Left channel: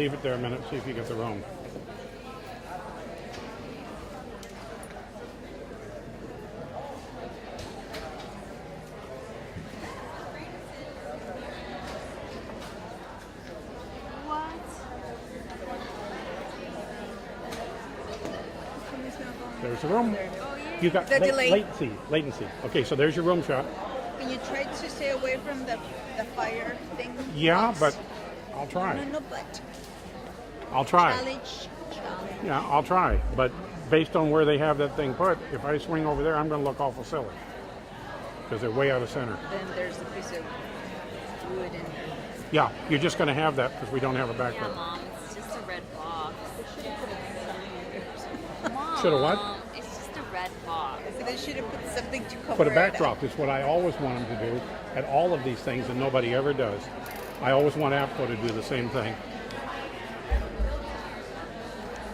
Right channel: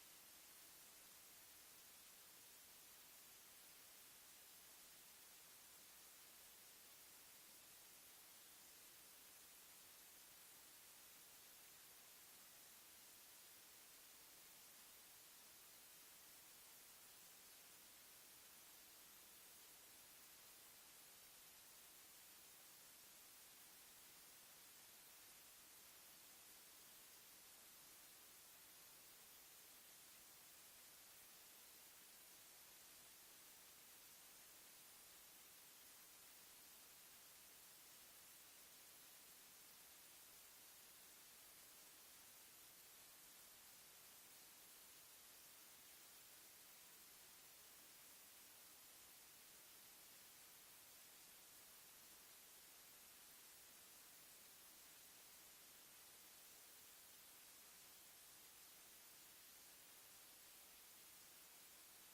leave it there a minute, see if you get the room. There's the room. You got The delay. latency. Okay, so there's your room shot. Can you try to stay away from the fire thing? Yeah, but I'll try. No, but. I'll try. Challenge. Yeah, I'll try. But based on where they have that thing put, if I swing over there, I'm going to look awful silly. Because they're way out of center. Then there's a piece of wood in there. Yeah, you're just going to have that because we don't have a Yeah, background. Mom, it's just a red box. Mom, Should have what? It's just a red box. So they should have put something to cover Put a it backdrop. It's what I always want them to do at all of these things, and nobody ever does. I always want APCO to do the same thing.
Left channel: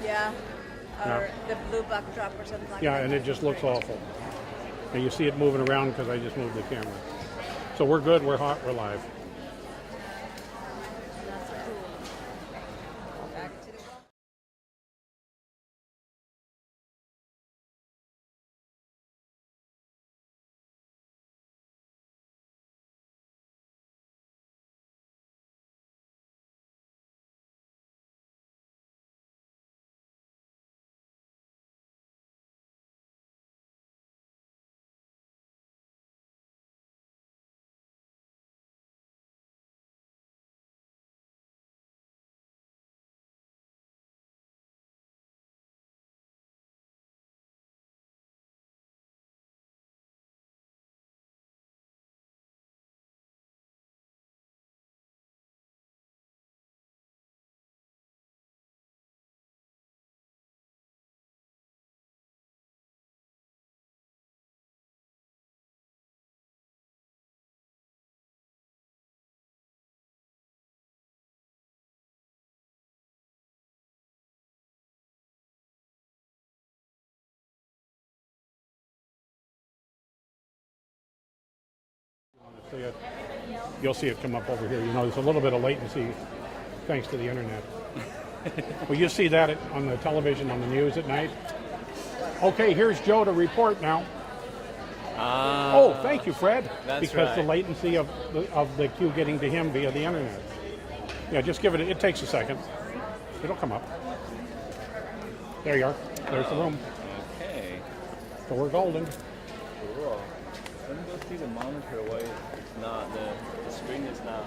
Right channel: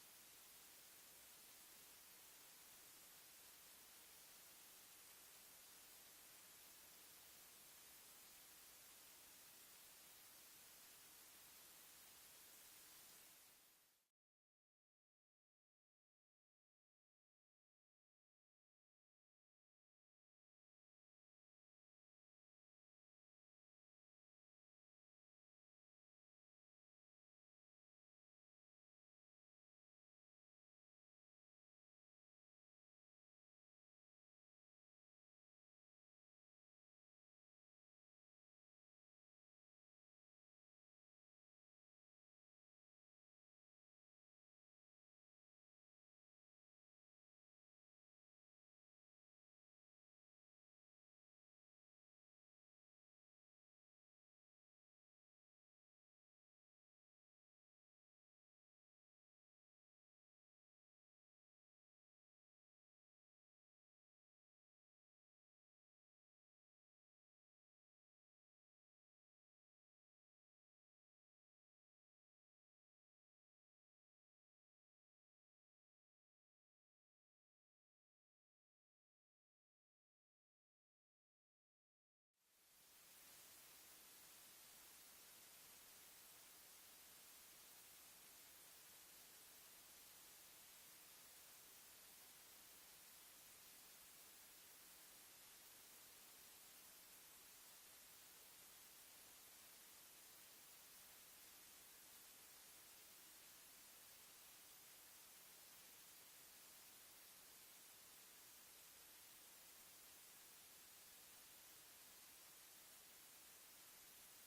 Yeah. Or Yeah. the blue backdrop or something like Yeah, that. and it just looks awful. And you see it moving around because I just moved the camera. So we're good, we're hot, we're live. Back to the wall. See it. You'll see it come up over here. You know, there's a little bit of latency thanks to the internet. Well, you see that on the television, on the news at night. Okay, here's Joe to report now. Oh, thank you, Fred. That's because right. the latency of the cue getting to him via the internet. Yeah, just give it. It takes a second. It'll come up. There you are. There's the room. Okay, So we're golden. cool. Let me go see the monitor. Why it's not the screen is not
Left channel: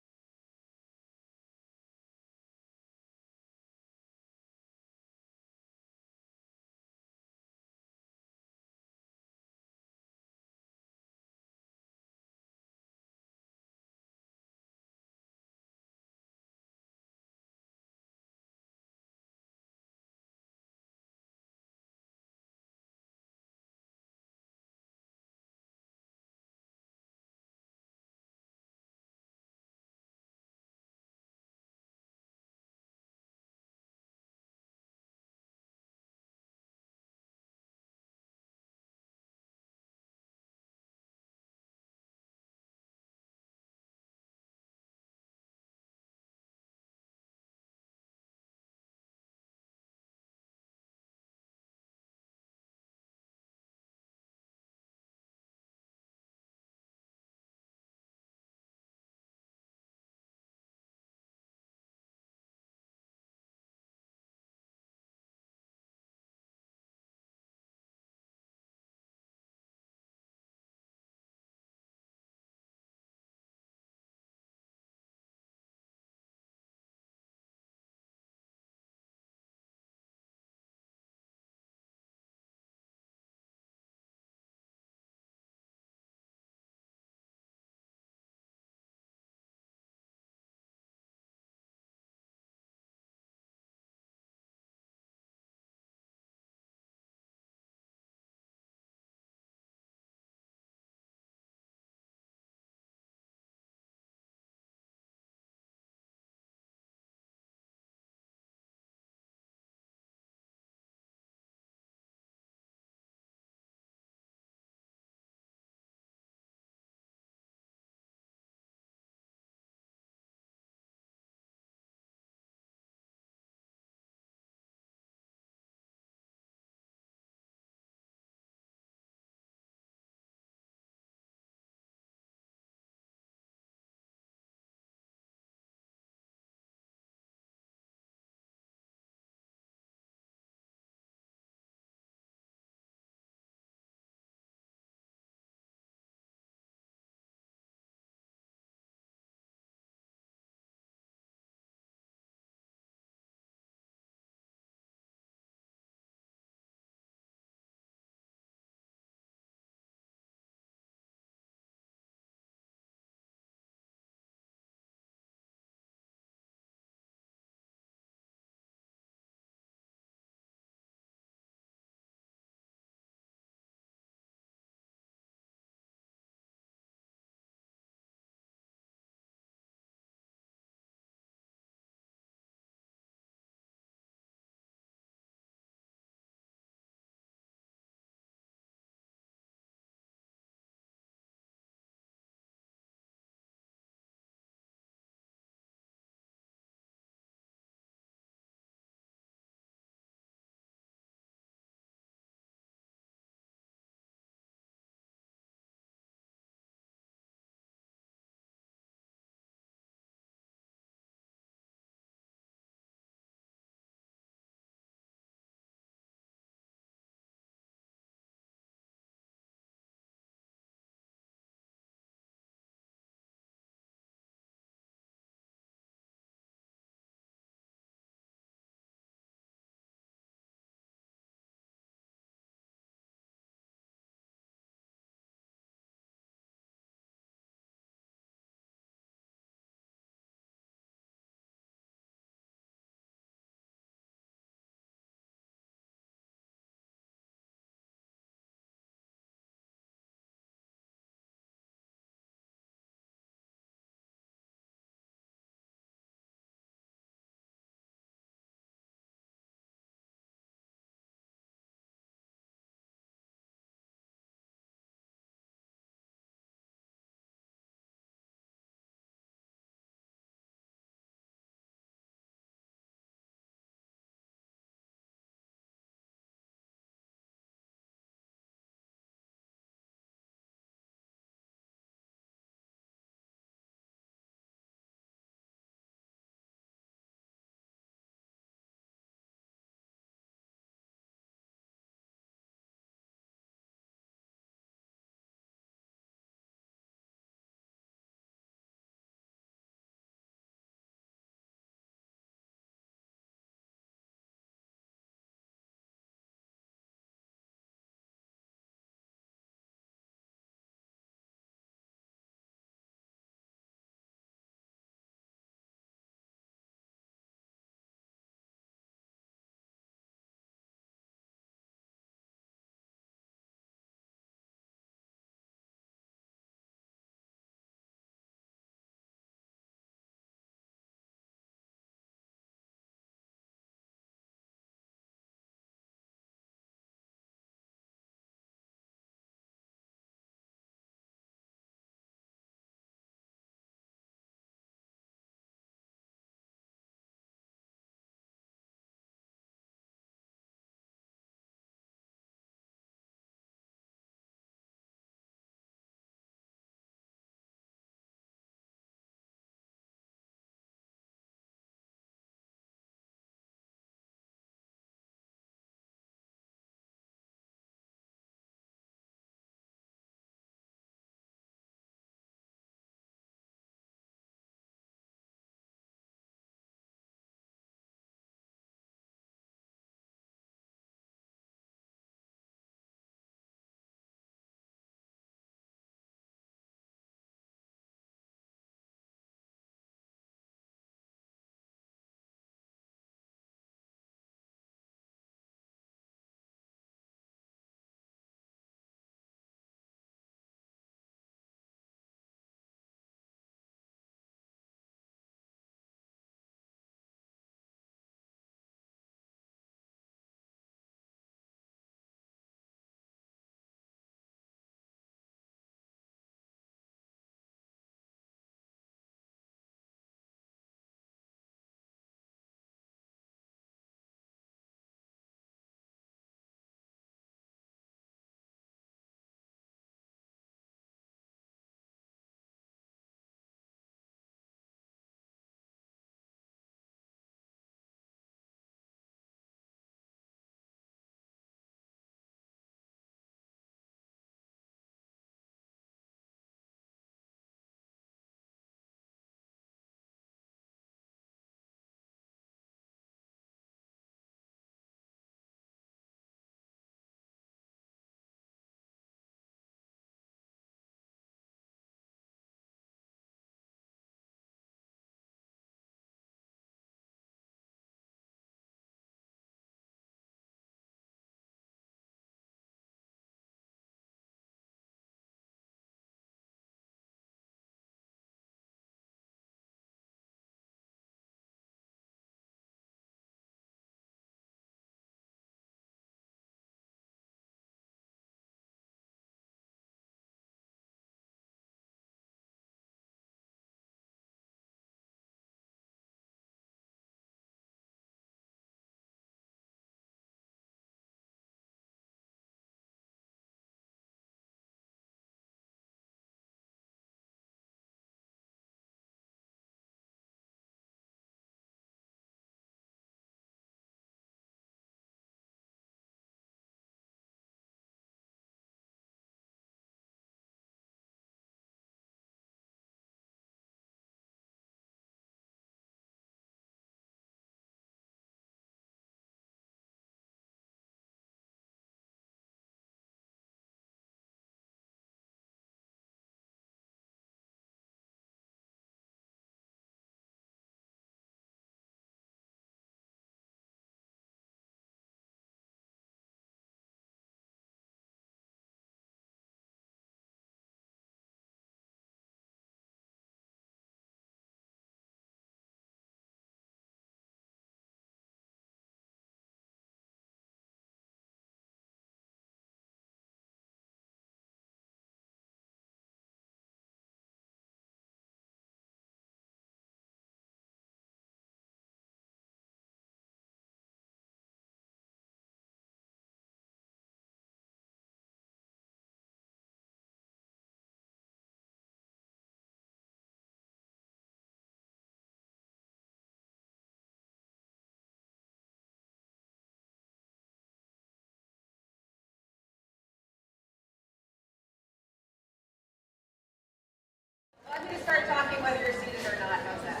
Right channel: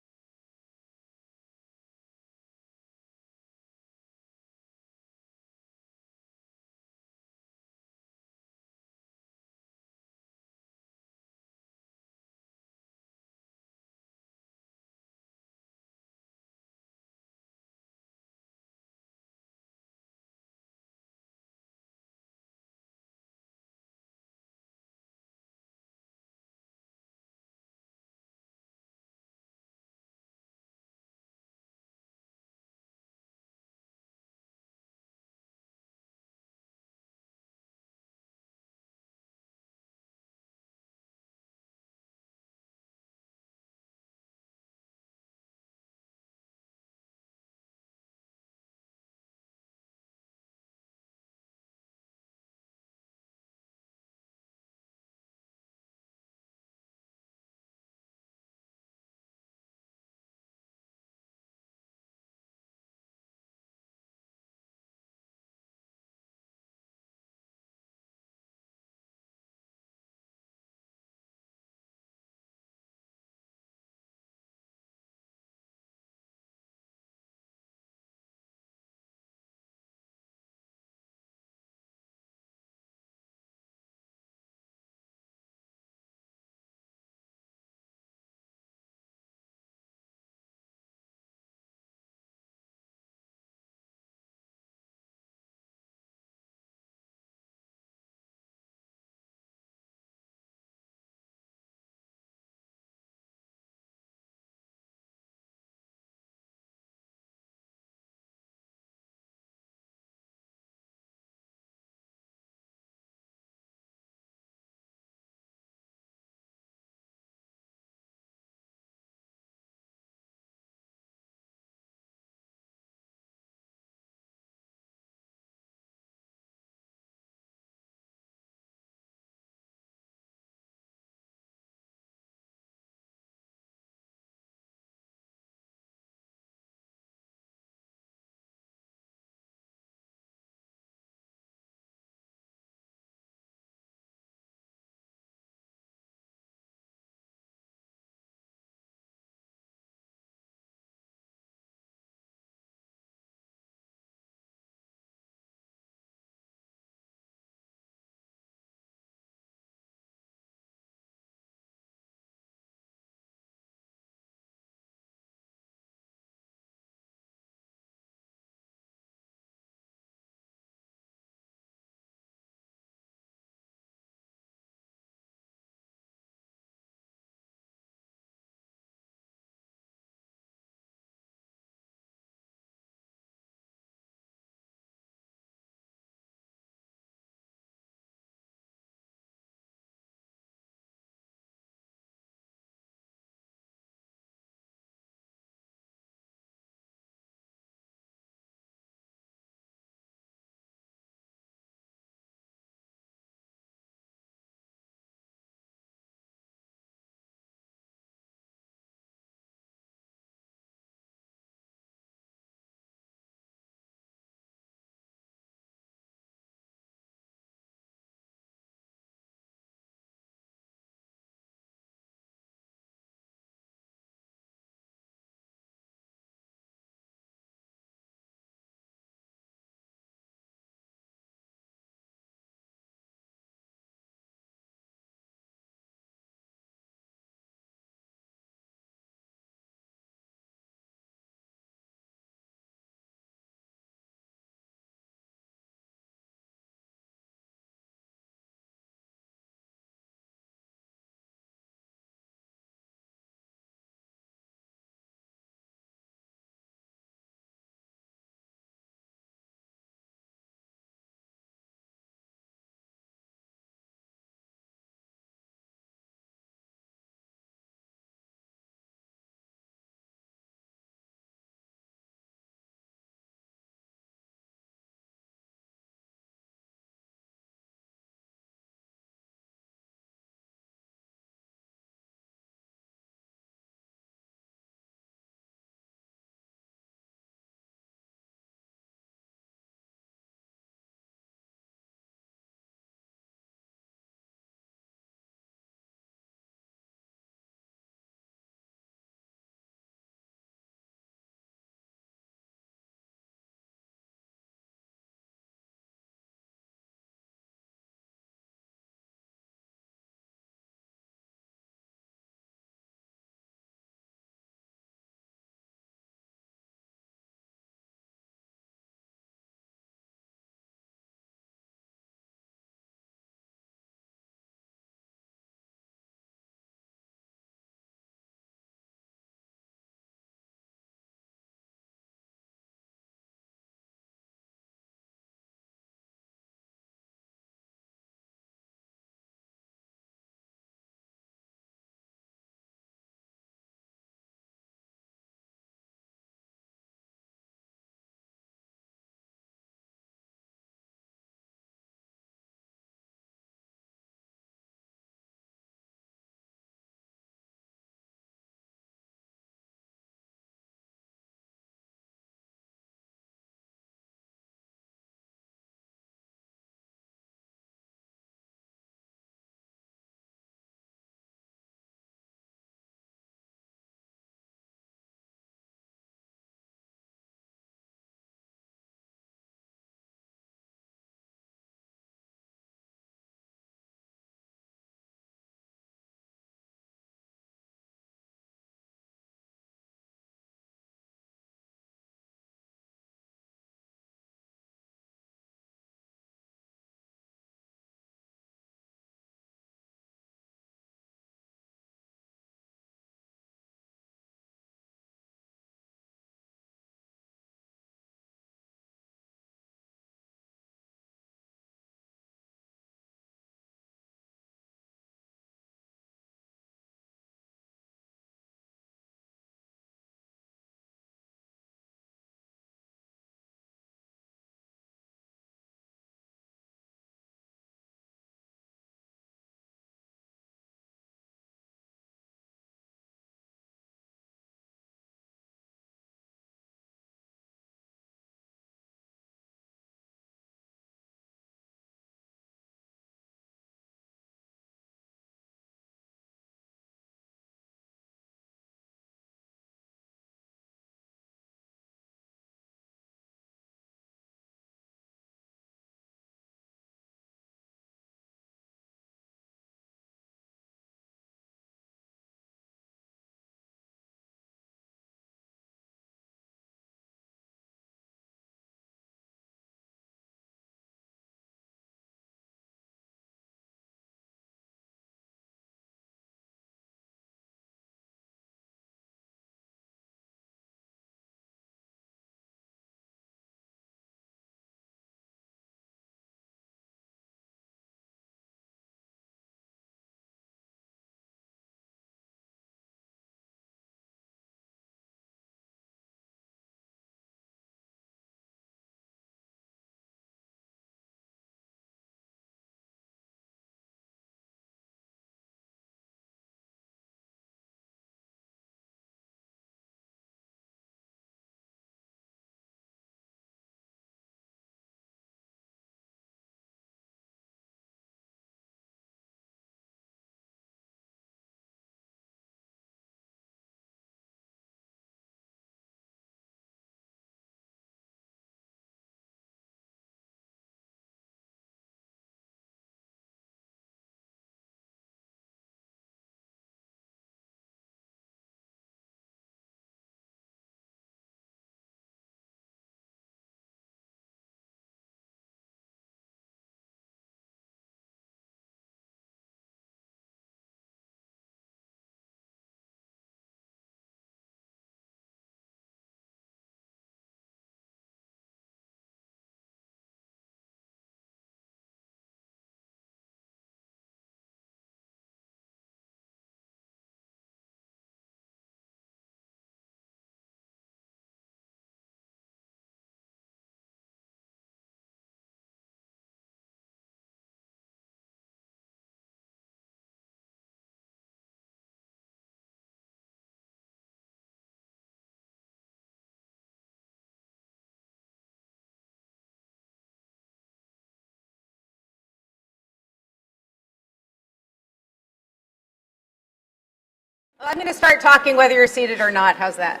I'm going to start talking whether you're seated or not. How's that?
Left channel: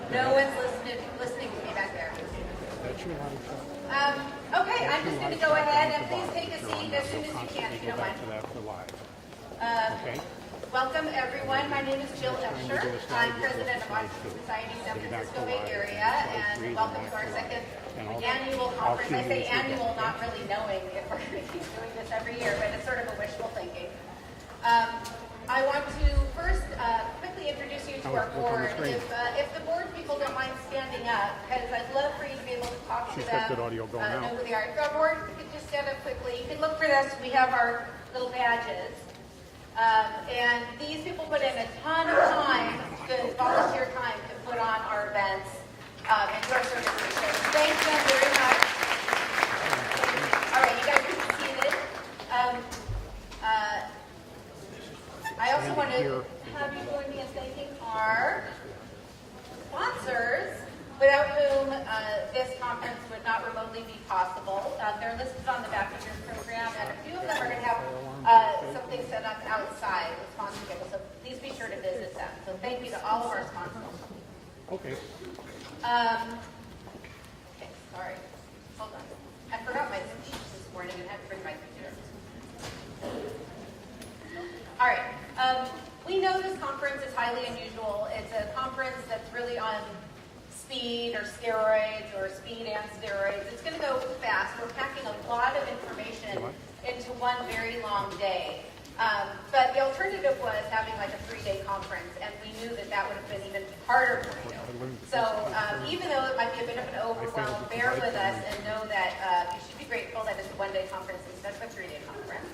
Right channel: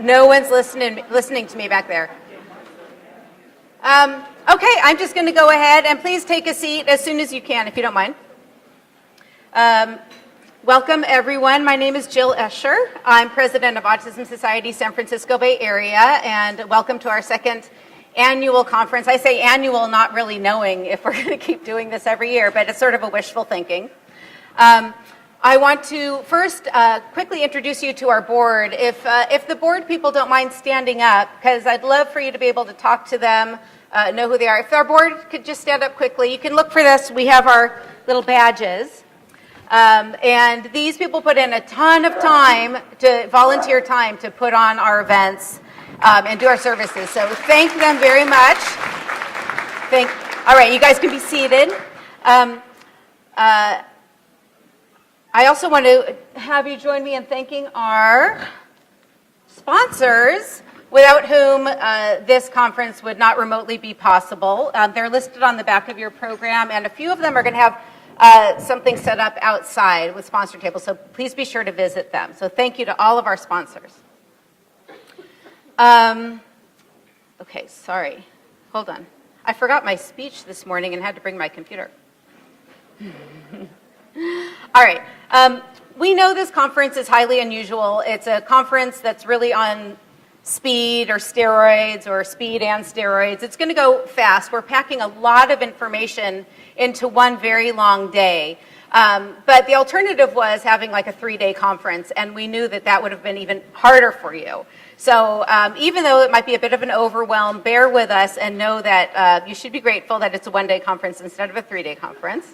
No one's listening to me back there. Okay, I'm just going to go ahead and please take a seat as soon as you can, if you don't mind. Welcome, everyone. My name is Jill Escher. I'm president of Autism Society San Francisco Bay Area, and welcome to our second annual conference. I say annual, not really knowing if we're going to keep doing this every year, but it's sort of a wishful thinking. I want to first quickly introduce you to our board. If the board people don't mind standing up, because I'd love for you to be able to talk to them, know who they are. If our board could just stand up quickly, you can look for this. We have our little badges. And these people put in a ton of time, volunteer time, to put on our events and do our services. So thank them very much. All right, you guys can be seated. I also want to have you join me in thanking our sponsors, without whom this conference would not remotely be possible. They're listed on the back of your program, and a few of them are going to have something set up outside with sponsor tables, so please be sure to visit them. So thank you to all of our sponsors. Okay, sorry. Hold on. I forgot my speech this morning and had to bring my computer. All right. We know this conference is highly unusual. It's a conference that's really on speed or steroids, or speed and steroids. It's going to go fast. We're packing a lot of information into one very long day. But the alternative was having like a 3-day conference, and we knew that that would have been even harder for you. So even though it might be a bit of an overwhelm, bear with us and know that you should be grateful that it's a 1-day conference instead of a 3-day conference.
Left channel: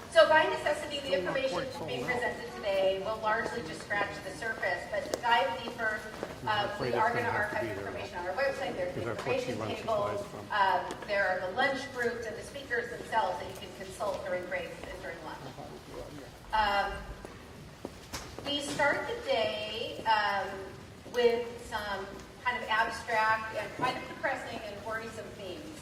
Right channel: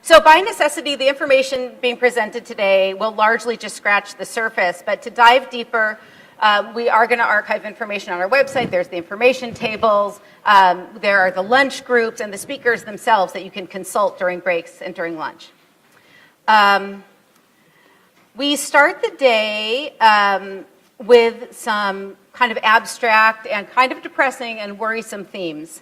So by necessity, the information being presented today will largely just scratch the surface, but to dive deeper, we are going to archive information on our website. There's the information tables, there are the lunch groups, and the speakers themselves that you can consult during breaks and during lunch. We start the day with some kind of abstract and kind of depressing and worrisome themes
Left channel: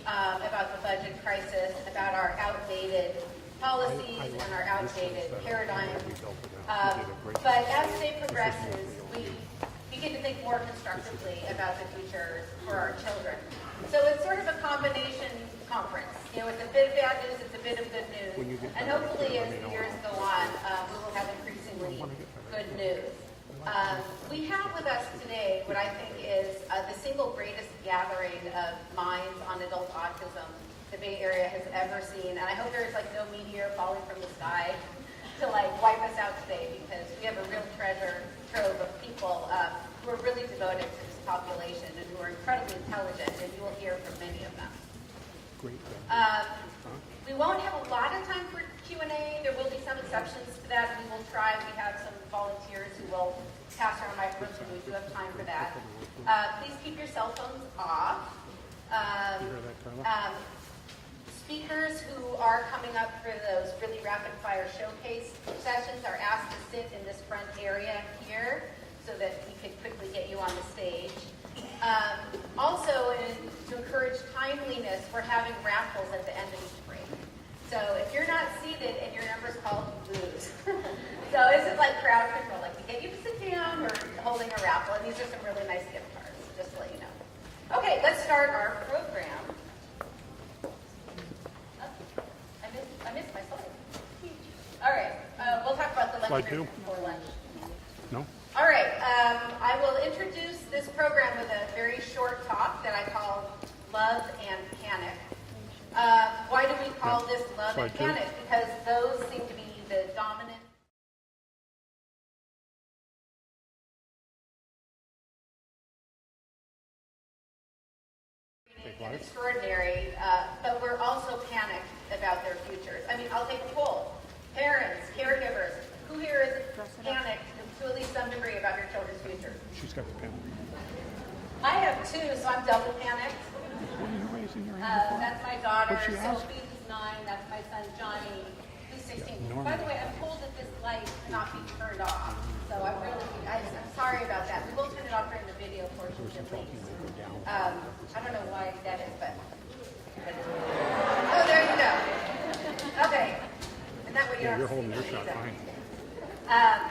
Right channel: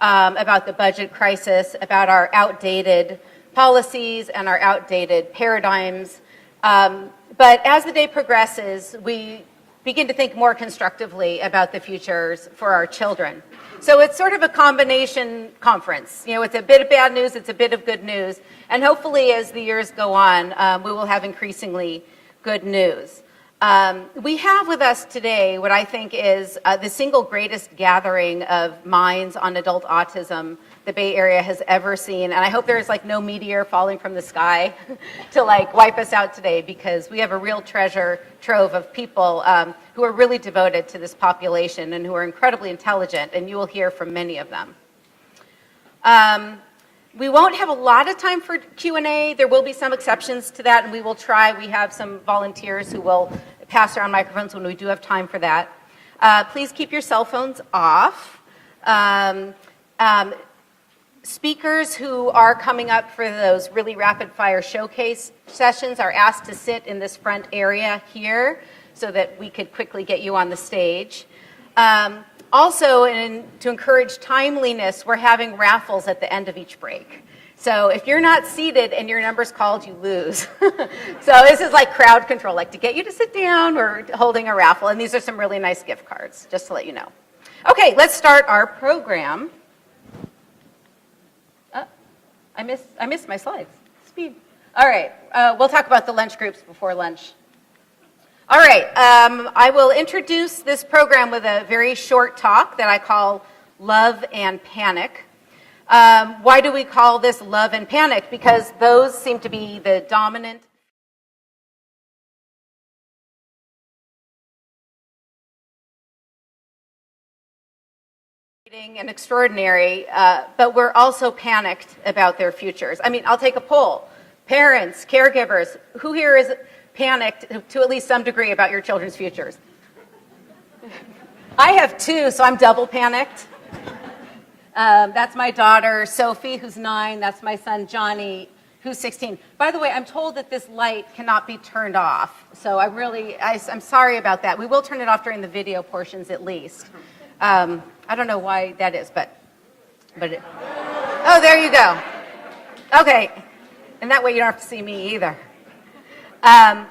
about the budget crisis, about our outdated policies and our outdated paradigms. But as the day progresses, we begin to think more constructively about the futures for our children. So it's sort of a combination conference. You know, it's a bit of bad news, it's a bit of good news, and hopefully as the years go on, we will have increasingly good news. We have with us today what I think is the single greatest gathering of minds on adult autism the Bay Area has ever seen, and I hope there's like no meteor falling from the sky to like wipe us out today, because we have a real treasure trove of people who are really devoted to this population and who are incredibly intelligent, and you will hear from many of them. We won't have a lot of time for Q&A. There will be some exceptions to that, and we will try. We have some volunteers who will pass around microphones when we do have time for that. Please keep your cell phones off. Speakers who are coming up for those really rapid fire showcase sessions are asked to sit in this front area here so that we could quickly get you on the stage. Also, to encourage timeliness, we're having raffles at the end of each break. So if you're not seated and your number's called, you lose. So this is like crowd control, like to get you to sit down, we're holding a raffle, and these are some really nice gift cards, just to let you know. Okay, let's start our program. I missed my slides. Speed. All right, we'll talk about the lunch groups before lunch. No? All right, I will introduce this program with a very short talk that I call Love and Panic. Why do we call this Love and Panic? Because those seem to be the dominant and extraordinary, but we're also panicked about their futures. I mean, I'll take a poll. Parents, caregivers, who here is panicked to at least some degree about your children's futures? She's got the pen. I have 2, so I'm double panicked. That's my daughter, Sophie, who's 9. That's my son, Johnny, who's 16. By the way, I'm told that this light cannot be turned off. So I'm sorry about that. We will turn it off during the video portions at least. I don't know why that is, but oh, there you go. Okay, and that way you don't have to see me either. How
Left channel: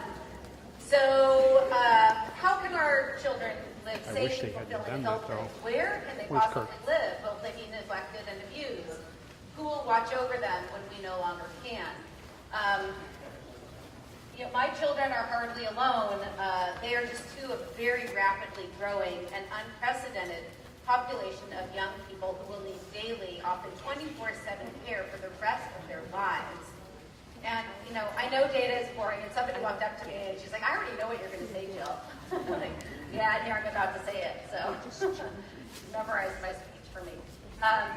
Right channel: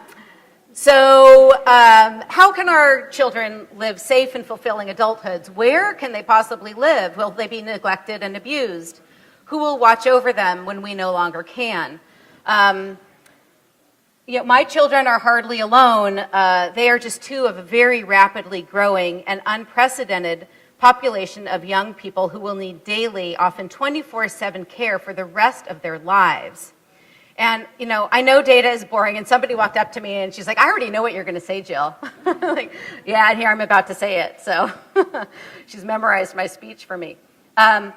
can our children live safe and fulfilling adulthoods? Where can they possibly live? Will they be neglected and abused? Who will watch over them when we no longer can? My children are hardly alone. They are just two of a very rapidly growing and unprecedented population of young people who will need daily, often 24/7 care for the rest of their lives. And, I know data is boring, and somebody walked up to me and she's like, I already know what you're going to say, Jill. Like, yeah, and here I'm about to say it. So she's memorized my speech for me. Data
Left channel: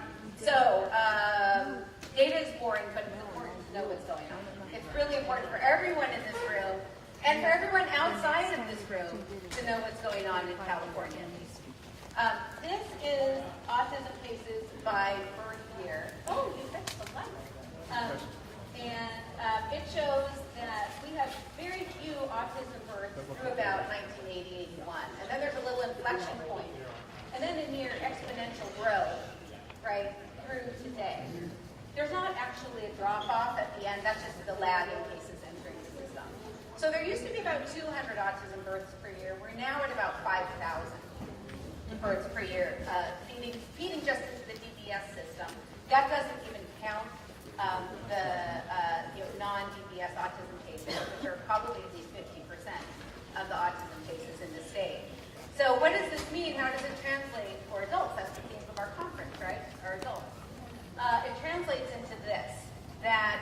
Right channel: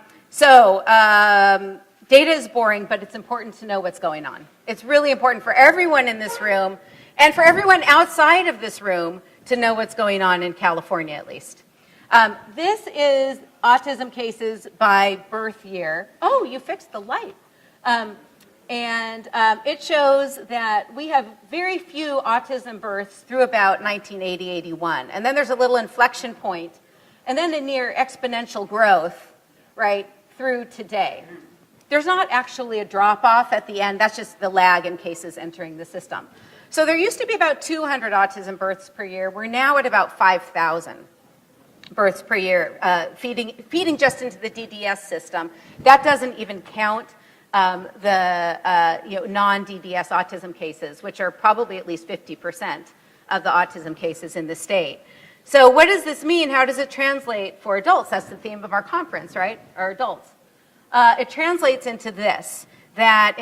is boring, but it's important to know what's going on. It's really important for everyone in this room and for everyone outside of this room to know what's going on in California, at least. This is autism cases by birth year. Oh, you fixed the light. It shows that we have very few autism births through about 1980-81. And then there's a little inflection point, and then a near exponential growth, right, through today. There's not actually a drop-off at the end. That's just the lag in cases entering the system. So there used to be about 200 autism births per year. We're now at about 5,000 births per year, feeding just into the DDS system. That doesn't even count the non-DDS autism cases, which are probably at least 50% of the autism cases in the state. So what does this mean? How does it translate for adults? That's the theme of our conference, right? Our adults. It translates into this, that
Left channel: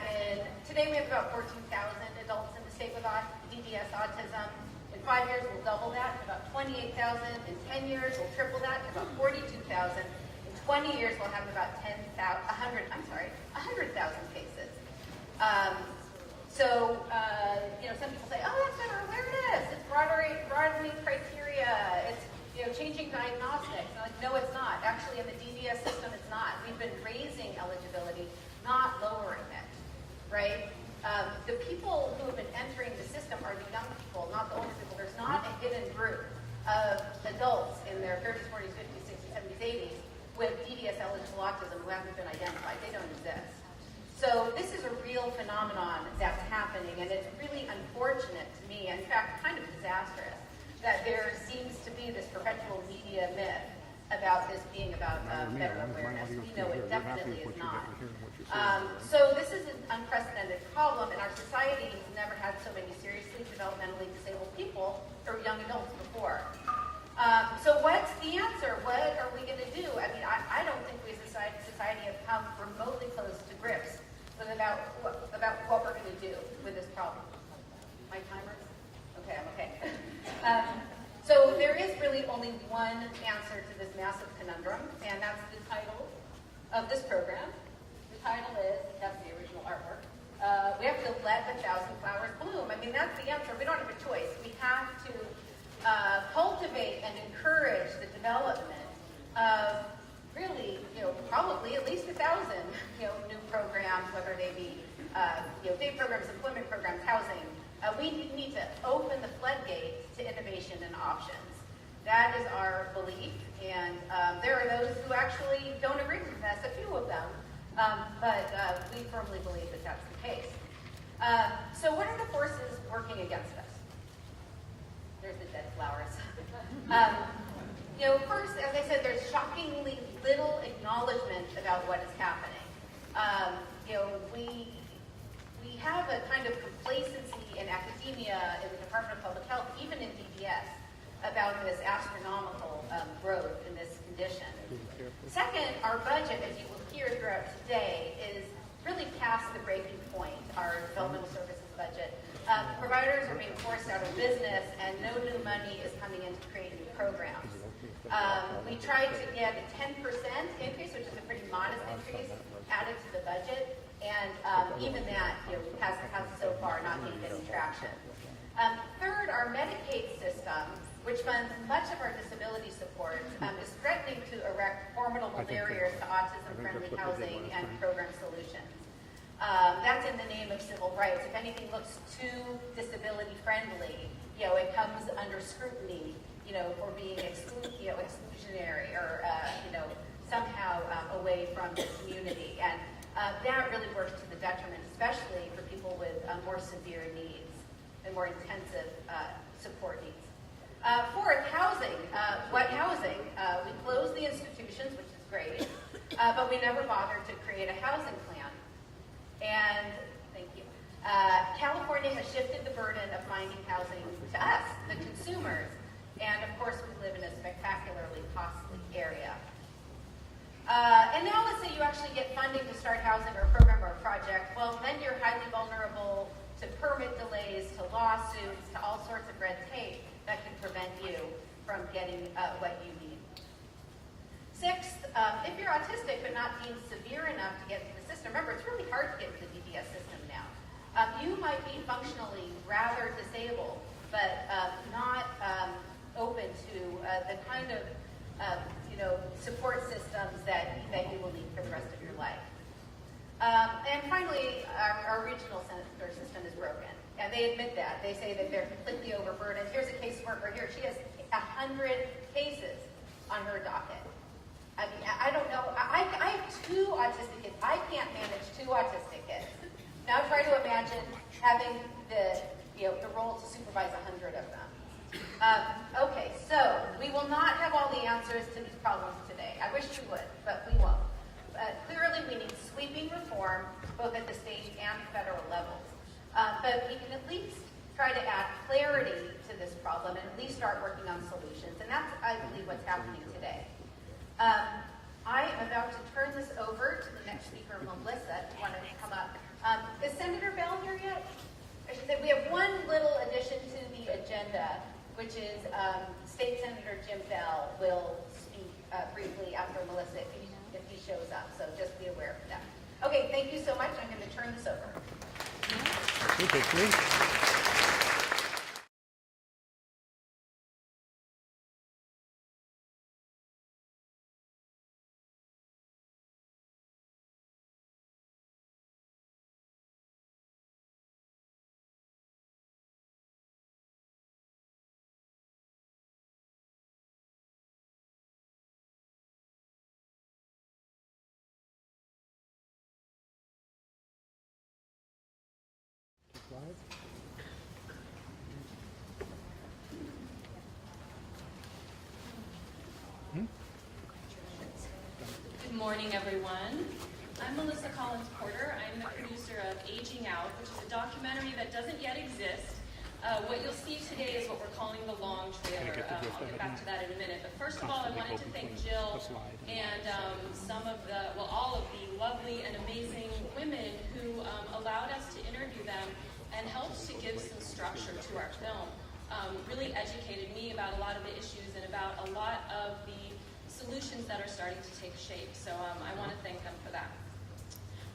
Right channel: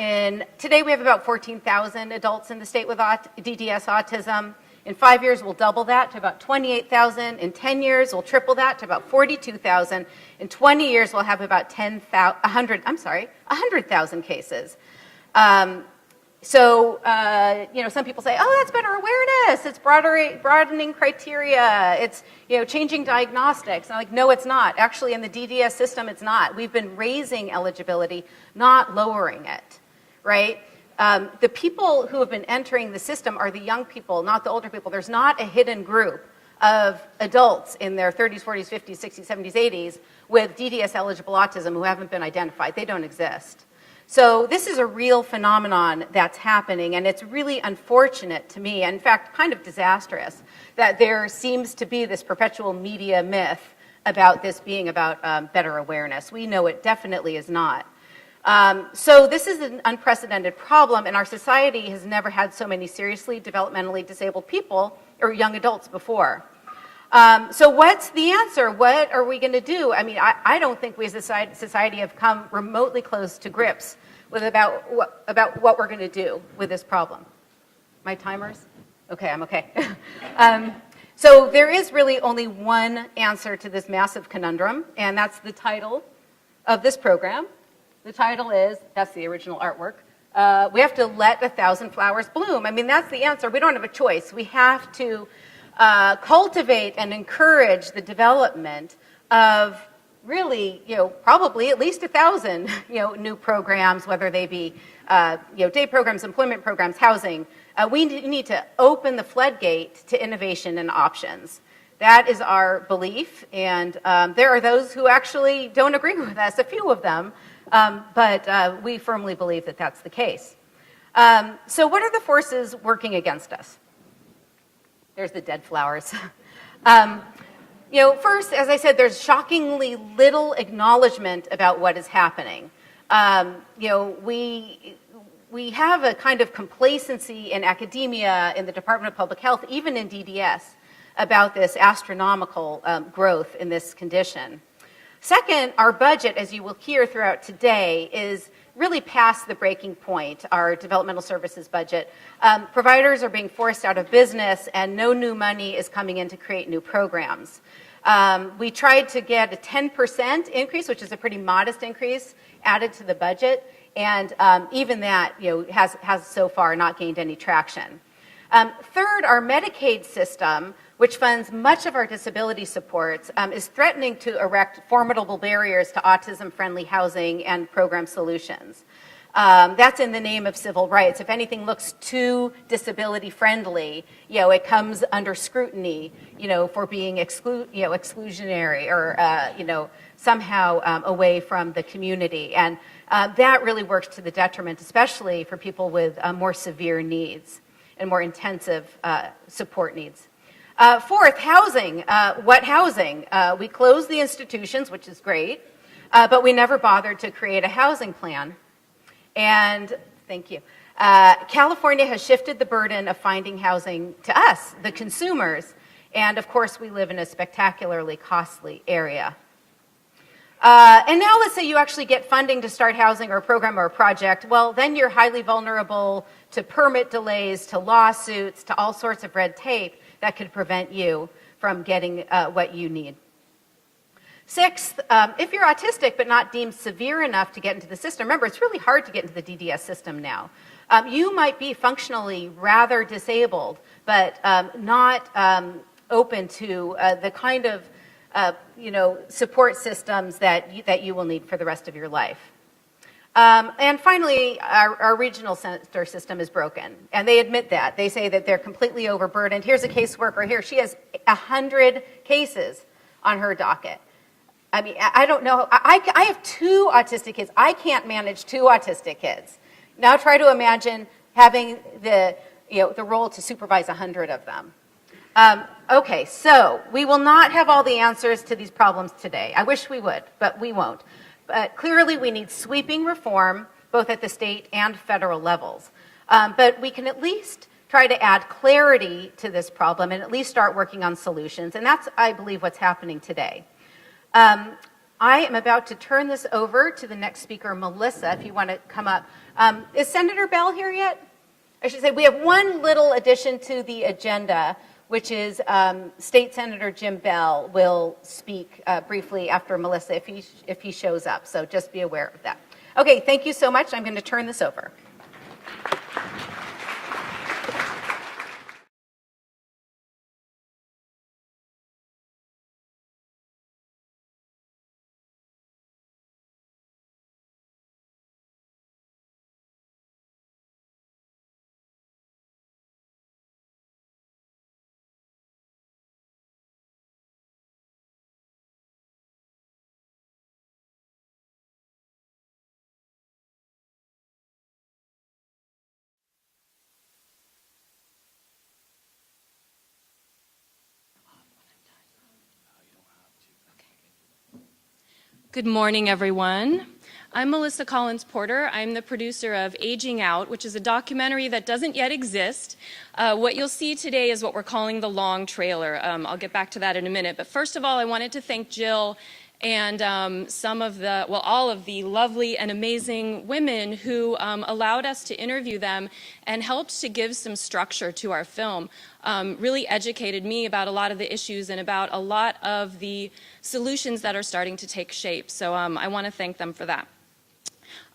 today we have about 14,000 adults in the state with DDS autism. In 5 years, we'll double that to about 28,000. In 10 years, we'll triple that to about 42,000. In 20 years, we'll have about 100,000 cases. Some people say, oh, that's better awareness. It's broadening criteria. It's changing diagnostics. I'm like, no, it's not. Actually, in the DDS system, it's not. We've been raising eligibility, not lowering it, right? The people who have been entering the system are the young people, not the older people. There's not a hidden group of adults in their 30s, 40s, 50s, 60s, 70s, 80s with DDS-eligible autism who haven't been identified. They don't exist. So this is a real phenomenon that's happening, and it's really unfortunate to me, and in fact, kind of disastrous, that there seems to be this perpetual media myth about this being about better awareness. We know it definitely is not. So this is an unprecedented problem, and our society has never had so many seriously developmentally disabled people or young adults before. So what's the answer? What are we going to do? I mean, I don't think we as a society have come remotely close to grips with about what we're going to do with this problem. My timers? Okay, I'm okay. So there is really only one answer to this massive conundrum, and that's the title of this program. The title is, that's the original artwork, we have to let 1,000 flowers bloom. I mean, that's the answer. We don't have a choice. We have to cultivate and encourage the development of really, probably at least 1,000, new programs, whether they be, day programs, employment programs, housing. We need to open the floodgate to innovation and options. That is our belief, and there are those who actually don't agree with us, a few of them, but we firmly believe that that's the case. So what are the forces working against us? There's the dead flowers. First, as I said, there's shockingly little acknowledgement about what is happening. We have a kind of complacency in academia, in the Department of Public Health, even in DDS, about this astronomical growth in this condition. Second, our budget, as you will hear throughout today, is really past the breaking point, our developmental services budget. Providers are being forced out of business, and no new money is coming in to create new programs. We tried to get a 10% increase, which is a pretty modest increase, added to the budget, and even that has so far not gained any traction. Third, our Medicaid system, which funds much of our disability supports, is threatening to erect formidable barriers to autism-friendly housing and program solutions. That's in the name of civil rights. If anything looks too disability-friendly, it comes under scrutiny, for being exclusionary or, somehow away from the community. And that really works to the detriment, especially for people with more severe needs and more intensive support needs. Fourth, housing. What housing? We closed the institutions, which is great, but we never bothered to create a housing plan. And thank you. California has shifted the burden of finding housing to us, the consumers, and of course we live in a spectacularly costly area. And now let's say you actually get funding to start housing or a program or a project. Well, then you're highly vulnerable to permit delays, to lawsuits, to all sorts of red tape that could prevent you from getting what you need. Sixth, if you're autistic but not deemed severe enough to get into the system, remember it's really hard to get into the DDS system now. You might be functionally rather disabled, but not open to the kind of support systems that you will need for the rest of your life. And finally, our regional center system is broken, and they admit that. They say that they're completely overburdened. Here's a caseworker here. She has 100 cases on her docket. I mean, I don't know. I have 2 autistic kids. I can't manage 2 autistic kids. Now try to imagine having the role to supervise 100 of them. Okay, so we will not have all the answers to these problems today. I wish we would, but we won't. But clearly we need sweeping reform, both at the state and federal levels. But we can at least try to add clarity to this problem and at least start working on solutions. And that's, I believe, what's happening today. I am about to turn this over to the next speaker, Melissa, if you want to come up. Is Senator Bell here yet? I should say we have one little addition to the agenda, which is State Senator Jim Bell will speak briefly after Melissa if he shows up. So just be aware of that. Okay, thank you so much. I'm going to turn this over. Good morning, everyone. I'm Melissa Collins Porter. I'm the producer of Aging Out, which is a documentary that doesn't yet exist. What you'll see today is what we're calling the long trailer. I'll get back to that in a minute. But first of all, I wanted to thank Jill and all of the lovely and amazing women who allowed us to interview them and helped to give some structure to our film. Really educated me about a lot of the issues and about a lot of the solutions that are starting to take shape. So I want to thank them for that.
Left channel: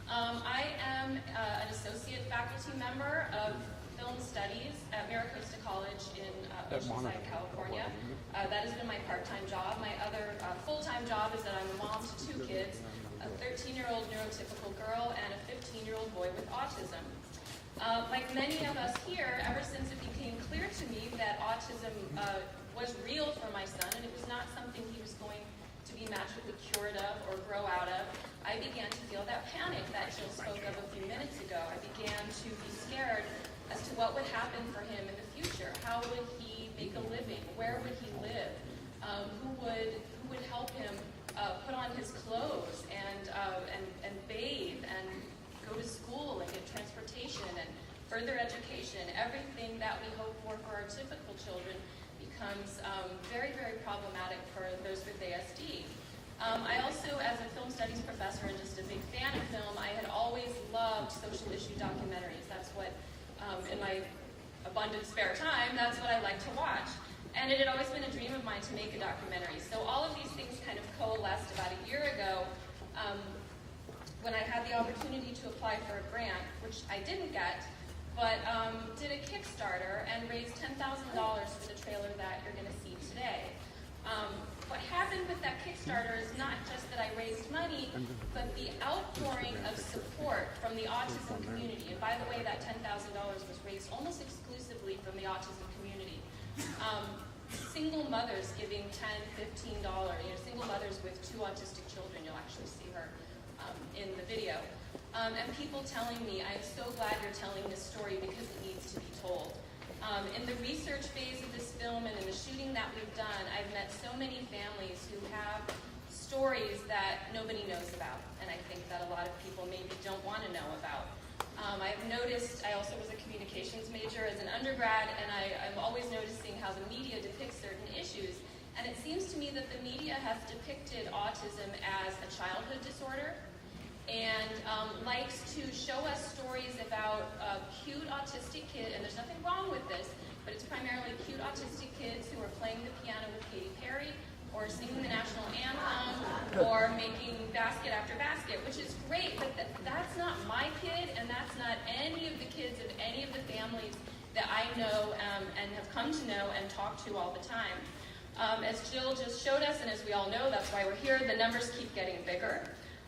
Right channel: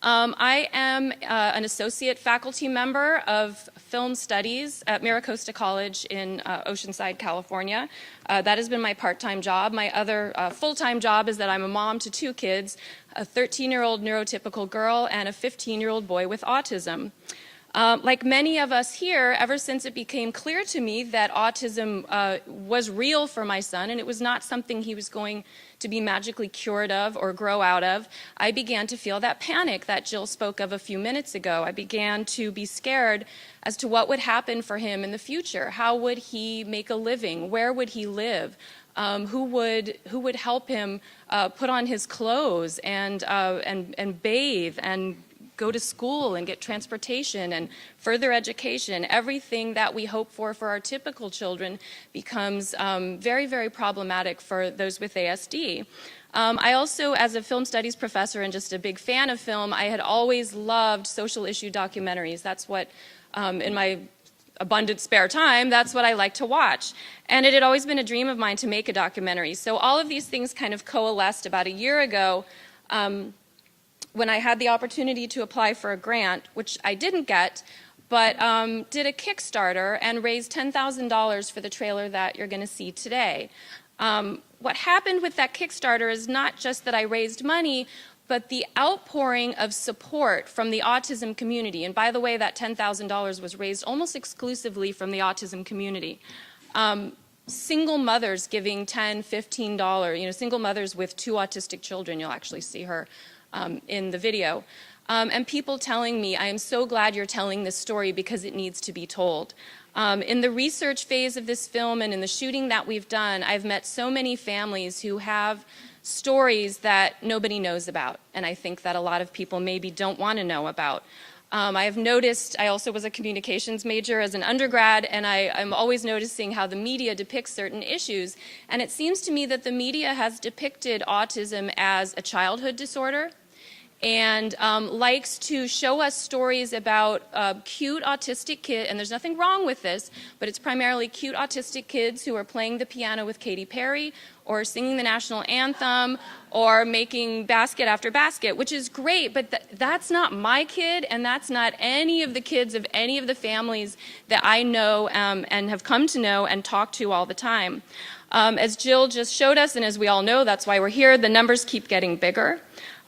I am an associate faculty member of film studies at Maricosta College in Oceanside, California. That has been my part-time job. My other full-time job is that I'm a mom to 2 kids, a 13-year-old neurotypical girl and a 15-year-old boy with autism. Like many of us here, ever since it became clear to me that autism was real for my son and it was not something he was going to be magically cured of or grow out of, I began to feel that panic that Jill spoke of a few minutes ago. I began to be scared as to what would happen for him in the future. How would he make a living? Where would he live? Who would help him put on his clothes and bathe and go to school and get transportation and further education? Everything that we hope for our typical children becomes very, very problematic for those with ASD. I also, as a film studies professor and just a big fan of film, I had always loved social issue documentaries. That's what, in my abundant spare time, that's what I like to watch. And it had always been a dream of mine to make a documentary. So all of these things kind of coalesced about a year ago when I had the opportunity to apply for a grant, which I didn't get, but did a Kickstarter and raised $10,000 for the trailer that you're going to see today. What happened with that Kickstarter is not just that I raised money, but the outpouring of support from the autism community. And by the way, that $10,000 was raised almost exclusively from the autism community. Single mothers giving $10, $15, single mothers with 2 autistic children, you'll actually see her in the video. and people telling me, I am so glad you're telling this story because it needs to be told. In the research phase of this film and in the shooting that we've done, I've met so many families who have stories that nobody knows about, and I think that a lot of people maybe don't want to know about. I have noticed, I also was a communications major as an undergrad, and I'm always noticing how the media depicts certain issues. And it seems to me that the media has depicted autism as a childhood disorder and likes to show us stories about cute autistic kids, and there's nothing wrong with this, but it's primarily cute autistic kids who are playing the piano with Katy Perry or singing the national anthem, or making basket after basket, which is great, but that's not my kid, and that's not any of the kids of any of the families that I know and have come to know and talk to all the time. As Jill just showed us, and as we all know, that's why we're here, the numbers keep getting bigger.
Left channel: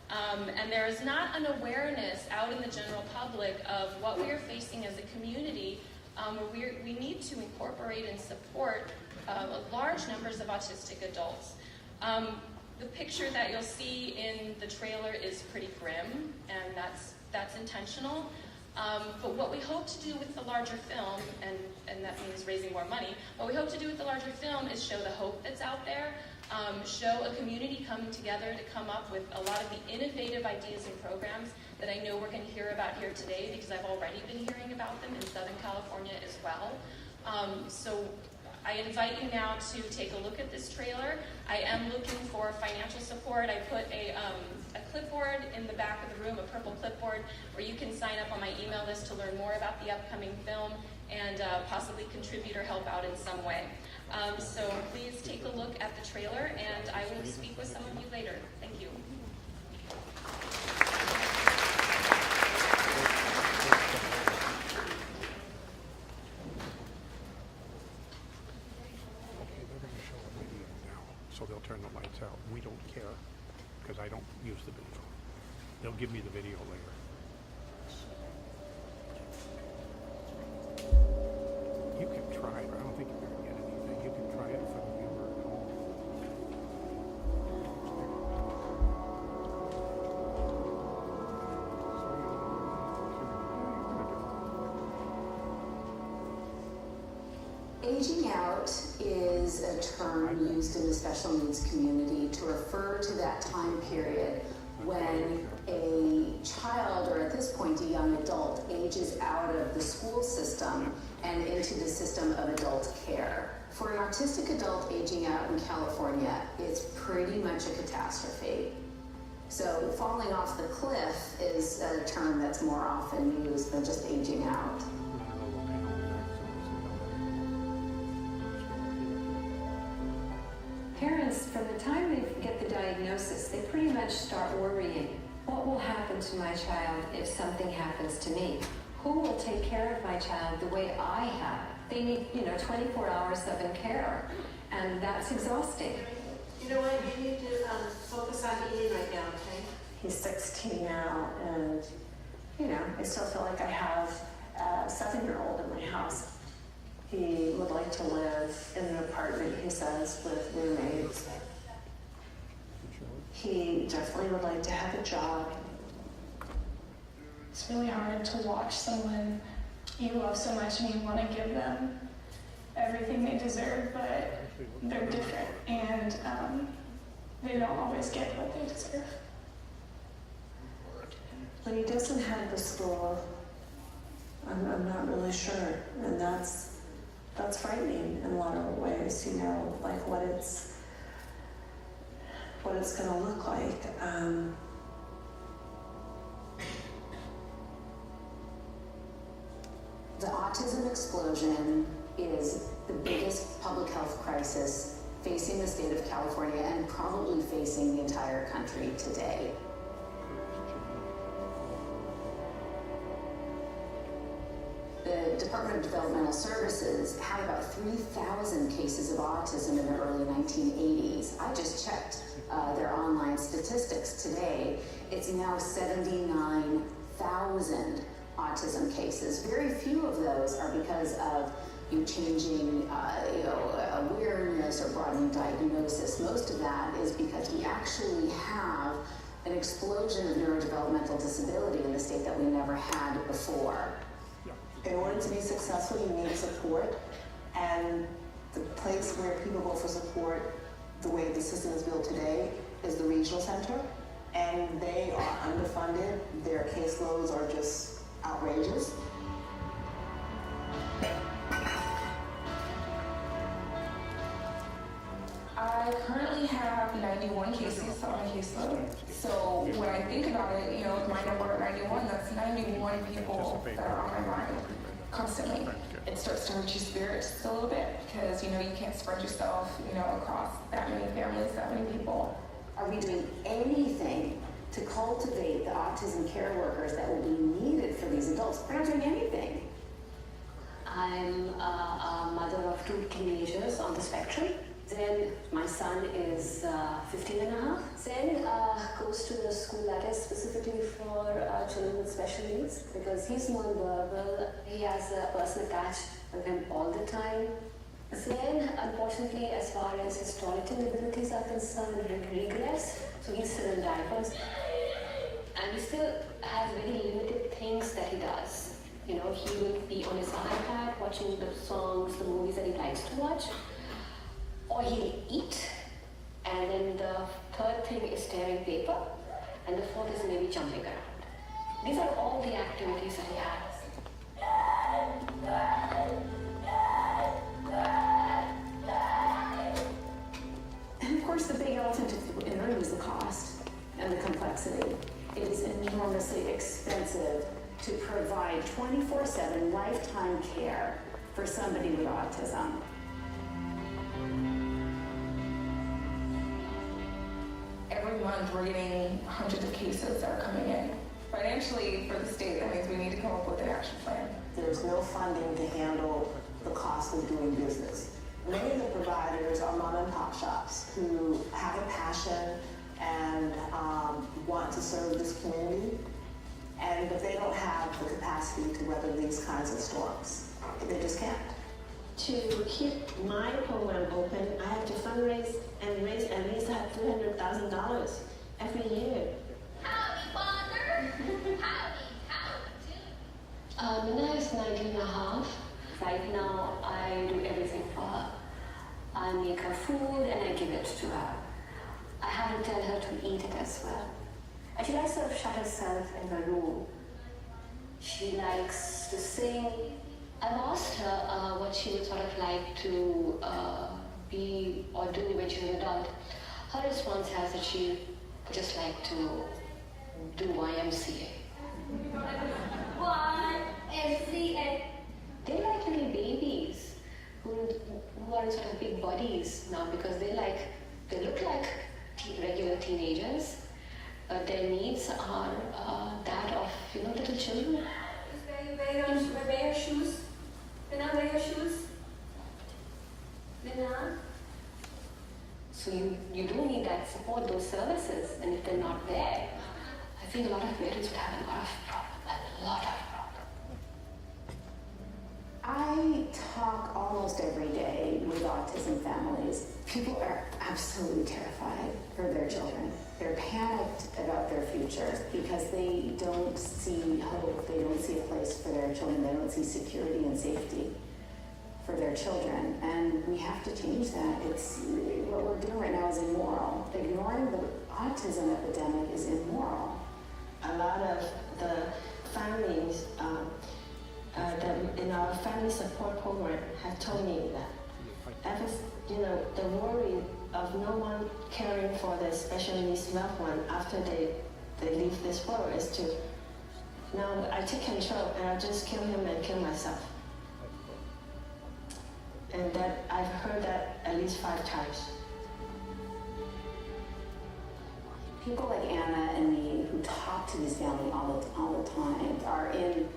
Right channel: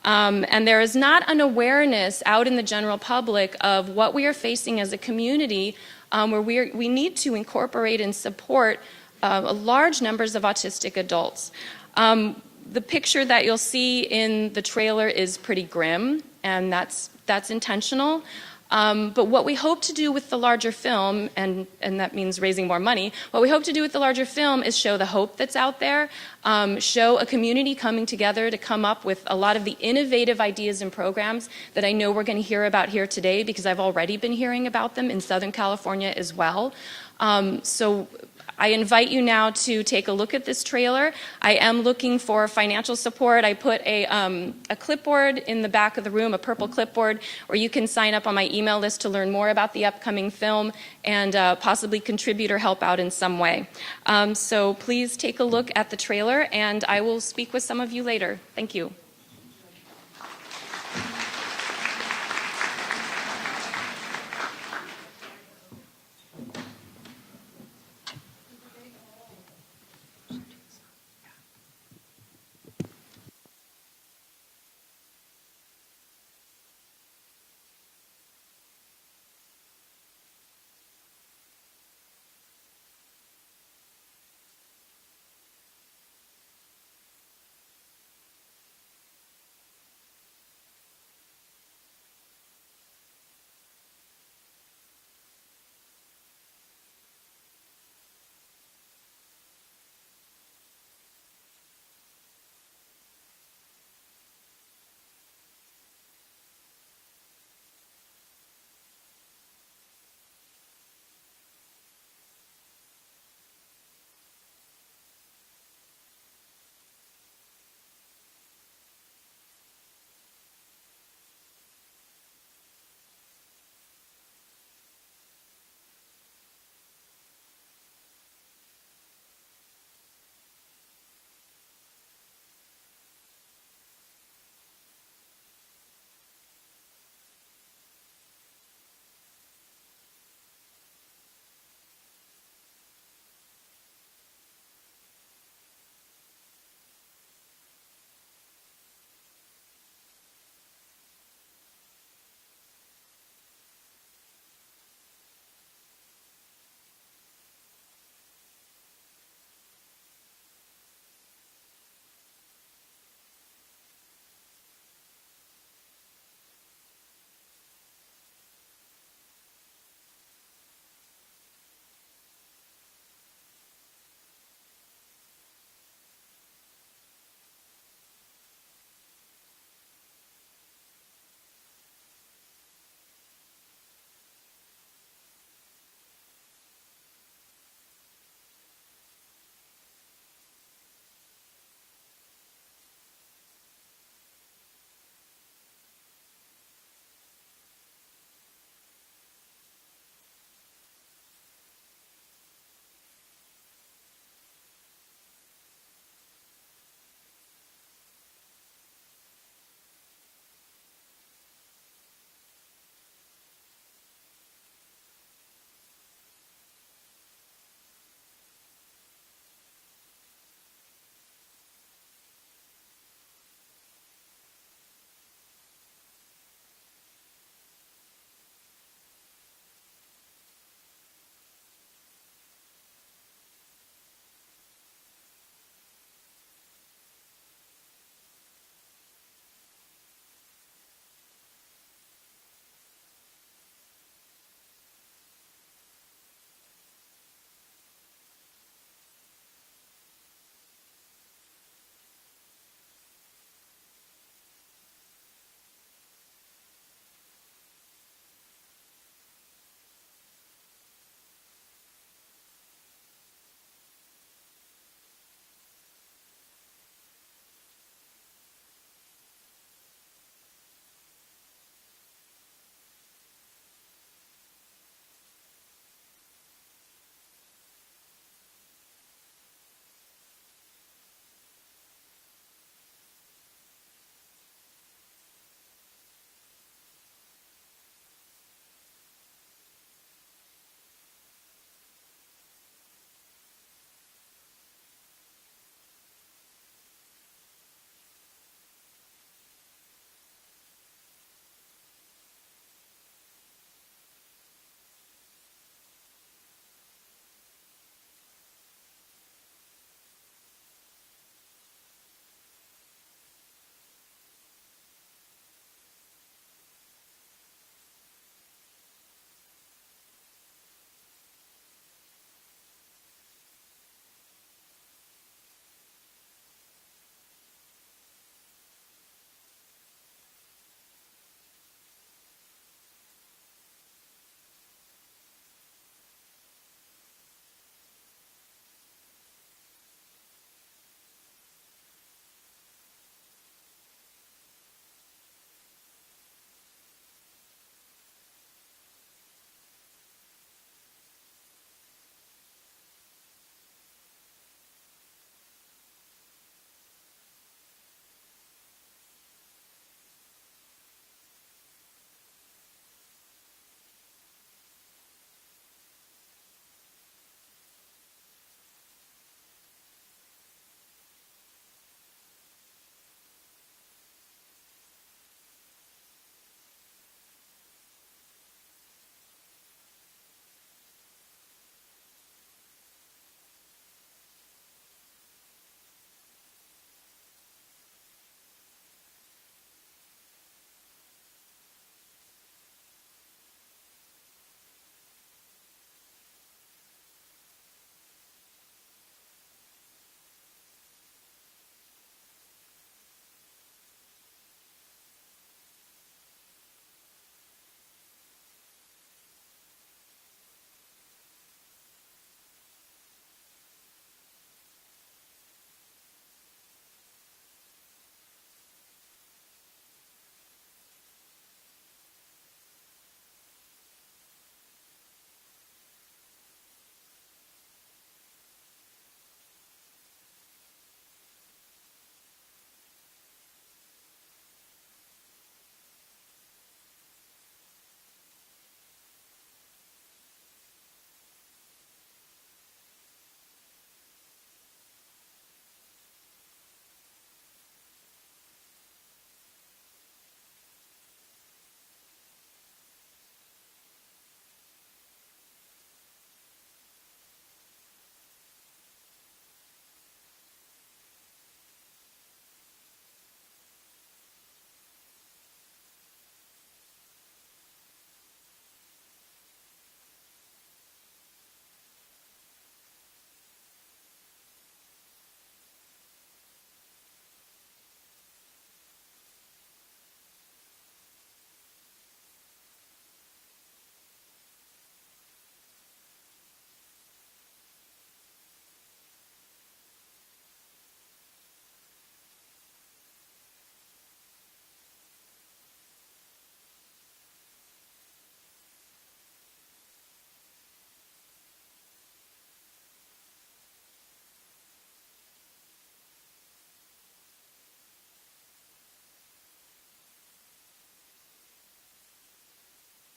And there is not an awareness out in the general public of what we are facing as a community, where we need to incorporate and support large numbers of autistic adults. The picture that you'll see in the trailer is pretty grim, and that's intentional. But what we hope to do with the larger film, and that means raising more money, what we hope to do with the larger film is show the hope that's out there, show a community coming together to come up with a lot of the innovative ideas and programs that I know we're going to hear about here today, because I've already been hearing about them in Southern California as well. So I invite you now to take a look at this trailer. I am looking for financial support. I put a clipboard in the back of the room, a purple clipboard, where you can sign up on my email list to learn more about the upcoming film and possibly contribute or help out in some way. So please take a look at the trailer, and I will speak with some of you later. Thank you. So they'll turn the lights out. We don't care because I don't use the video. They'll give me the video later. You can try, but I don't think you're going to get anything. You can try it for the viewer at home. Aging out is a term used in the special needs community to refer to that time period when a child, or at this point a young adult, ages out of the school system and into the system of adult care. For an autistic adult aging out in California, it's pretty much a catastrophe. So falling off the cliff is a term that's more often used than just aging out. Parents, from the time they get the diagnosis, they pretty much start worrying. What will happen to my child if something happens to me? Who will take care of my child the way I have? They need, 24 hours of care, and that's exhausting. You know what? You need to focus on eating right now, okay? He's 16 now, and, I still feel like I have a 7-year-old in my house. He would like to live in an apartment, he says, with roommates. He definitely would like to have a job. It's really hard to watch someone you love so much and you want to give them everything they deserve, but they're different and they don't always get what they deserve. When he doesn't have the school, I'm not really sure, and that's frightening in a lot of ways, like what it's going to look like. The autism explosion is the biggest public health crisis facing the state of California and probably facing the entire country today. The Department of Developmental Services had about 3,000 cases of autism in the early 1980s. I just checked their online statistics today. It's now 79,000 autism cases. Very few of those are because of changing awareness or broadening diagnosis. Most of that is because we actually have an explosion of neurodevelopmental disability in the state that we never had before. In order to be successful, you need support, and the place where people go for support, the way the system is built today, is the regional center, and they are underfunded. Their caseloads are just outrageous. I currently have 91 cases on my caseload. So when I think about it, you know, with my number at 91, that's 91 people that are on my mind constantly. It starts to hurt your spirit just a little bit because, you know, you can't spread yourself, you know, across that many families, that many people. Are we doing anything to cultivate the autism care workers that will be needed for these adults? We're not doing anything. I'm a mother of 2 teenagers on the spectrum. Then my son is 15 and a half. Zen goes to the school that is specifically for children with special needs because he's non-verbal. He has a person attached with him all the time. Zen, unfortunately, as far as his toileting abilities are concerned, regress. So he's still in diapers. And he still has very limited things that he does. You know, he will be on his iPad watching the songs, the movies that he likes to watch. Or he'll eat, and then the third thing is tearing paper, and the fourth is maybe jumping around. These are all the activities that he has. And of course, the big elephant in the room is the cost and the complexity. It is enormously expensive to provide 24/7 lifetime care for somebody with autism. Every month we're getting hundreds of cases that are coming in. Financially, for the state, that means we need to come up with an action plan. There's no funding to handle the cost of doing business. Many of the providers are mom and pop shops who have a passion and want to serve this community, but they don't have the capacity to weather these kinds of storms. They just can't. To keep my program open, I have to fundraise and raise at least $300,000 every year. Howdy, Father! Howdy. Minna is 19 and a half. Right now, I do everything for her. I make her food and I give it to her. I have to tell her to eat it as well. And she likes to shut herself in her room. She likes to sing. I've asked her what she would sort of like to be or do when she's an adult. Her response has that she would just like to do YMCA. YMCA? They like little babies who are in sort of big bodies now because they look like regular teenagers, but their needs are that of, you know, little children. Wear your shoes. Minna, wear your shoes. Minna. So you do need that support, those services, and if they're not there, I think a lot of parents would have a lot of problems. I talk almost every day with autism families. People are absolutely terrified for their children. They're panicked about their future because they don't see hope, they don't see a place for their children, they don't see security and safety for their children. And we have to change that. What we're doing right now is immoral. Ignoring the autism epidemic is immoral. A lot of the families that in our family support program have told me that the worry of no one caring for their special needs loved one after they leave this world is to now I take control and I just kill him and kill myself. And that I've heard that at least 5 times. People like Anna and me who talk to these families all the time are in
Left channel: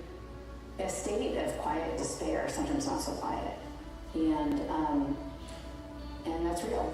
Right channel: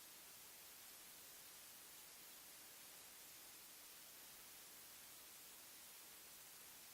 a state of quiet despair, sometimes not so quiet. And that's real.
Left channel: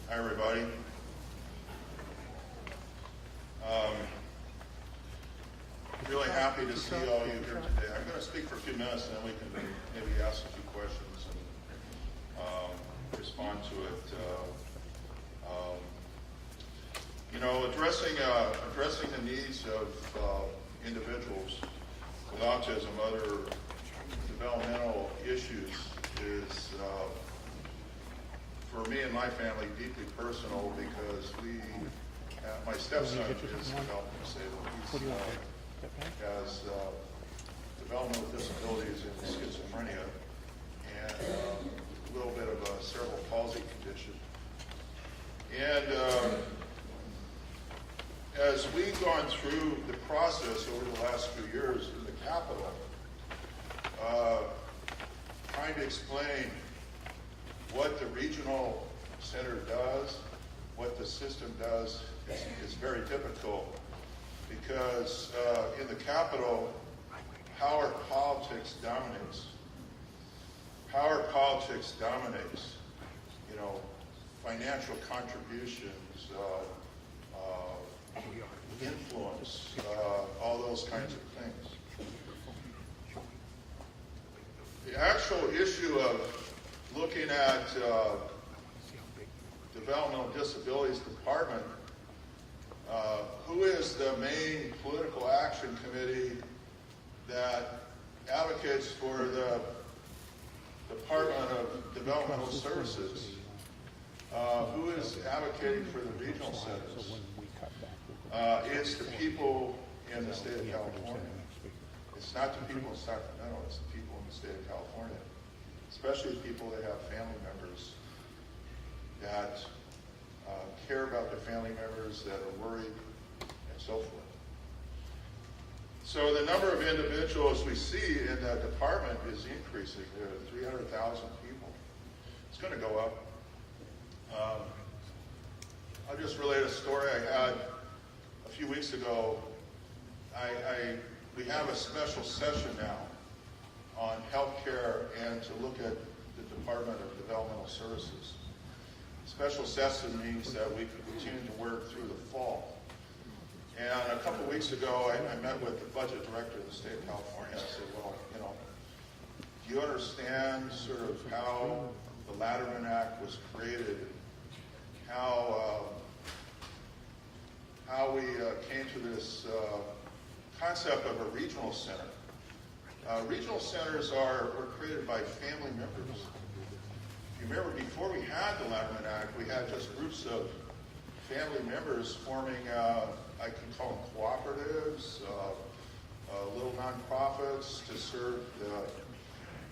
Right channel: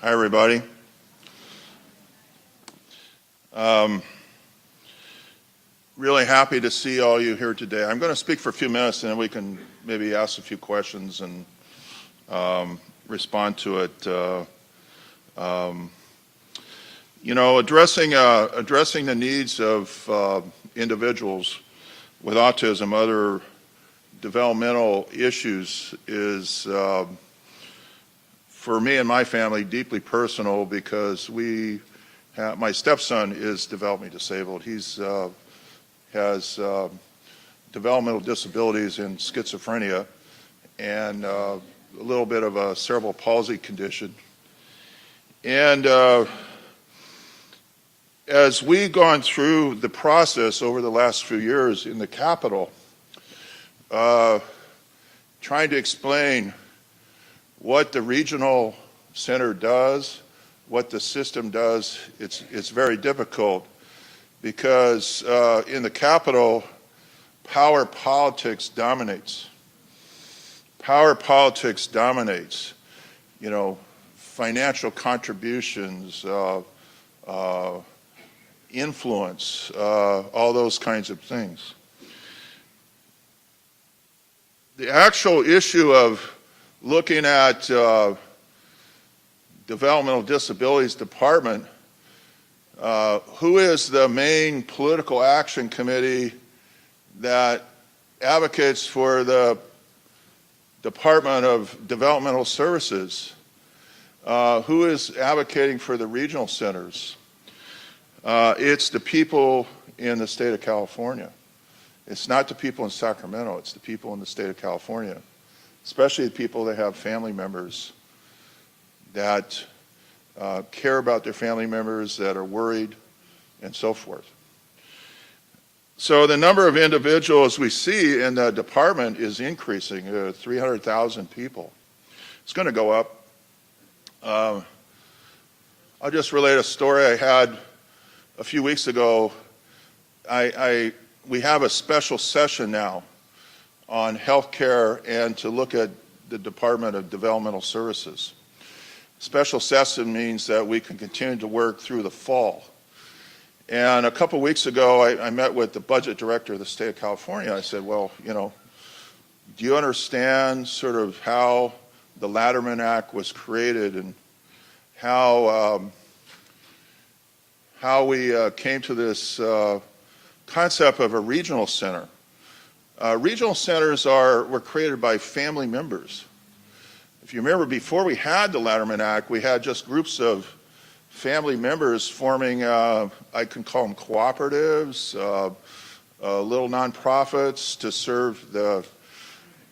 Hi, everybody. Really happy to see all you here today. I'm going to speak for a few minutes, and then we can maybe ask a few questions and respond to it. You know, addressing the needs of individuals with autism, other developmental issues is, for me and my family, deeply personal because my stepson is developmentally disabled. He's has developmental disabilities in schizophrenia and a little bit of a cerebral palsy condition. And as we've gone through the process over the last few years in the Capitol, trying to explain what the regional center does, what the system does, it's very difficult because in the Capitol, power politics dominates. Power politics dominates, you know, financial contributions, influence, all those kinds of things. The actual issue of looking at Developmental Disabilities Department, who is the main political action committee that advocates for the Department of Developmental Services? Who is advocating for the regional centers? It's the people in the state of California. It's not the people in Sacramento, it's the people in the state of California, especially the people that have family members that care about their family members, that are worried, and so forth. So the number of individuals we see in the department is increasing, 300,000 people. It's going to go up. I'll just relate a story I had a few weeks ago. We have a special session now on healthcare and to look at the Department of Developmental Services. Special session means that we can continue to work through the fall. And a couple weeks ago, I met with the budget director of the state of California. I said, well, you know, do you understand sort of how the Latterman Act was created and how we came to this concept of a regional center? Regional centers were created by family members. If you remember, before we had the Latterman Act, we had just groups of family members forming, I can call them cooperatives, little nonprofits to serve the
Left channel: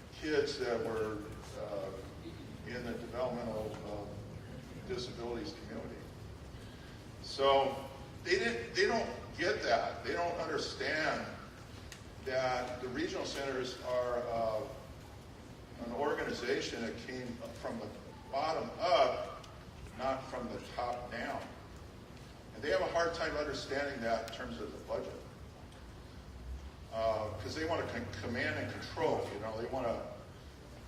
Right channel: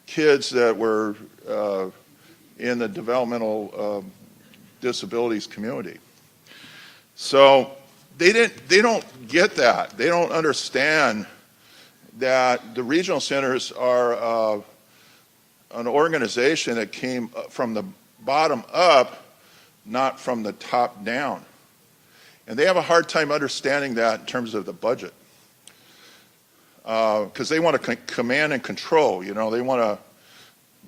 kids that were in the developmental disabilities community. So they don't get that. They don't understand that the regional centers are an organization that came from the bottom up, not from the top down. And they have a hard time understanding that in terms of the budget. Because they want to command and control, you know, they want to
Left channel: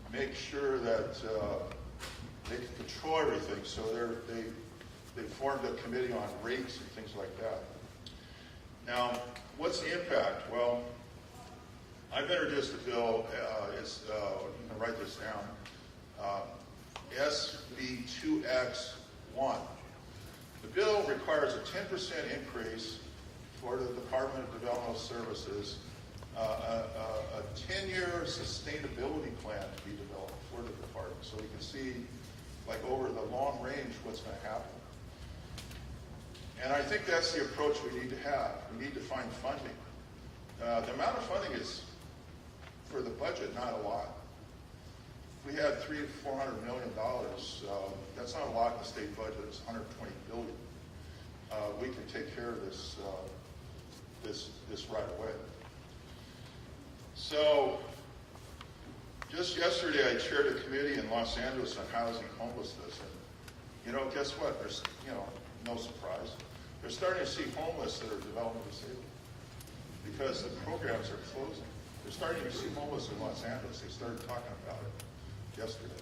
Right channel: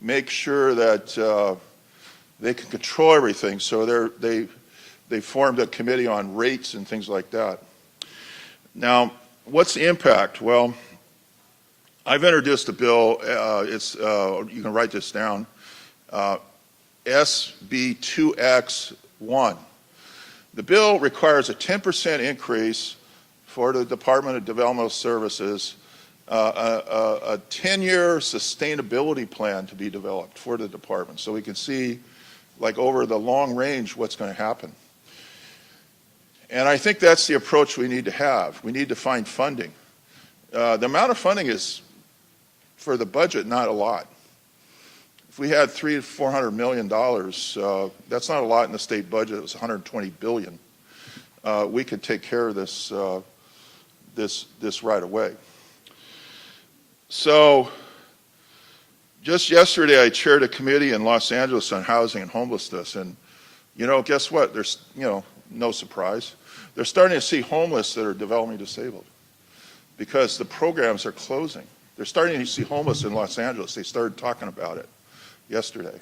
make sure that they can control everything. So they formed a committee on rates and things like that. Now, what's the impact? Well, I've introduced a bill, you can write this down, SB 2X1. The bill requires a 10% increase for the Department of Developmental Services, a 10-year sustainability plan to be developed for the department so we can see, like over the long range, what's going to happen. And I think that's the approach we need to have. We need to find funding. The amount of funding is, for the budget, not a lot. If we had $300 to $400 million, that's not a lot in the state budget. It's $120 billion. We could take care of this right away. So, just yesterday, I chaired a committee in Los Angeles on housing and homelessness, and you know, guess what? There's, you know, no surprise. They're starting to see homeless that are developmentally disabled because the programs are closing. They're starting to see homeless in Los Angeles. They started talking about it yesterday.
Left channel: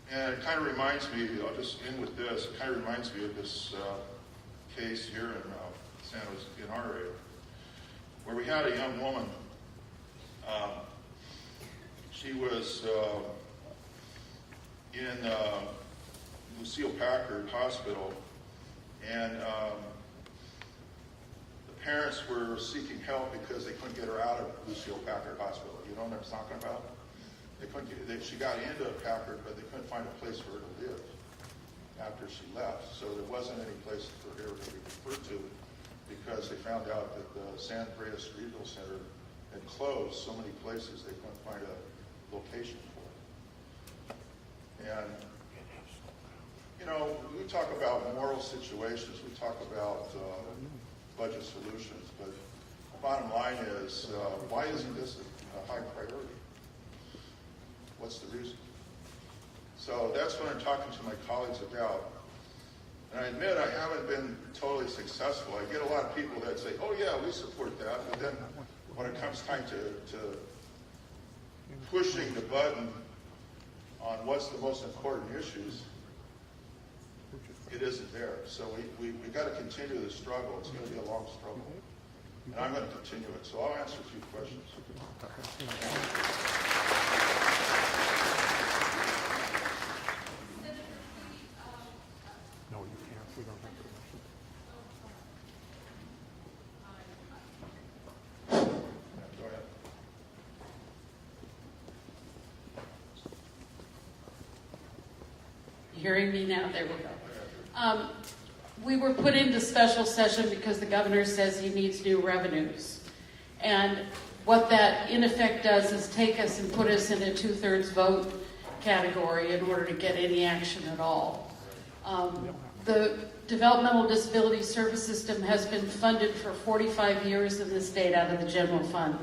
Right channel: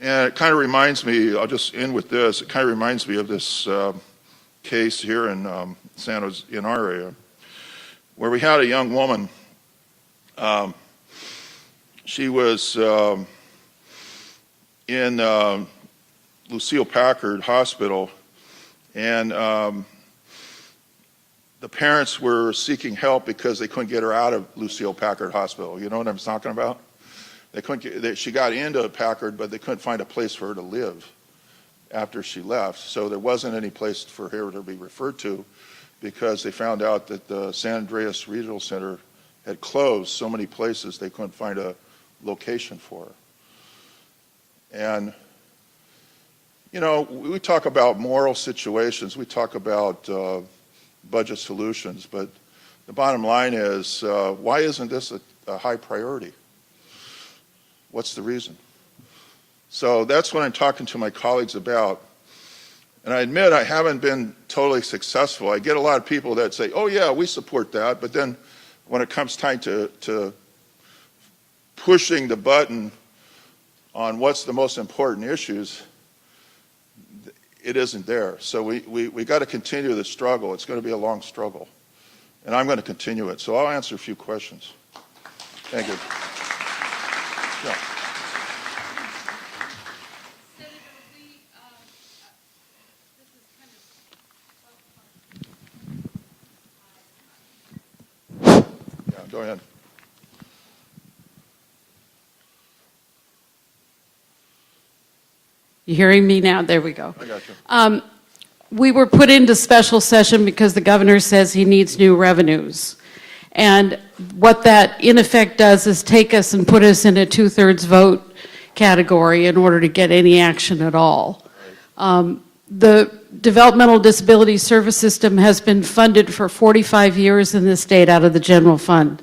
And it kind of reminds me, I'll just end with this, it kind of reminds me of this case here in San Jose, in our area, where we had a young woman. She was in Lucille Packard Hospital, and the parents were seeking help because they couldn't get her out of Lucille Packard Hospital. You know what I'm talking about? They couldn't get, she got into Packard, but they couldn't find a place for her to live after she left. So there wasn't any place for her to be referred to because they found out that the San Andreas Regional Center had closed so many places they couldn't find a location for her. And, you know, we talk about moral situations, we talk about budget solutions, but the bottom line is, why isn't this a high priority? What's the reason? So that's what I'm talking to my colleagues about. And I admit I haven't been totally successful. I get a lot of people that say, oh yeah, we support that, but then when it comes time to pushing the button on what's the most important issues, it isn't there. So we got to continue the struggle. It's going to be a long struggle. And I'm going to continue it. So I'll answer a few questions. Thank you. Yeah. Yeah, go ahead. You hearing me now? There we go. I got you. We were put into special session because the governor says he needs new revenues. And what that in effect does is take us and put us in a 2/3 vote category in order to get any action at all. The Developmental Disability Service System has been funded for 45 years in this state out of the general fund.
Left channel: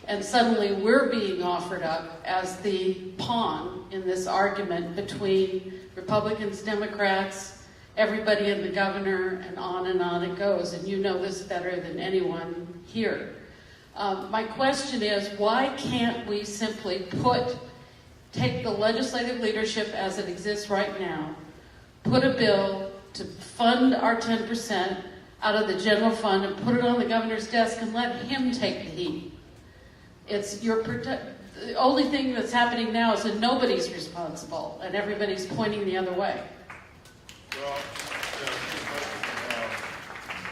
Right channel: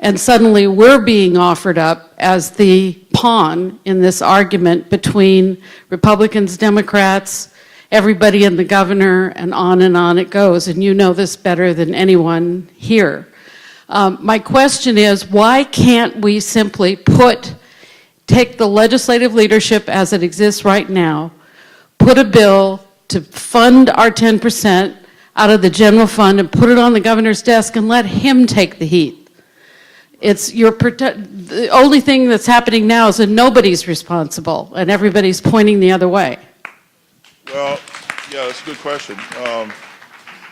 And suddenly we're being offered up as the pawn in this argument between Republicans, Democrats, everybody and the governor, and on it goes. And you know this better than anyone here. My question is, why can't we simply take the legislative leadership as it exists right now, put a bill to fund our 10% out of the general fund and put it on the governor's desk and let him take the heat? The only thing that's happening now is that nobody's responsible and everybody's pointing the other way. Well, yeah, that's a good question.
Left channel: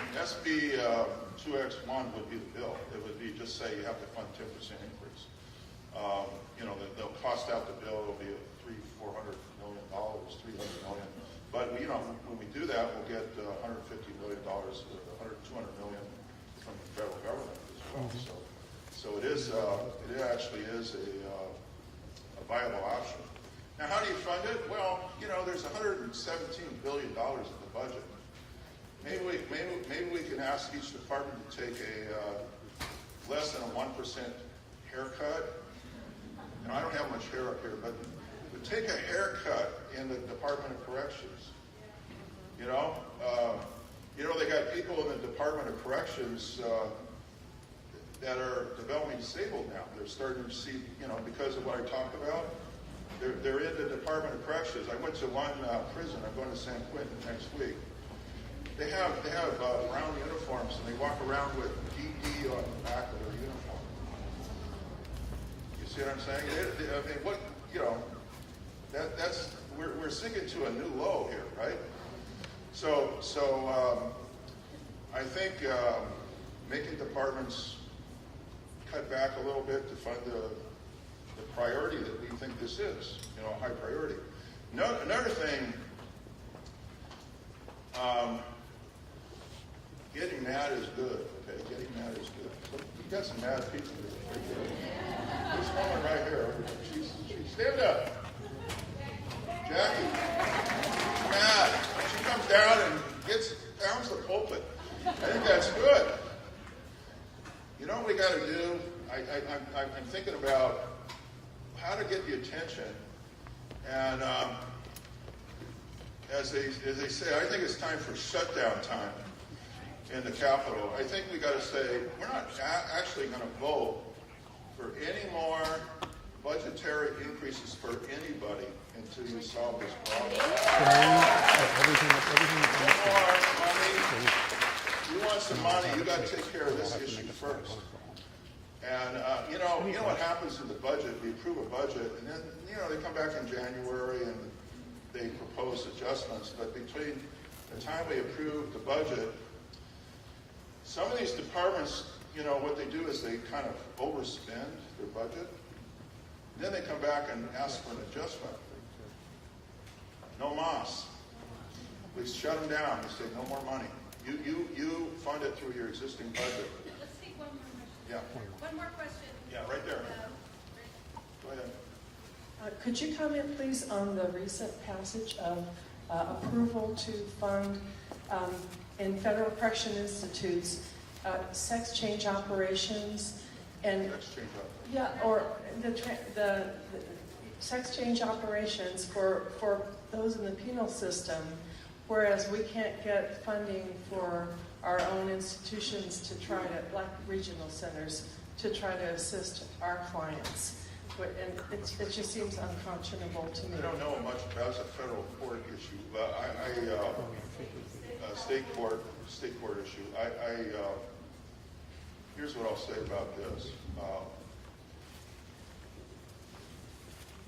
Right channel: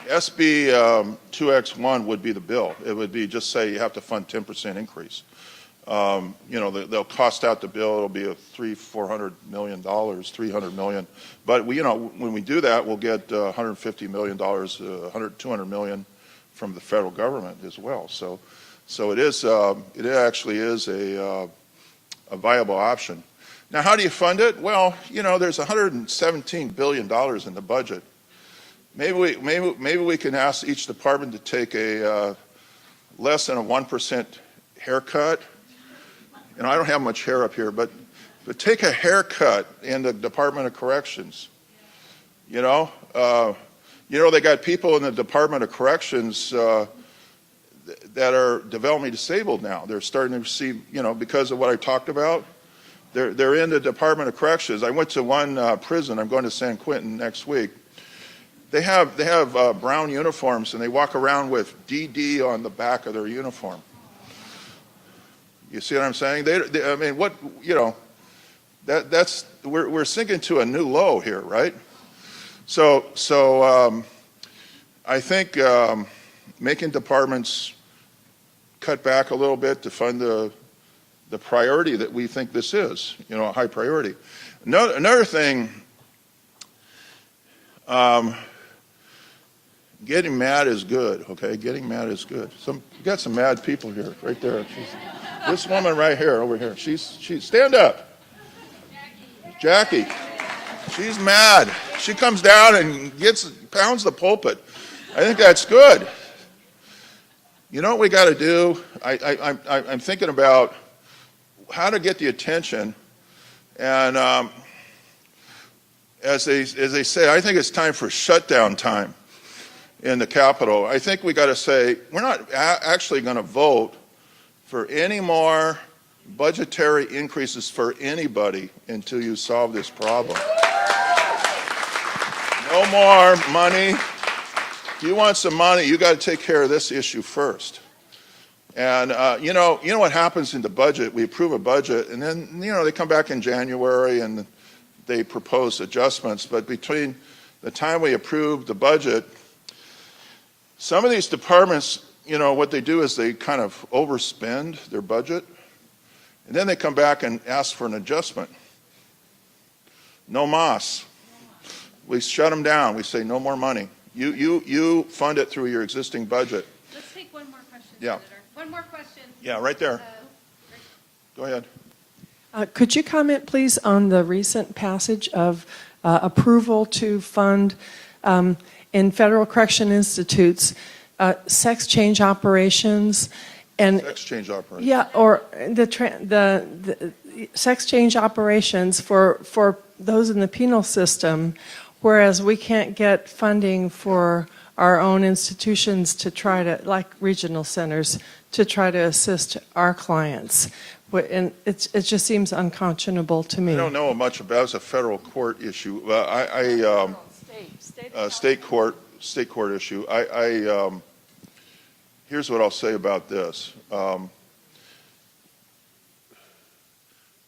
SB 2X1 would be the bill. It would be just say you have to fund 10% increase. You know, they'll cost out the bill. It'll be a $400 million, $300 million. But you know, when we do that, we'll get $150 million, $200 million from the federal government as well. So it is. It actually is a viable option. Now, how do you fund it? Well, you know, there's $117 billion in the budget. Maybe we can ask each department to take a less than a 1% haircut. And I don't have much hair up here, but take a haircut in the Department of Corrections. You know, they got people in the Department of Corrections that are developmentally disabled now. They're starting to receive, you know, because of what I talked about. They're in the Department of Corrections. I went to one prison. I'm going to San Quentin next week. They have brown uniforms, and they walk around with DD on the back of their uniform. You see what I'm saying? I mean, what, you know, we're sinking to a new low here, right? So I think making departments cut back a little bit to fund the priority that we think this is, you know, a high priority. Another thing, getting mad is good, okay? Getting mad is good. We got some mad people here, right there. This woman right here, over here, she's stand up. Jackie, she's mad. She comes down and pounds the pulpit. I think that's good. You know what we got to do? I'm thinking about how to get the attention, and as they say, I think it's time for shutdown time in the Capitol. I think we got to say we're not actually going to vote for any more budgetary increases for anybody until you solve this problem. No more money. If you want some money, you got to take care of this issue first. And you know what happens in the budget? We approve a budget, and then they come back in January and they propose adjustments. But between the time we approve the budget, some of these departments, what they do is they kind of overspend their budget, and then they come back and ask for an adjustment. No mas. We shut them down. We say no more money. You fund it through your existing budget. Let's take one more question. Yeah. One more question. Yeah, right there. Go ahead. Could you comment, please, on the recent passage of approval to fund in federal correction institutes sex change operations and Sex change operations. yeah, or the sex change operations for those in the penal system, whereas we can't get funding for our own institutions to try to, like regional centers, to try to assist our clients. And it just seems unconscionable to me. I don't know much about it. It's a federal court issue. State court issue. Here's what I'll say about this.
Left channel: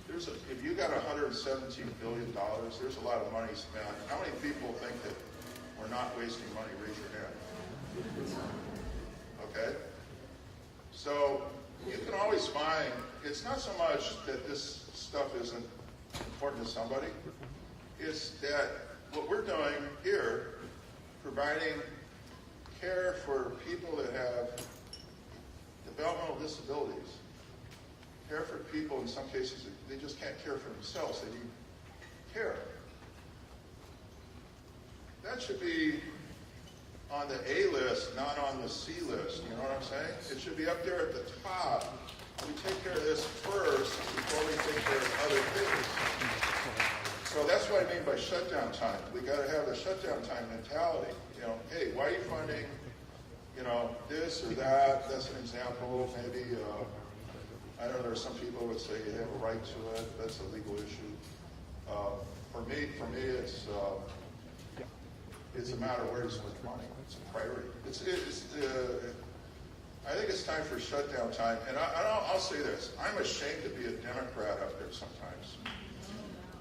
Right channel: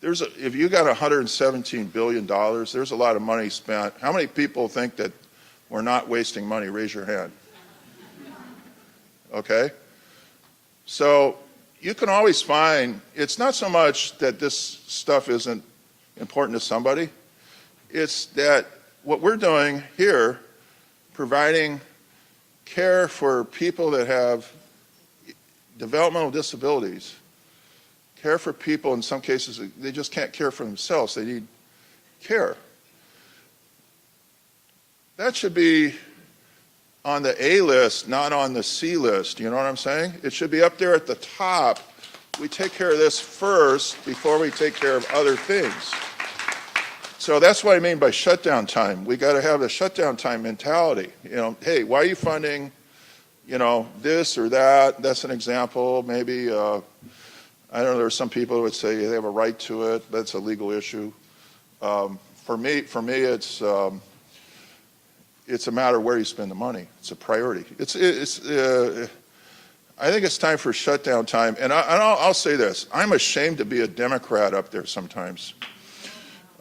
If you got $117 billion, there's a lot of money spent. How many people think that we're not wasting money? Raise your hand. Okay? So you can always find, it's not so much that this stuff isn't important to somebody, it's that what we're doing here, providing care for people that have developmental disabilities, care for people in some cases, they just can't care for themselves, they need care. That should be on the A list, not on the C list, you know what I'm saying? It should be up there at the top. We take care of this first before we take care of other things. So that's what I mean by shutdown time. We got to have a shutdown time mentality. Hey, why are you funding, this or that? That's an example. Maybe, I don't know, there are some people who would say they have a right to it. That's a legal issue. For me, it's a matter of where you spend the money. It's a priority. I think it's time for shutdown time. And I'll say this. I'm ashamed to be a Democrat up there sometimes.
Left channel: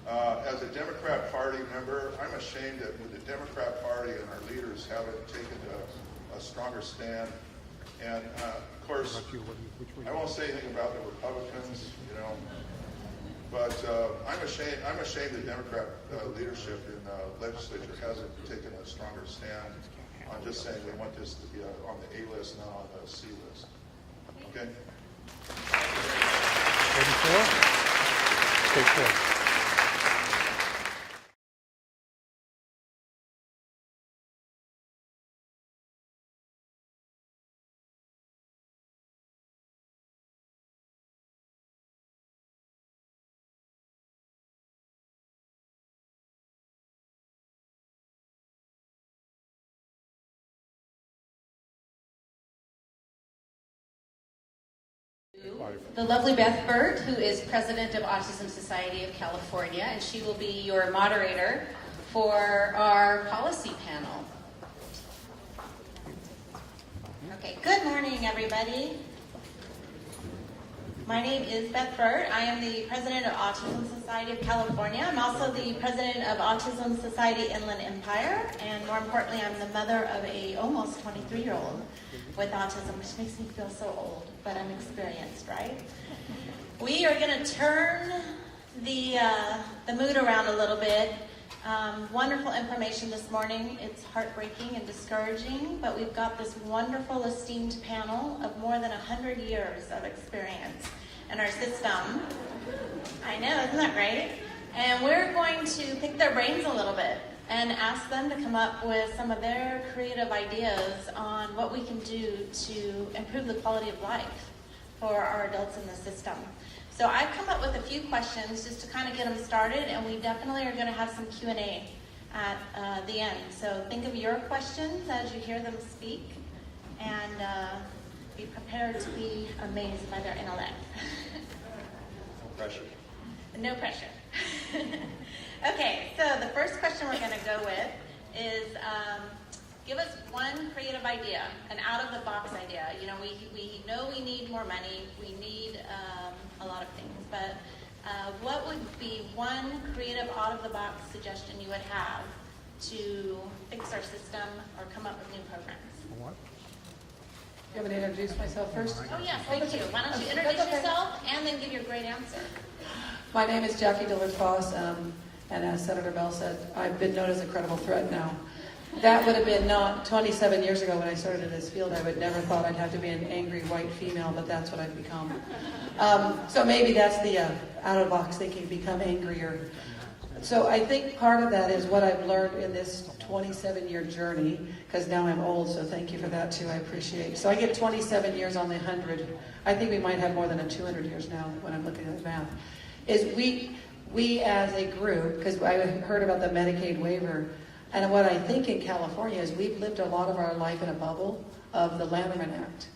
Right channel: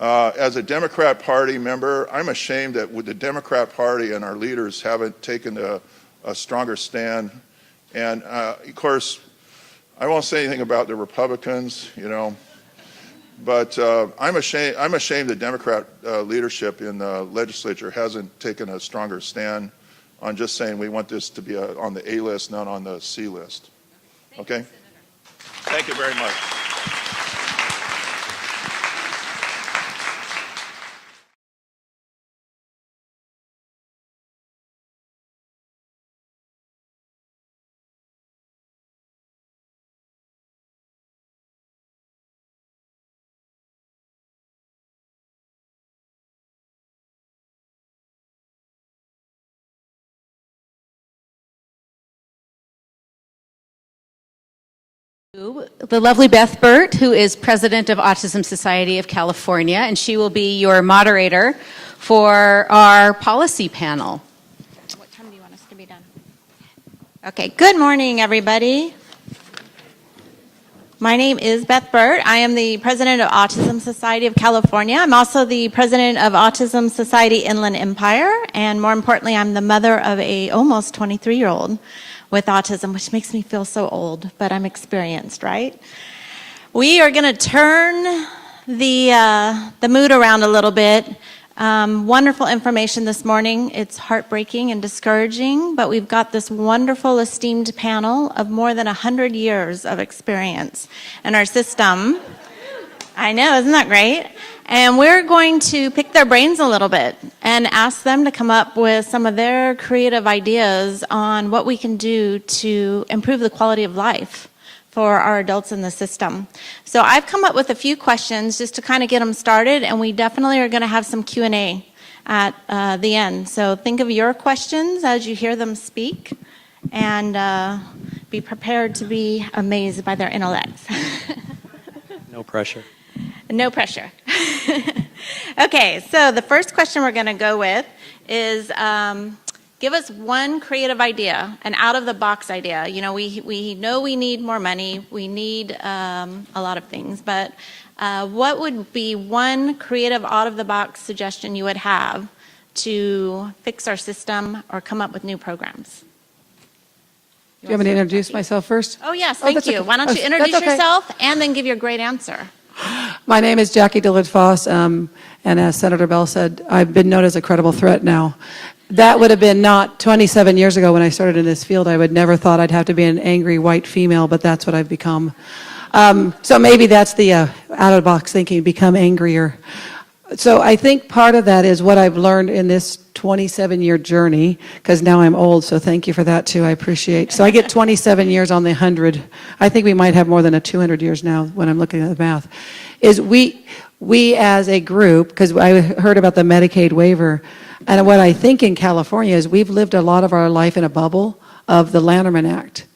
As a Democrat Party member, I'm ashamed that with the Democrat Party and our leaders haven't taken a stronger stand. And of course, I won't say anything about the Republicans, but I'm ashamed the Democrat leadership in the legislature hasn't taken a stronger stand on just saying we want this to be on the A list, not on the C list. Okay? Thank you very much. The lovely Beth Burt, who is president of Autism Society of California, and she will be your moderator for our policy panel. What time do you want us to be done? Okay, good morning, everybody. My name is Beth Burt. I am the president of Autism Society of California. I'm also the president of Autism Society Inland Empire, and more importantly, I'm the mother of a almost 23-year-old with autism, which makes me feel so old, but I'm experienced, right? We are going to turn the mood around a little bit. Wonderful information this morning. It's heartbreaking and discouraging, but we've got this wonderful, esteemed panel of more than 100 years of experience in our system. I know, isn't that great? And we're going to pick their brains a little bit and ask them to come up with some of their creative ideas on what we can do to improve the quality of life for our adults in the system. So I've come up with a few questions just to kind of get them started, and we definitely are going to have some Q&A at the end. So think of your questions as you hear them speak, and be prepared to be amazed by their intellects. No pressure. No pressure. Okay, so the first question we're going to go with is give us one creative idea, an out-of-the-box idea. You know, we know we need more money, we need a lot of things, but what would be one creative out-of-the-box suggestion you would have to fix our system or come up with new programs? Do you want me to introduce myself first? Oh, yes, thank you. Okay. Why don't you That's introduce okay. yourself and then give your great answer? My name is Jackie Dillard-Foss, and as Senator Bell said, I've been known as a credible threat now. That would have been not 27 years ago when I started in this field. I would never thought I'd have to be an angry white female, but that's what I've become. So maybe that's the out-of-the-box thinking, become angrier. So I think part of that is what I've learned in this 27-year journey, because now I'm old, so thank you for that too, I appreciate. So I get 27 years on the 100. I think we might have more than 200 years now when I'm looking at the math. Is we as a group, because I heard about the Medicaid waiver, and what I think in California is we've lived a lot of our life in a bubble of the Lanterman Act.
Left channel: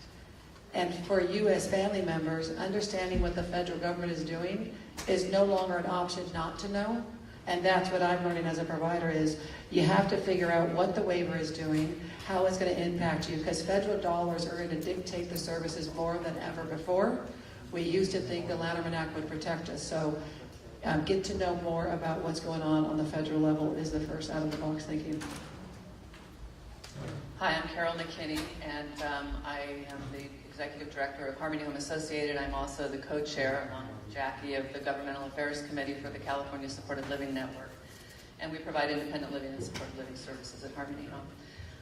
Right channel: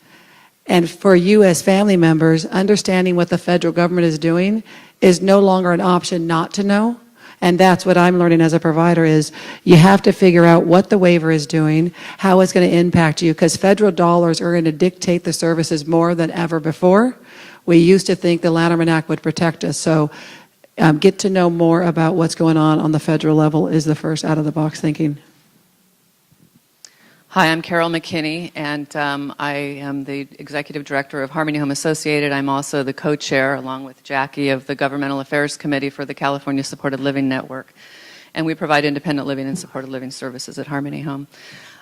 And for you as family members, understanding what the federal government is doing is no longer an option not to know. And that's what I'm learning as a provider is you have to figure out what the waiver is doing, how it's going to impact you, because federal dollars are going to dictate the services more than ever before. We used to think the Lanterman Act would protect us. So get to know more about what's going on the federal level is the first out-of-the-box thinking. Hi, I'm Carol McKinney, and I am the Executive Director of Harmony Home Associated. I'm also the co-chair, along with Jackie, of the Governmental Affairs Committee for the California Supported Living Network. And we provide independent living and supported living services at Harmony Home.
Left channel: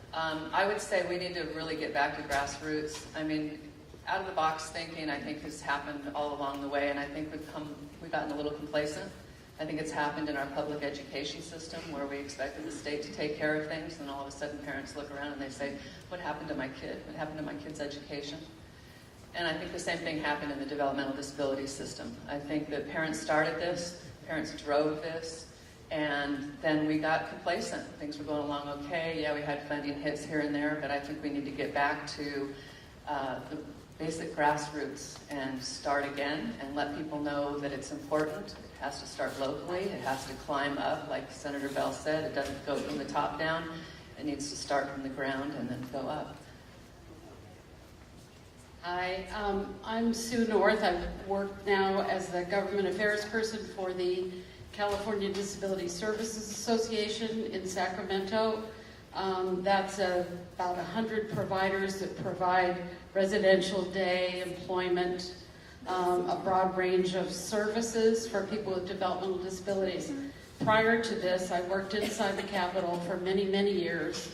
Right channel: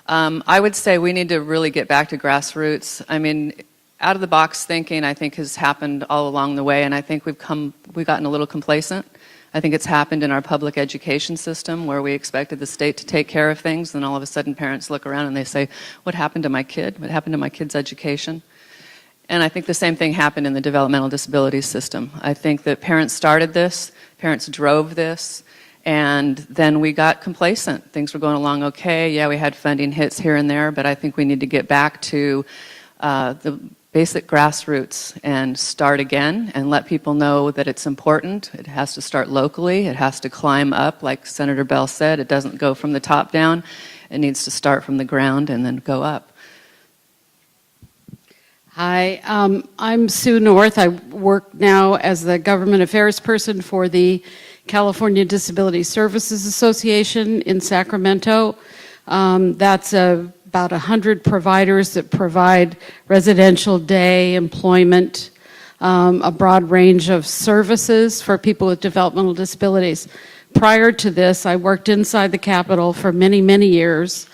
I would say we need to really get back to grassroots. I mean, out-of-the-box thinking, I think, has happened all along the way, and I think we've gotten a little complacent. I think it's happened in our public education system where we expected the state to take care of things, and all of a sudden parents look around and they say, what happened to my kid? What happened to my kid's education? And I think the same thing happened in the developmental disabilities system. I think that parents started this, parents drove this, and then we got complacent. Things were going along okay. Yeah, we had funding hits here and there, but I think we need to get back to the basic grassroots and start again and let people know that it's important. It has to start locally. It has to climb up, like Senator Bell said. It doesn't go from the top down. It needs to start from the ground and then go up. Hi, I'm Sue North. I work now as the government affairs person for the California Disability Services Association in Sacramento. That's about 100 providers that provide residential day, employment, a broad range of services for people with developmental disabilities. Prior to this, I worked inside the Capitol for many, many years.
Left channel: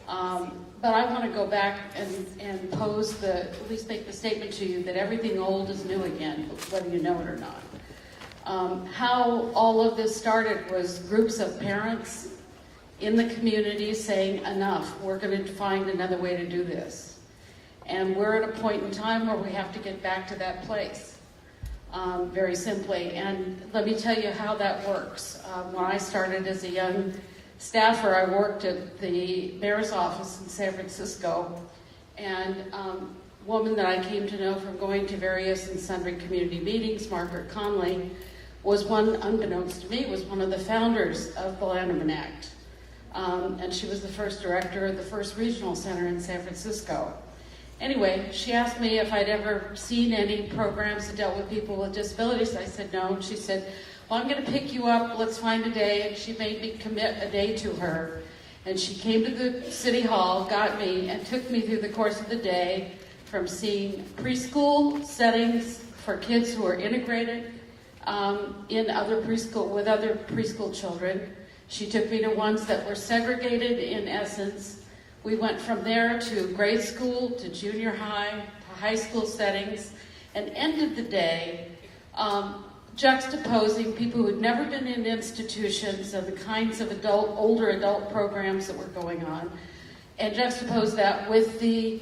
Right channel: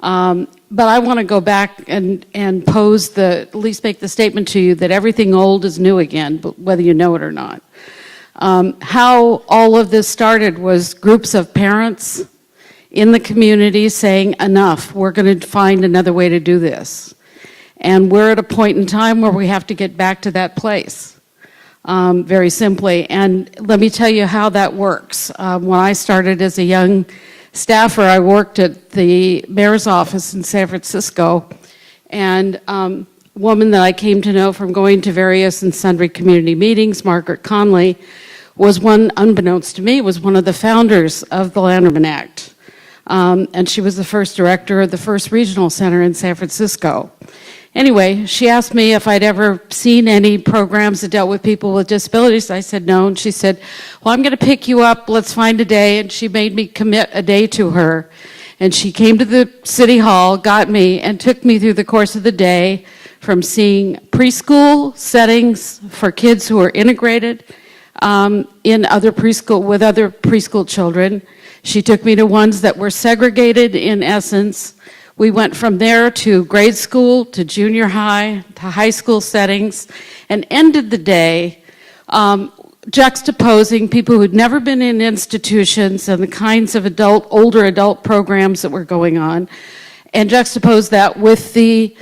But I want to go back and pose at least make the statement to you that everything old is new again, whether you know it or not. How all of this started was groups of parents in the community saying, enough, we're going to find another way to do this. And we're at a point in time where we have to get back to that place, very simply. And let me tell you how that works. When I started as a young staffer, I worked at the mayor's office in San Francisco, and a woman that I came to know from going to various and sundry community meetings, Margaret Conley, was one, unbeknownst to me, was one of the founders of the Lanterman Act. And she was the first director of the first regional center in San Francisco. Anyway, she asked me if I'd ever seen any programs that dealt with people with disabilities. I said no, and she said, well, I'm going to pick you up, let's find a day, and she made me commit a day to her. And she came to the city hall, got me, and took me through the course of the day from seeing preschool settings for kids who are integrated in other preschool, with other preschool children. She took me to ones that were segregated in essence. We went from there to grade school, to junior high, to high school settings, and ended the day juxtaposing people who'd never been in institutions and the kinds of older adult programs that were going on, and juxtaposed that with the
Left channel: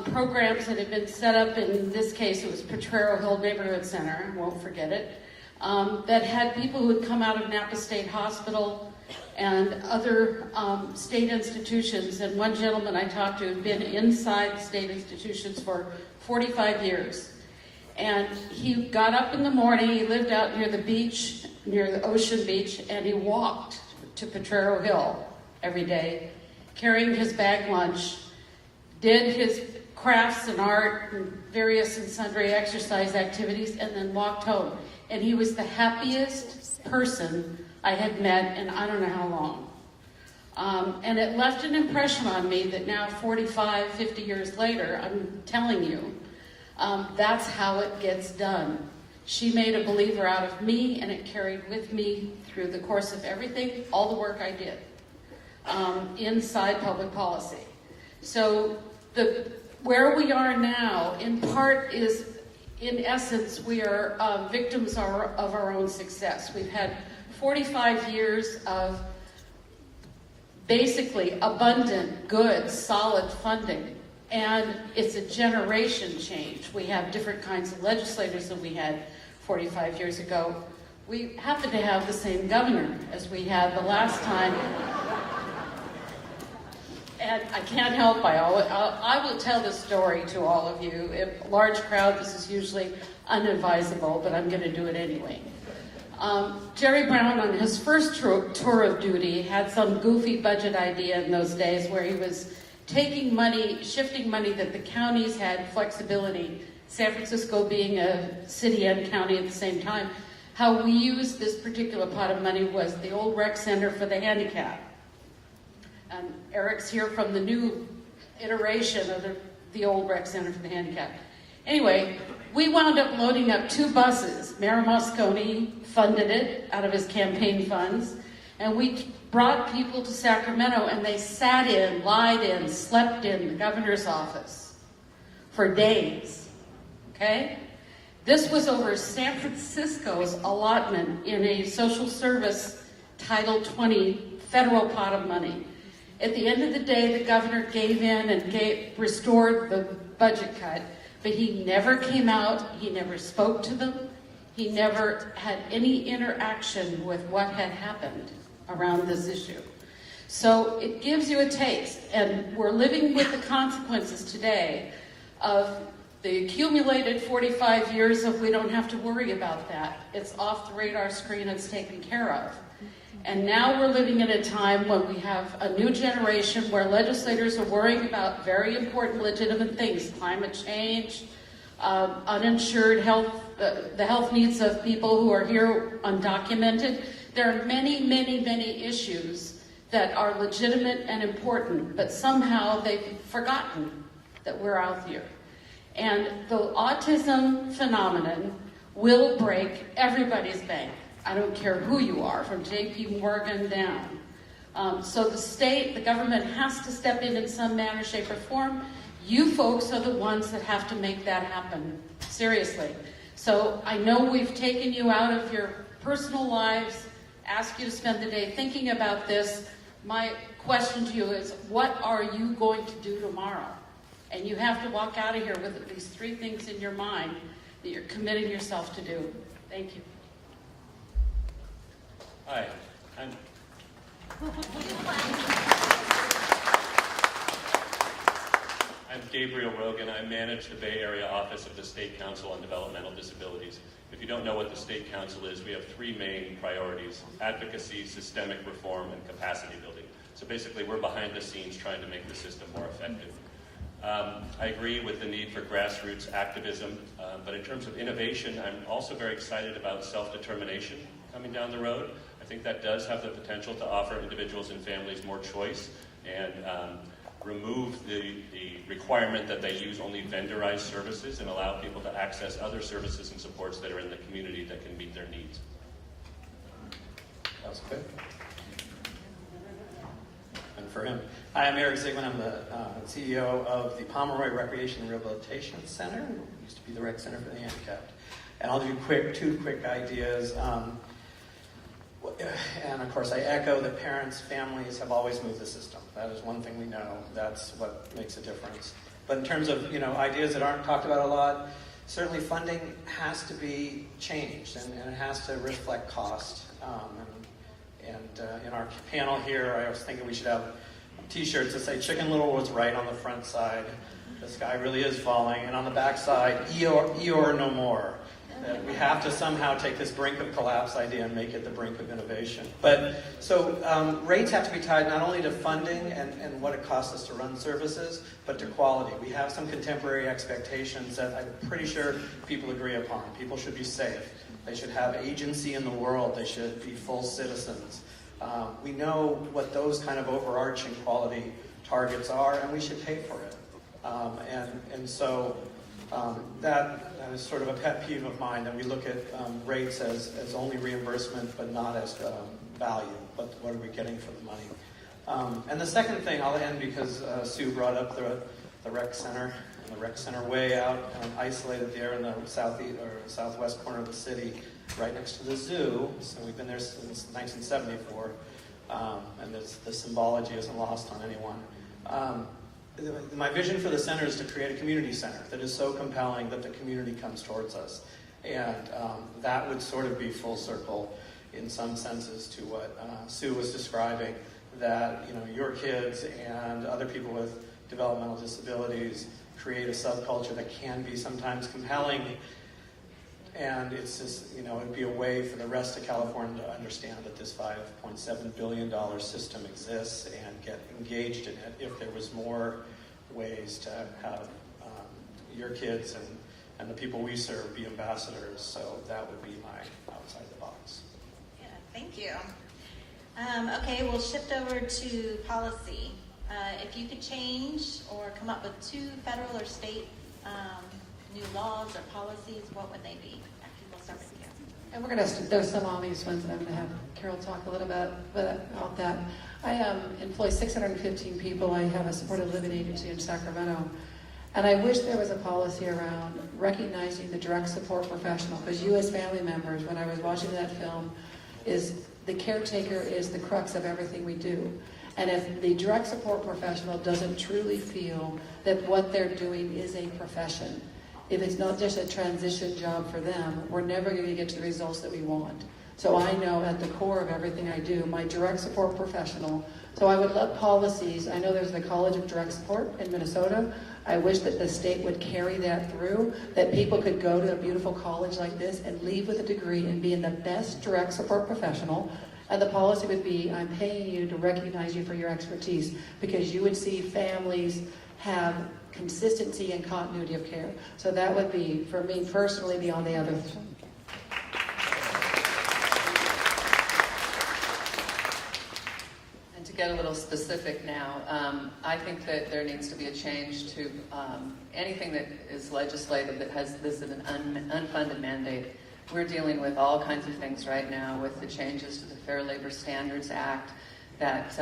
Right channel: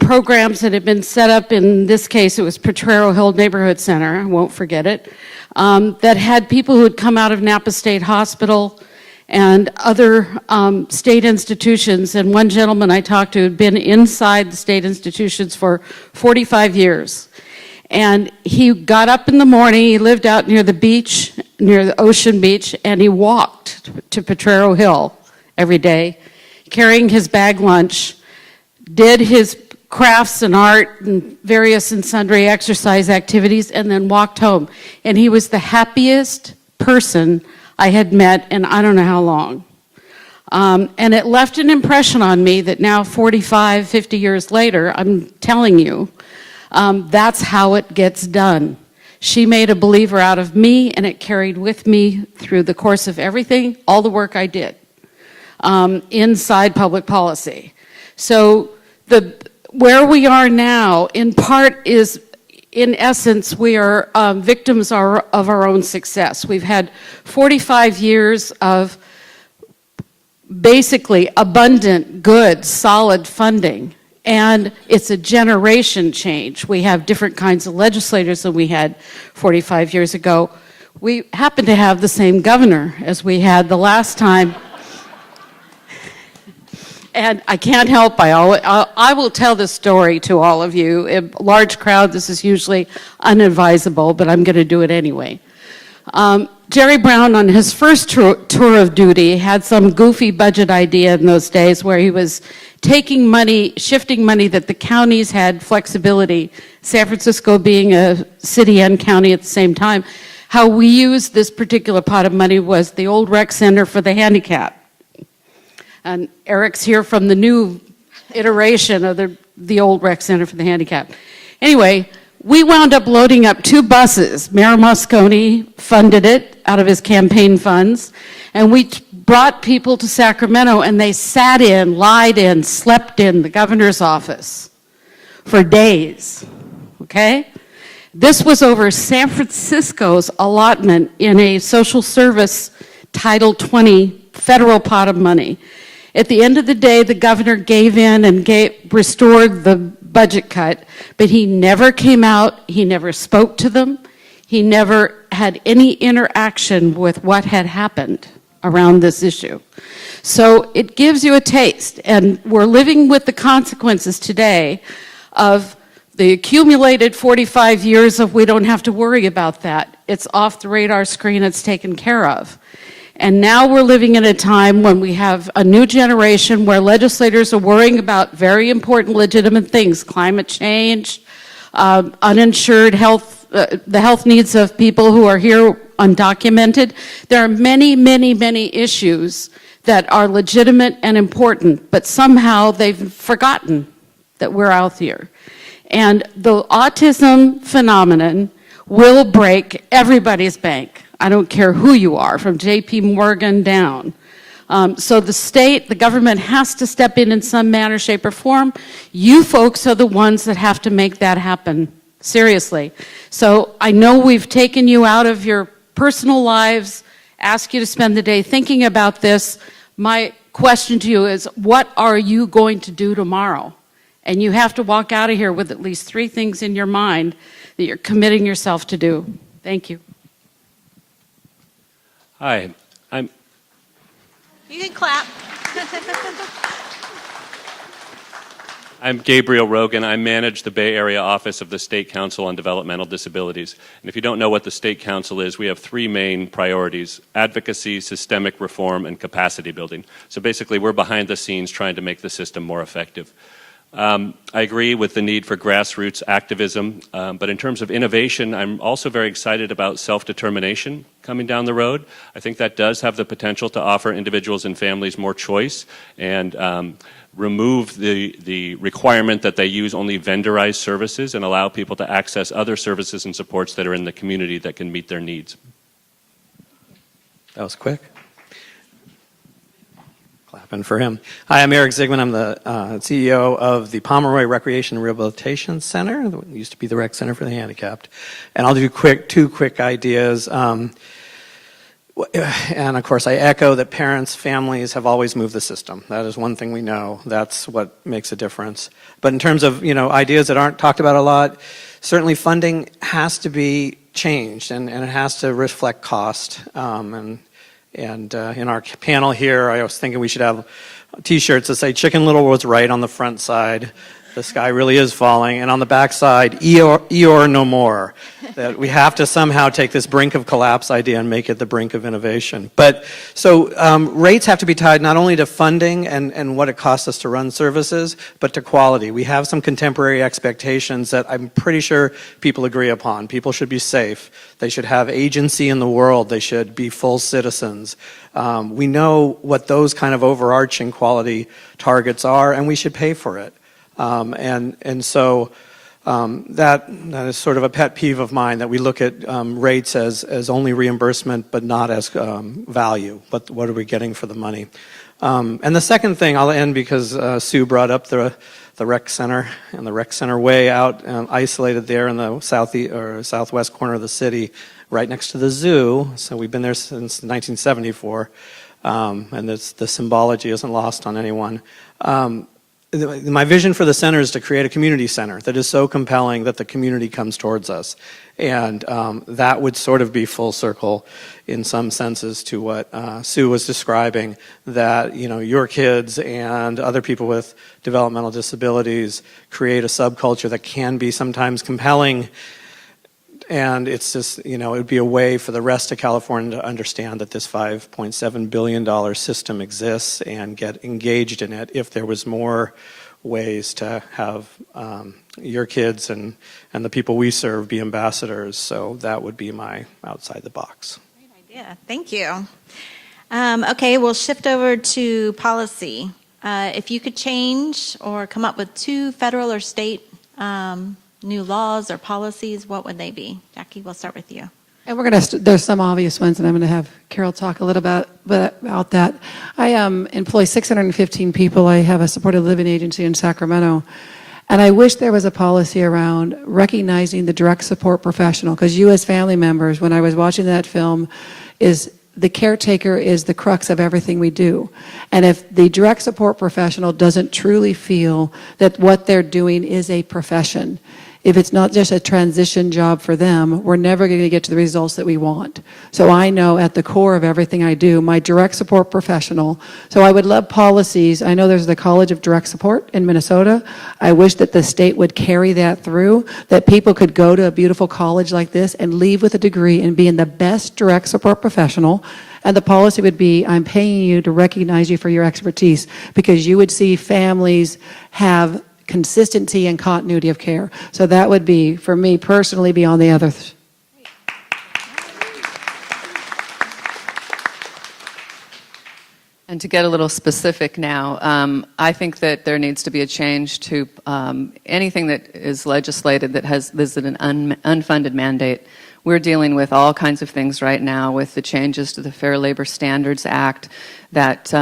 programs that had been set up. In this case, it was Potrero Hill Neighborhood Center, I won't forget it, that had people who had come out of Napa State Hospital and other state institutions. And one gentleman I talked to had been inside the state institutions for 45 years. And he got up in the morning, he lived out near the beach, near the ocean beach, and he walked to Potrero Hill every day, carrying his bag lunch, did his crafts and art and various and sundry exercise activities, and then walked home. And he was the happiest person I had met in I don't know how long. And it left an impression on me that now 45, 50 years later, I'm telling you, that's how it gets done. She made a believer out of me, and it carried with me through the course of everything, all the work I did inside public policy. So where we are now, in part, is, in essence, we are victims of our own success. We've had 45 years of basically abundant, good, solid funding. And it's a generation change. We have different kinds of legislators than we had 45 years ago. We happen to have the same governor as we had the last time. And I can't help, I will tell this story to all of you. A large crowd, this is usually unadvisable, but I'm going to do it anyway. Jerry Brown, on his first tour of duty, had some goofy budget idea in those days where he was taking money, shifting money that the counties had flexibility, San Francisco being a city and county at the same time. How we used this particular pot of money was the old rec center for the handicapped. And Eric's here from the new iteration of the old rec center for the handicapped. Anyway, we wound up loading up 2 buses. Mayor Moscone funded it out of his campaign funds, and we brought people to Sacramento, and they sat in, lied in, slept in the governor's office for days, okay? This was over San Francisco's allotment in a social service Title 20 federal pot of money. At the end of the day, the governor gave in and restored the budget cut, but he never came out, he never spoke to them, he never had any interaction with what had happened around this issue. So it gives you a taste, and we're living with the consequences today of the accumulated 45 years of we don't have to worry about that. It's off the radar screen, it's taken care of. And now we're living in a time when we have a new generation where legislators are worrying about very important, legitimate things, climate change, uninsured health, the health needs of people who are here undocumented. There are many, many, many issues that are legitimate and important, but somehow they've forgotten that we're out here. And the autism phenomenon will break everybody's bank. I don't care who you are, from J.P. Morgan down. So the state, the government has to step in some manner, shape, or form. You folks are the ones that have to make that happen, seriously. So I know we've taken you out of your personal lives, asked you to spend the day thinking about this. My question to you is, what are you going to do tomorrow? And you have to walk out of here with at least 3 things in your mind that you're committing yourself to do. Thank you. Hi, You can clap. I'm Gabriel Rogan. I manage the Bay Area office of the State Council on Developmental Disabilities. And if you don't know what the State Council is, we have 3 main priorities: advocacy, systemic reform, and capacity building. So basically, we're behind the scenes trying to make the system more effective. I agree with the need for grassroots activism, but in terms of innovation, I'm also very excited about self-determination coming down the road. I think that does have the potential to offer individuals and families more choice and remove the requirement that they use only vendorized services and allow people to access other services and supports that are in the community that can meet their needs. That was quick. Clapping for him. Hi, I'm Eric Zigman. I'm the CEO of the Pomeroy Recreation and Rehabilitation Center. It used to be the Rec Center for the Handicapped. And I'll do 2 quick ideas. And of course, I echo that parents, families have always moved the system. That is one thing we know. That's what makes a difference. But in terms of ideas that aren't talked about a lot, certainly funding has to be changed, and it has to reflect cost. And in our panel here, I was thinking we should have T-shirts that say "Chicken Little was right" on the front side. The sky really is falling. And on the backside, Eeyore no more. That we have to somehow take this brink of collapse idea and make it the brink of innovation. But so rates have to be tied not only to funding and what it costs us to run services, but to quality. We have some contemporary expectations that I'm pretty sure people agree upon. People should be safe. They should have agency in the world. They should be full citizens. We know what those kind of overarching quality targets are, and we should pay for it. So that is sort of a pet peeve of mine, that we look at rates as only reimbursement but not as value. But what are we getting for the money? And the second thing, I'll end because Sue brought up the rec center, and the rec center way out isolated there in the southwest corner of the city, right next to the zoo. So we've been there since 1974, and the symbology isn't lost on anyone. My vision for the center is to create a community center that is so compelling that the community comes towards us. And that would sort of be full circle in some senses to what Sue was describing, that your kids and other people with developmental disabilities create a subculture that can be sometimes compelling. And it's just, it would be a way for the rest of California to understand that this $5.7 billion system exists and get engaged in it if there was more ways to have your kids and the people we serve be ambassadors. So that would be my outside the box. Yeah, thank you. Okay, we'll shift over to policy. If you could change or come up with 2 federal or state new laws or policies, what would they be? Jackie, we'll start with you. And we're going to, there's some obvious ones, and I'm going to have Carol talk a little about that. I employ 615 people. I have a supported living agency in Sacramento. And I wish there was a policy around recognizing the direct support professional, because you as family members, when I was watching that film, the caretaker is the crux of everything we do. And if the direct support professional doesn't truly feel that what they're doing is a profession, if it's not just a transition job for them, we're never going to get to the results that we want. So I know at the core of everything I do, my direct support professional, so I would love policies. I know there's the College of Direct Support in Minnesota. I wish that the state would carry that through, that people could go to a beautiful college like this and leave with a degree and be in the best direct support professional. And the policy would be, I'm paying you to recognize you for your expertise, because you would see families have consistency and continuity of care. So that would be, for me personally, be on the other. And to get a little specific now, I think that there needs to be a change to anything that is legislated that has an unfunded mandate. We're dealing with all kinds of things right now with the changes to the Fair Labor Standards Act that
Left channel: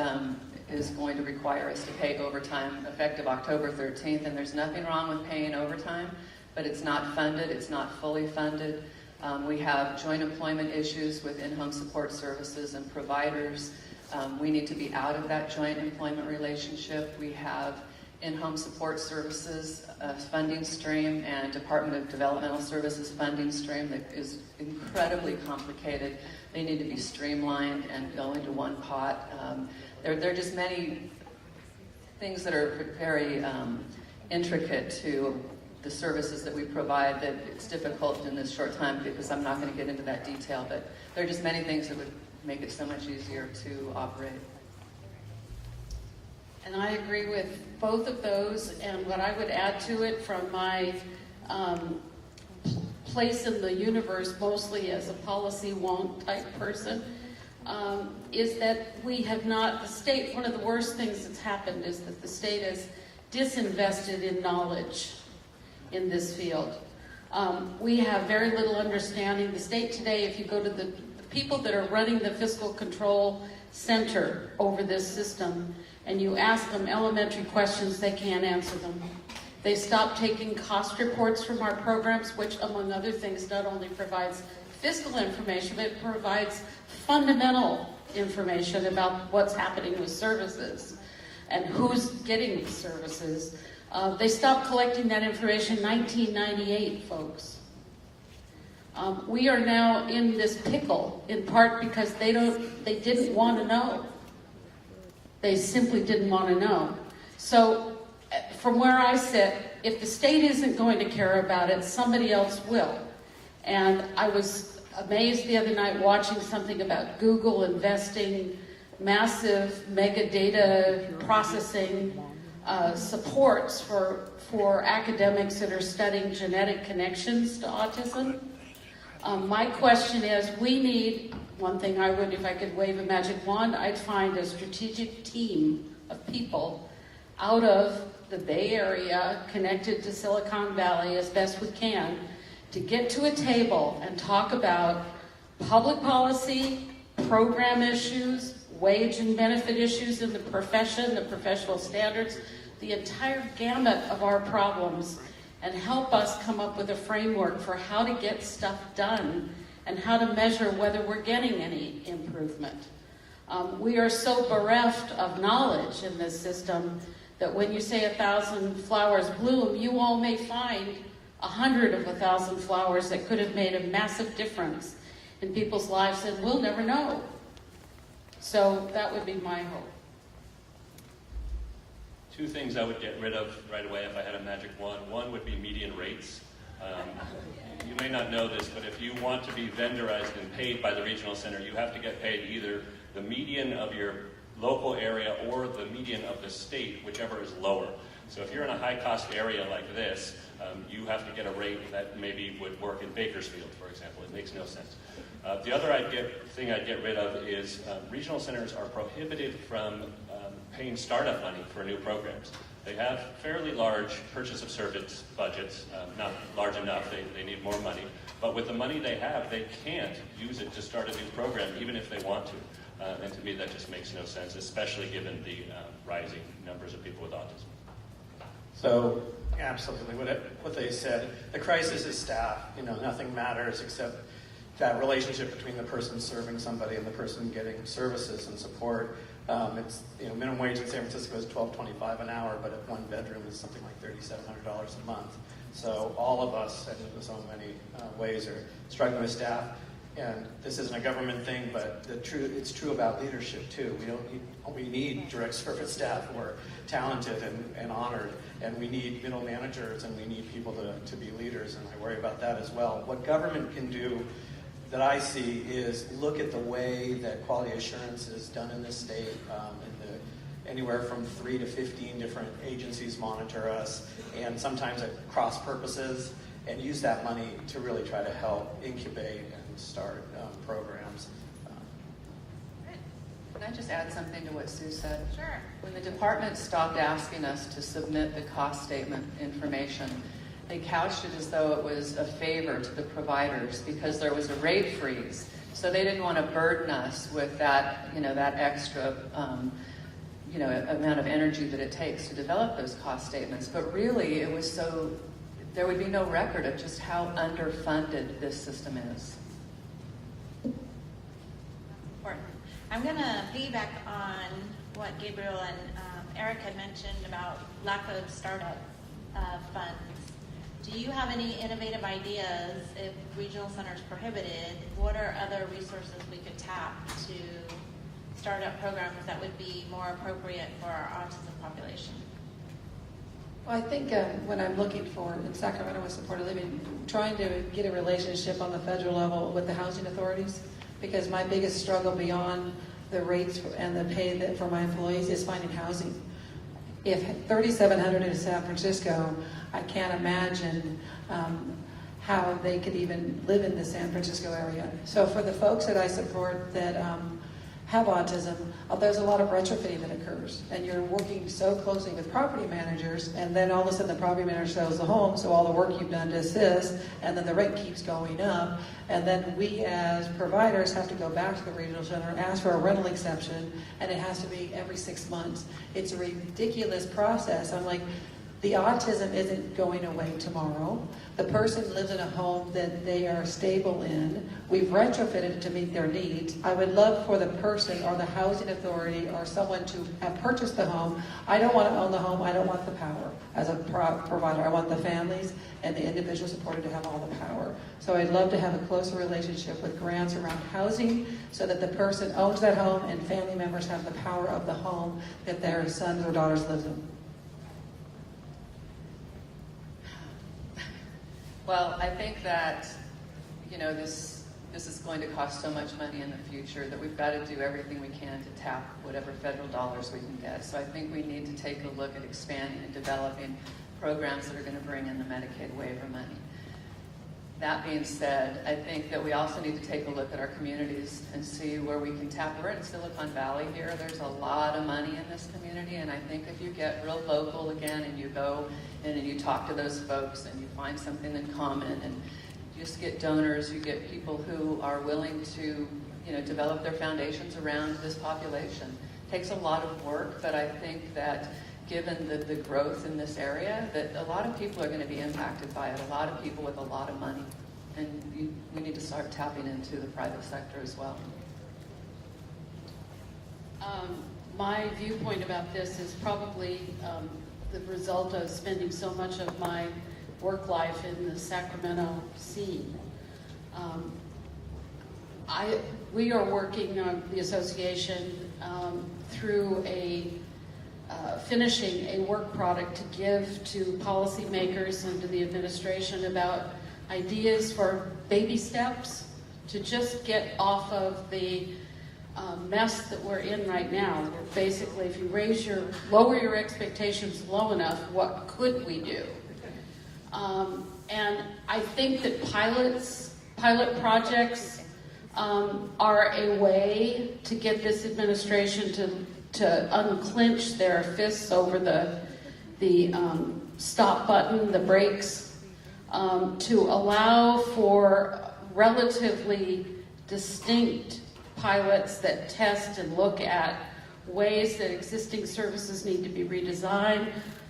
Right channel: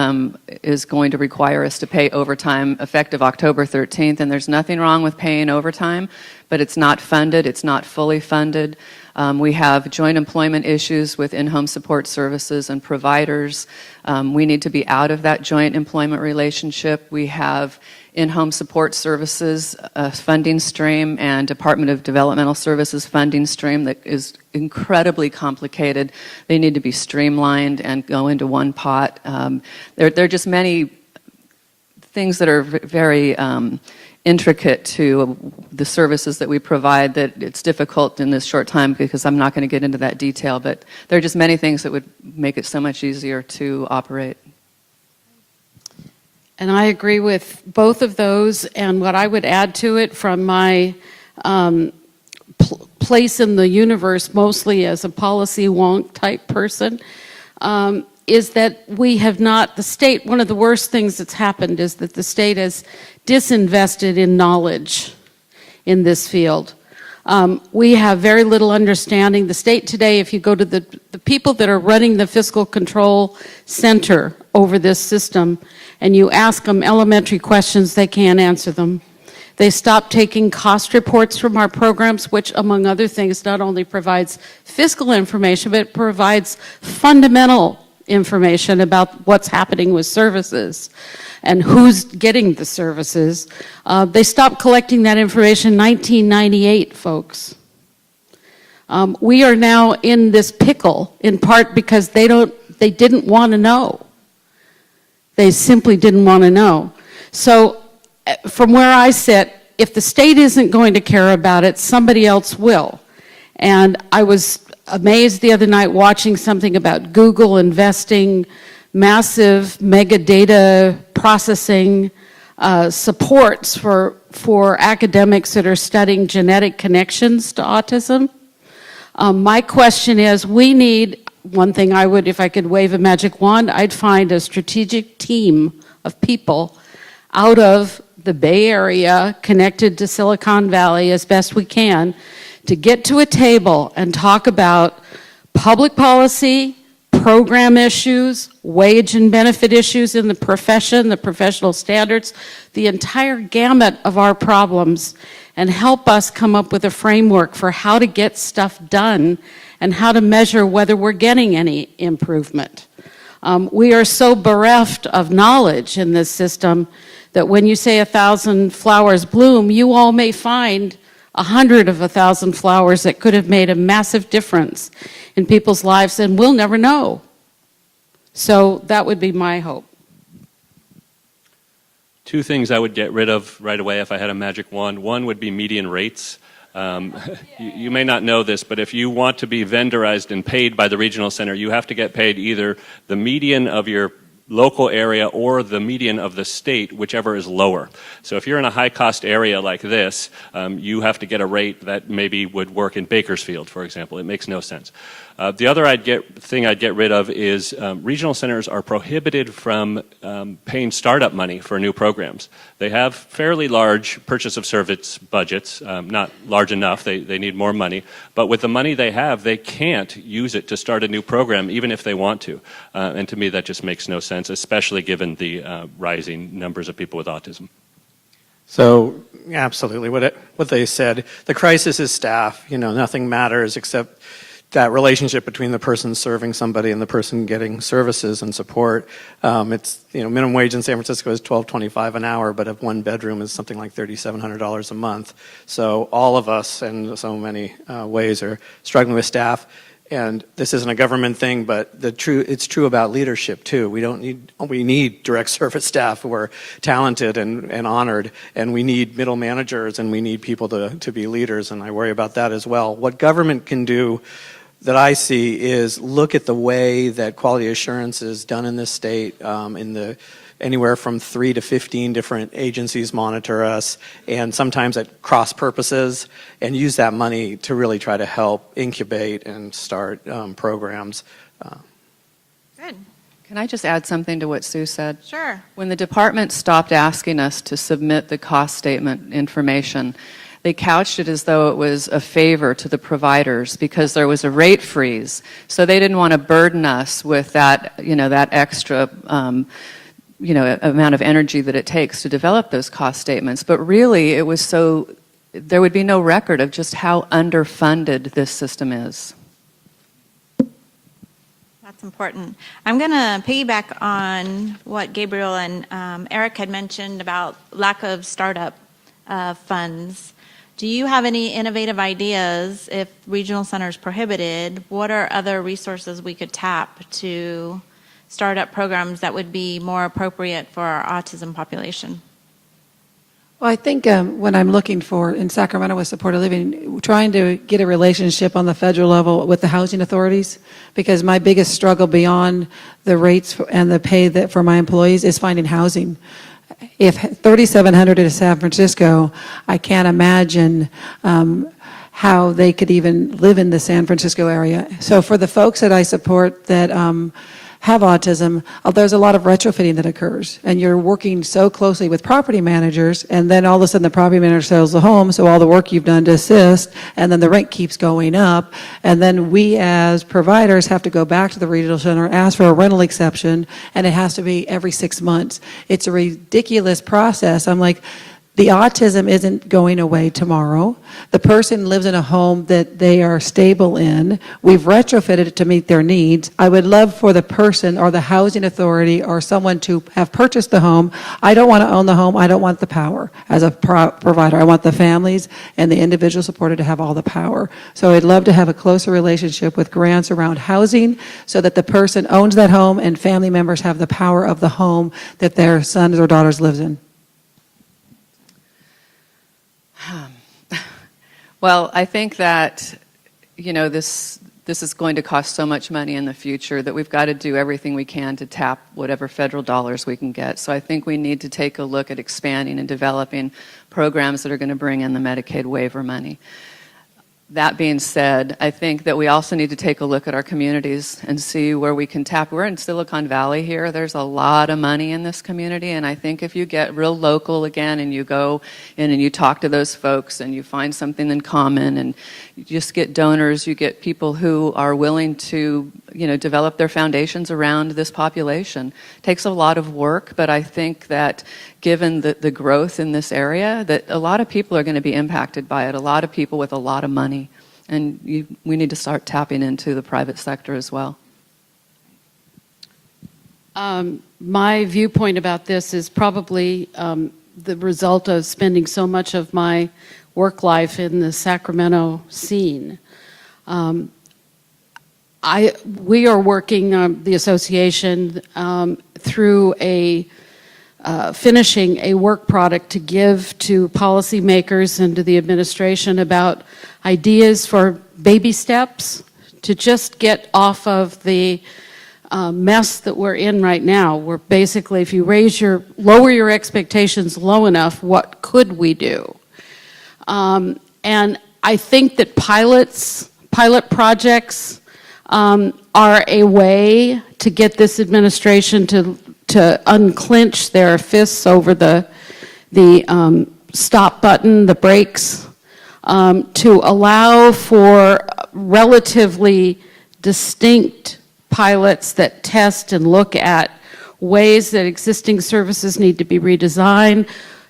is going to require us to pay overtime effective October 13th, and there's nothing wrong with paying overtime, but it's not funded, it's not fully funded. We have joint employment issues with in-home support services and providers. We need to be out of that joint employment relationship. We have in-home support services funding stream and Department of Developmental Services funding stream that is incredibly complicated. They need to be streamlined and go into one pot. There are just many things that are very intricate to the services that we provide that it's difficult in this short time, because I'm not going to get into that detail, but there are just many things that would make it so much easier to operate. And I agree with both of those, and what I would add to it from my place in the universe, mostly as a policy wonk type person, is that we have not, the state, one of the worst things that's happened is that the state has disinvested in knowledge in this field. We have very little understanding. The state today, if you go to the people that are running the fiscal control center over this system, and you ask them elementary questions, they can't answer them. They stopped taking cost reports from our programs, which, among other things, not only provides fiscal information, but it provides fundamental information about what's happening with services and who's getting the services. They stopped collecting that information in 1998, folks. We are now in this pickle, in part because they didn't want to know. They simply didn't want to know. So from where I sit, if the state isn't going to care about it, somebody else will. And I was amazed the other night watching something about Google investing massive mega data processing supports for academics that are studying genetic connections to autism. My question is, we need, one thing I would, if I could wave a magic wand, I'd find a strategic team of people out of the Bay Area connected to Silicon Valley as best we can to get to a table and talk about public policy, program issues, wage and benefit issues in the profession, the professional standards, the entire gamut of our problems, and help us come up with a framework for how to get stuff done and how to measure whether we're getting any improvement. We are so bereft of knowledge in this system that when you say 1,000 flowers bloom, you all may find 100 of 1,000 flowers that could have made a massive difference in people's lives, and we'll never know. So that would be my hope. Two things I would get rid of right away if I had a magic wand. One would be median rates. You may not know this, but if you want to be vendorized and paid by the regional center, you have to get paid either the median of your local area or the median of the state, whichever is lower. So if you're in a high-cost area like this, you have to get a rate that maybe would work in Bakersfield, for example. It makes no sense. The other thing I'd get rid of is regional centers are prohibited from paying startup money for new programs. They have fairly large purchase of service budgets, not large enough, they need more money, but with the money they have, they can't use it to start a new program, even if they want to. And to me, that just makes no sense, especially given the rising numbers of people with autism. So, absolutely, what they said, the crisis is staff, nothing matters except that relationship between the person serving somebody and the person getting services and support. It's, minimum wage in San Francisco is $12.25 an hour, but a one bedroom is something like $3,700 a month. So all of us, in so many ways, are struggling with staff. And this isn't a government thing, but it's true about leadership too. We need direct service staff who are talented and honored, and we need middle managers, and we need people to be leaders, and I worry about that as well. What government can do that I see is look at the way that quality assurance is done in this state. Anywhere from 3 to 15 different agencies monitor us, and sometimes at cross purposes, and use that money to really try to help incubate and start programs. Good. Can I just add something to what Sue said? Sure. When the department stopped asking us to submit the cost statement information, they couched it as though it was a favor to the providers because there was a rate freeze. So they didn't want to burden us with that, that extra amount of energy that it takes to develop those cost statements. But really, it was so there would be no record of just how underfunded this system is. That's important. I'm going to piggyback on what Gabriel and Eric had mentioned about lack of startup funds. Do you have any innovative ideas if regional centers prohibited? What are other resources we could tap to start up programs that would be more appropriate for our autism population? Well, I think what I'm looking for in Sacramento with supported living, trying to get a relationship on the federal level with the housing authorities, because my biggest struggle beyond the rates and the pay for my employees is finding housing. If 3,700 is San Francisco, I can't imagine how they could even live in the San Francisco area. So for the folks that I support that have autism, there's a lot of retrofitting that occurs, and you're working so closely with property managers, and then all of a sudden the property manager sells the home, so all the work you've done to assist, and then the rent keeps going up, and then we as providers have to go back to the regional center, ask for a rental exception, and it has to be every 6 months. It's a ridiculous process. I'm like, the autism isn't going away tomorrow. The person lives in a home that they are stable in. We've retrofitted it to meet their needs. I would love for the person or the housing authority or someone to have purchased the home. I don't want to own the home. I don't want the power as a provider. I want the families and the individual supporter to have all the power. So I'd love to have a closer relationship with grants around housing so that the person owns that home and family members have the power of the home that their sons or daughters lives in. Well, I think that, this is going to cost so much money in the future that we've got to do everything we can to tap whatever federal dollars we can get. So I think we need to take a look at expanding and developing programs that are going to bring in the Medicaid waiver money. That being said, I think that we also need to take a look at our communities and see where we can tap. We're in Silicon Valley here. There's a lot of money in this community, and I think if you get real local again and you go in and you talk to those folks and you find something in common and you just get donors, you get people who are willing to develop their foundations around this population. It takes a lot of work, but I think that given the growth in this area, that a lot of people are going to be impacted by it, a lot of people with a lot of money. And we need to start tapping into the private sector as well. My viewpoint about this is probably the result of spending so much of my work life in the Sacramento scene. We are working, the association, through finishing a work product to give to policymakers and to the administration about ideas for baby steps to just get off of the mess that we're in right now. We're basically, if you lower your expectations low enough, what could we do? And I think that pilot projects are a way to get this administration to unclench their fists over the stop button, the brakes, to allow for relatively distinct pilots that test and look at ways that existing services need to be redesigned.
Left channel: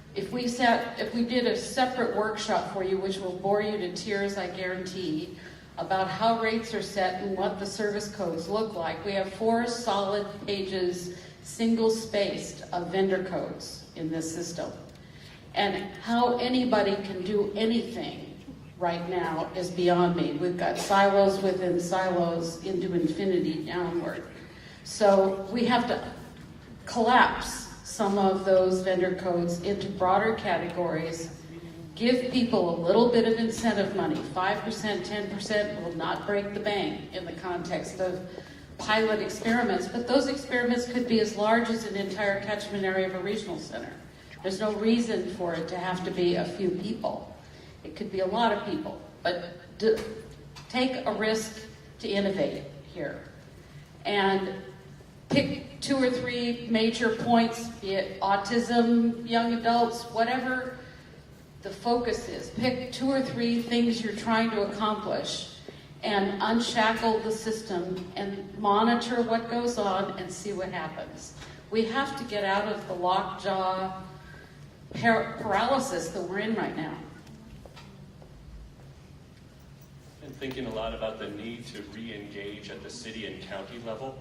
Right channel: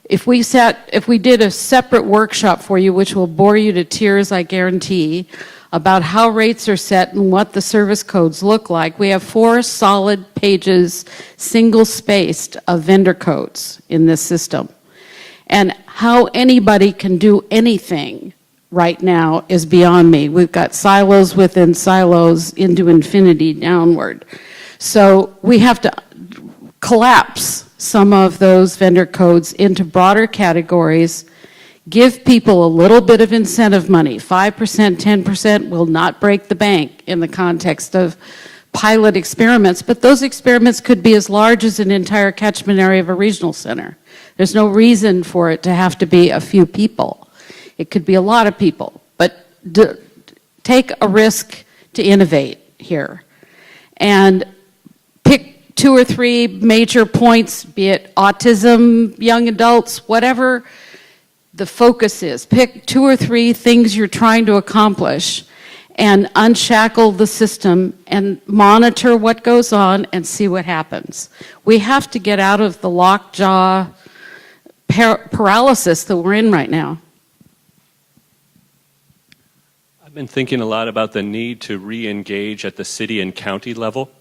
If we did a separate workshop for you, which will bore you to tears, I guarantee, about how rates are set and what the service codes look like. We have 4 solid pages, single-spaced, of vendor codes in this system. And how anybody can do anything right now is beyond me. We've got silos within silos into infinity downward. So we have to collapse some of those vendor codes into broader categories. Give people a little bit of incentive money. 5%, 10% will not break the bank in the context of pilot experiments, but those experiments could be as large as an entire catchment area of a regional center. There's no reason for it to have to be a few people. It could be a lot of people, but take a risk to innovate here. And pick 2 or 3 major points, be it autism, young adults, whatever the focus is. Pick 2 or 3 things you're trying to accomplish and unshackle the system and monitor what goes on and see what happens. We have to get out of the lockjaw paralysis that we're in right now. I've been thinking a lot about the need to re-engage at the city and county level.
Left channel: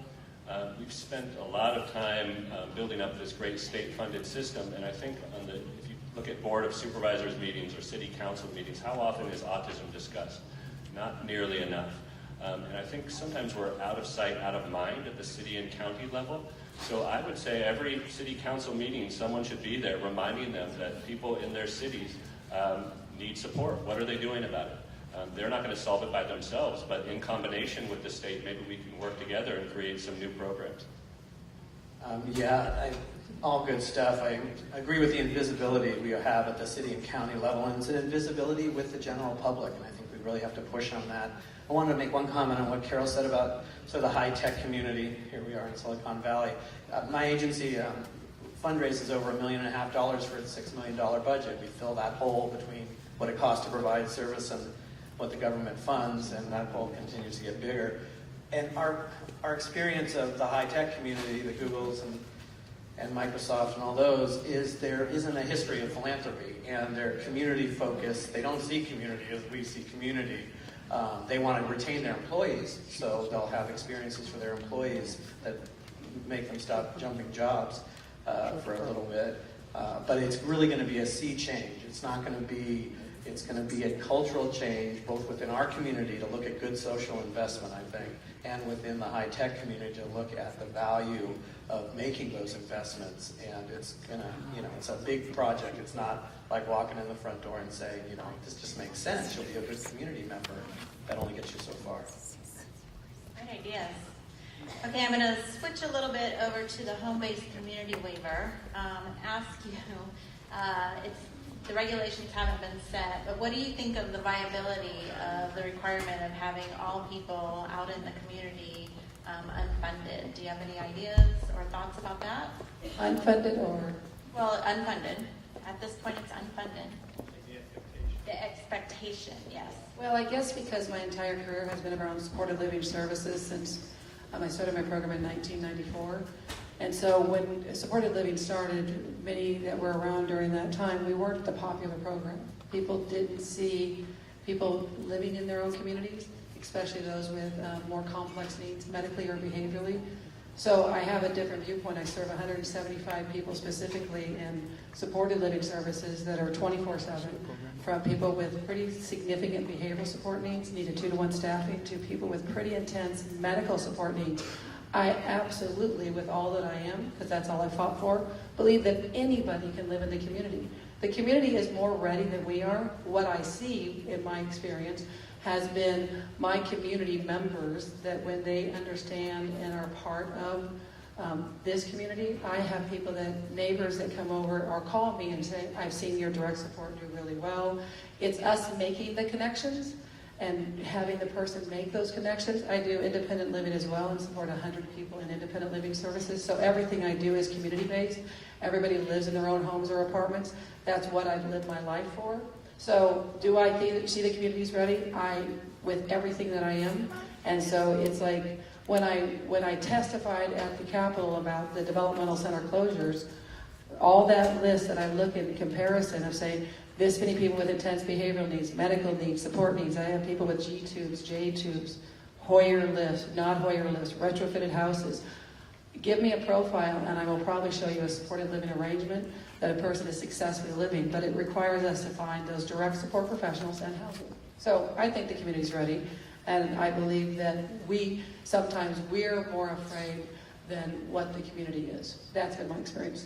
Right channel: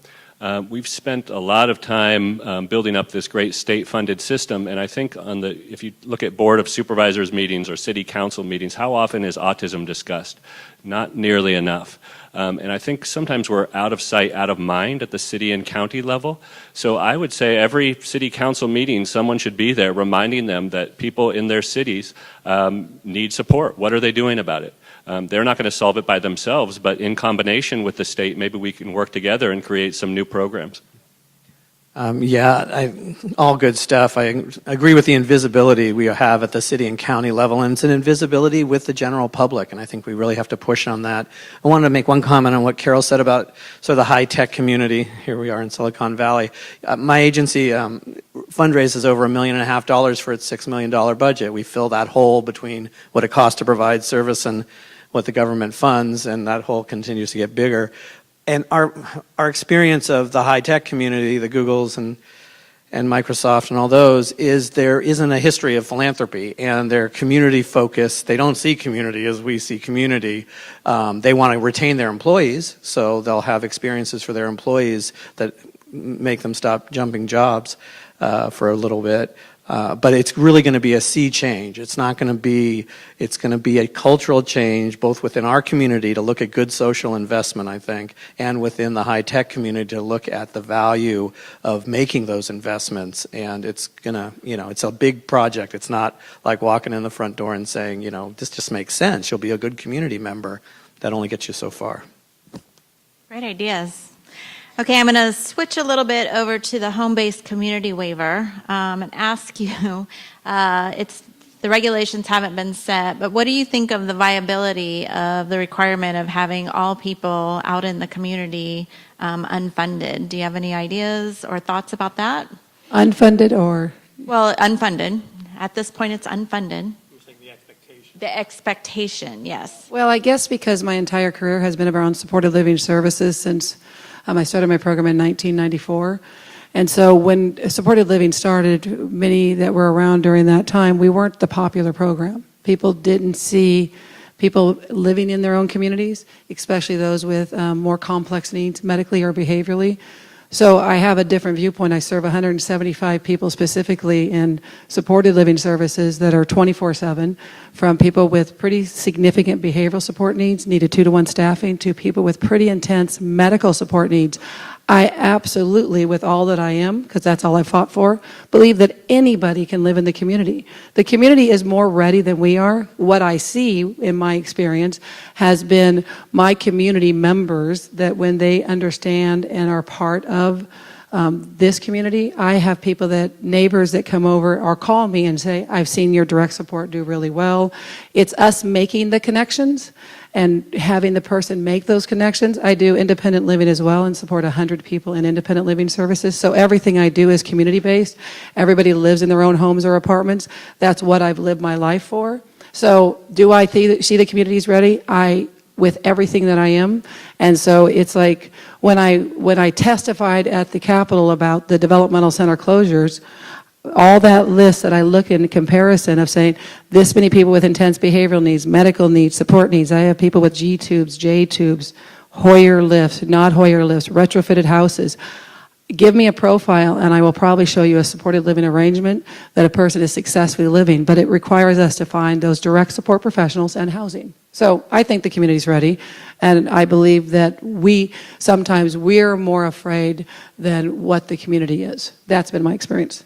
We've spent a lot of time building up this great state-funded system, and I think if you look at Board of Supervisors meetings or City Council meetings, how often is autism discussed? Not nearly enough. And I think sometimes we're out of sight, out of mind at the city and county level. So I would say every City Council meeting, someone should be there reminding them that people in their cities need support. What are they doing about it? They're not going to solve it by themselves, but in combination with the state, maybe we can work together and create some new programs. All good stuff. I agree with the invisibility we have at the city and county level, and it's an invisibility with the general public, and I think we really have to push on that. I wanted to make one comment on what Carol said about sort of the high-tech community. Here we are in Silicon Valley. My agency fundraises over $1.5 million for its $6 million budget. We fill that hole between what it costs to provide service and what the government funds, and that hole continues to get bigger. And our experience of the high-tech community, the Googles and Microsoft and all those, is there isn't a history of philanthropy, and they're community-focused. They don't see community as we see community. They want to retain their employees, so they'll have experiences for their employees that make them stop jumping jobs for a little bit. But it's really going to be a sea change. It's not going to be, it's going to be a cultural change both within our community to look at good social investment, I think, and within the high-tech community to look at the value of making those investments. And it's going to, it's a big project. It's not like walking in the front door and saying, this just makes sense. You'll be a good community member. That only gets you so far. Great ideas. Okay, I'm going to switch a little bit over to the home-based community waiver and ask you, the regulations haven't been set, but what do you think of the viability of the requirement of having all people out in the community unfunded? Do you have any ideas or thoughts about that? Unfunded or? Well, unfunded. At this point, it's unfunded. The expectation, yes. Well, I guess because my entire career has been around supported living services since I started my program in 1994. And so when supported living started, many that were around during that time, we weren't the popular program. People didn't see people living in their own communities, especially those with more complex needs, medically or behaviorally. So I have a different viewpoint. I serve 175 people specifically in supported living services that are 24/7, from people with pretty significant behavioral support needs, needed 2-to-1 staffing, to people with pretty intense medical support needs. I absolutely, with all that I am, because that's all I fought for, believe that anybody can live in the community. The community is more ready than we are. What I see in my experience has been my community members that when they understand and are part of this community, I have people neighbors that come over or call me and say, I've seen your direct support do really well. It's us making the connections and having the person make those connections. I do independent living as well and support 100 people in independent living services. So everything I do is community-based. Everybody lives in their own homes or apartments. That's what I've lived my life for. So do I see the communities ready? With everything that I am. And so it's like when I testified at the Capitol about the developmental center closures, all that list that I look in comparison of saying this many people with intense behavioral needs, medical needs, support needs. I have people with G tubes, J tubes, Hoyer lifts, not Hoyer lifts, retrofitted houses. Give me a profile and I will probably show you a supported living arrangement that a person is successfully living, but it requires us to find those direct support professionals and housing. So I think the community's ready, and I believe that sometimes we're more afraid than what the community is. That's been my experience.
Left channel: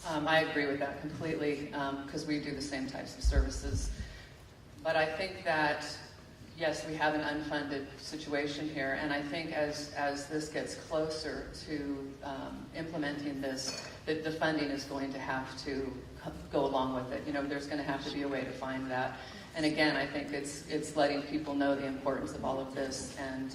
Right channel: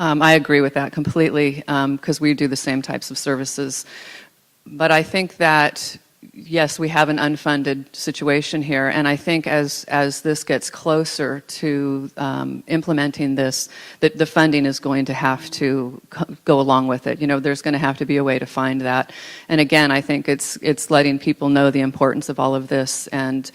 I agree with that completely, because we do the same types of services. But I think that, yes, we have an unfunded situation here, and I think as this gets closer to implementing this, the funding is going to have to go along with it. There's going to have to be a way to find that. And again, I think it's letting people know the importance of all of this and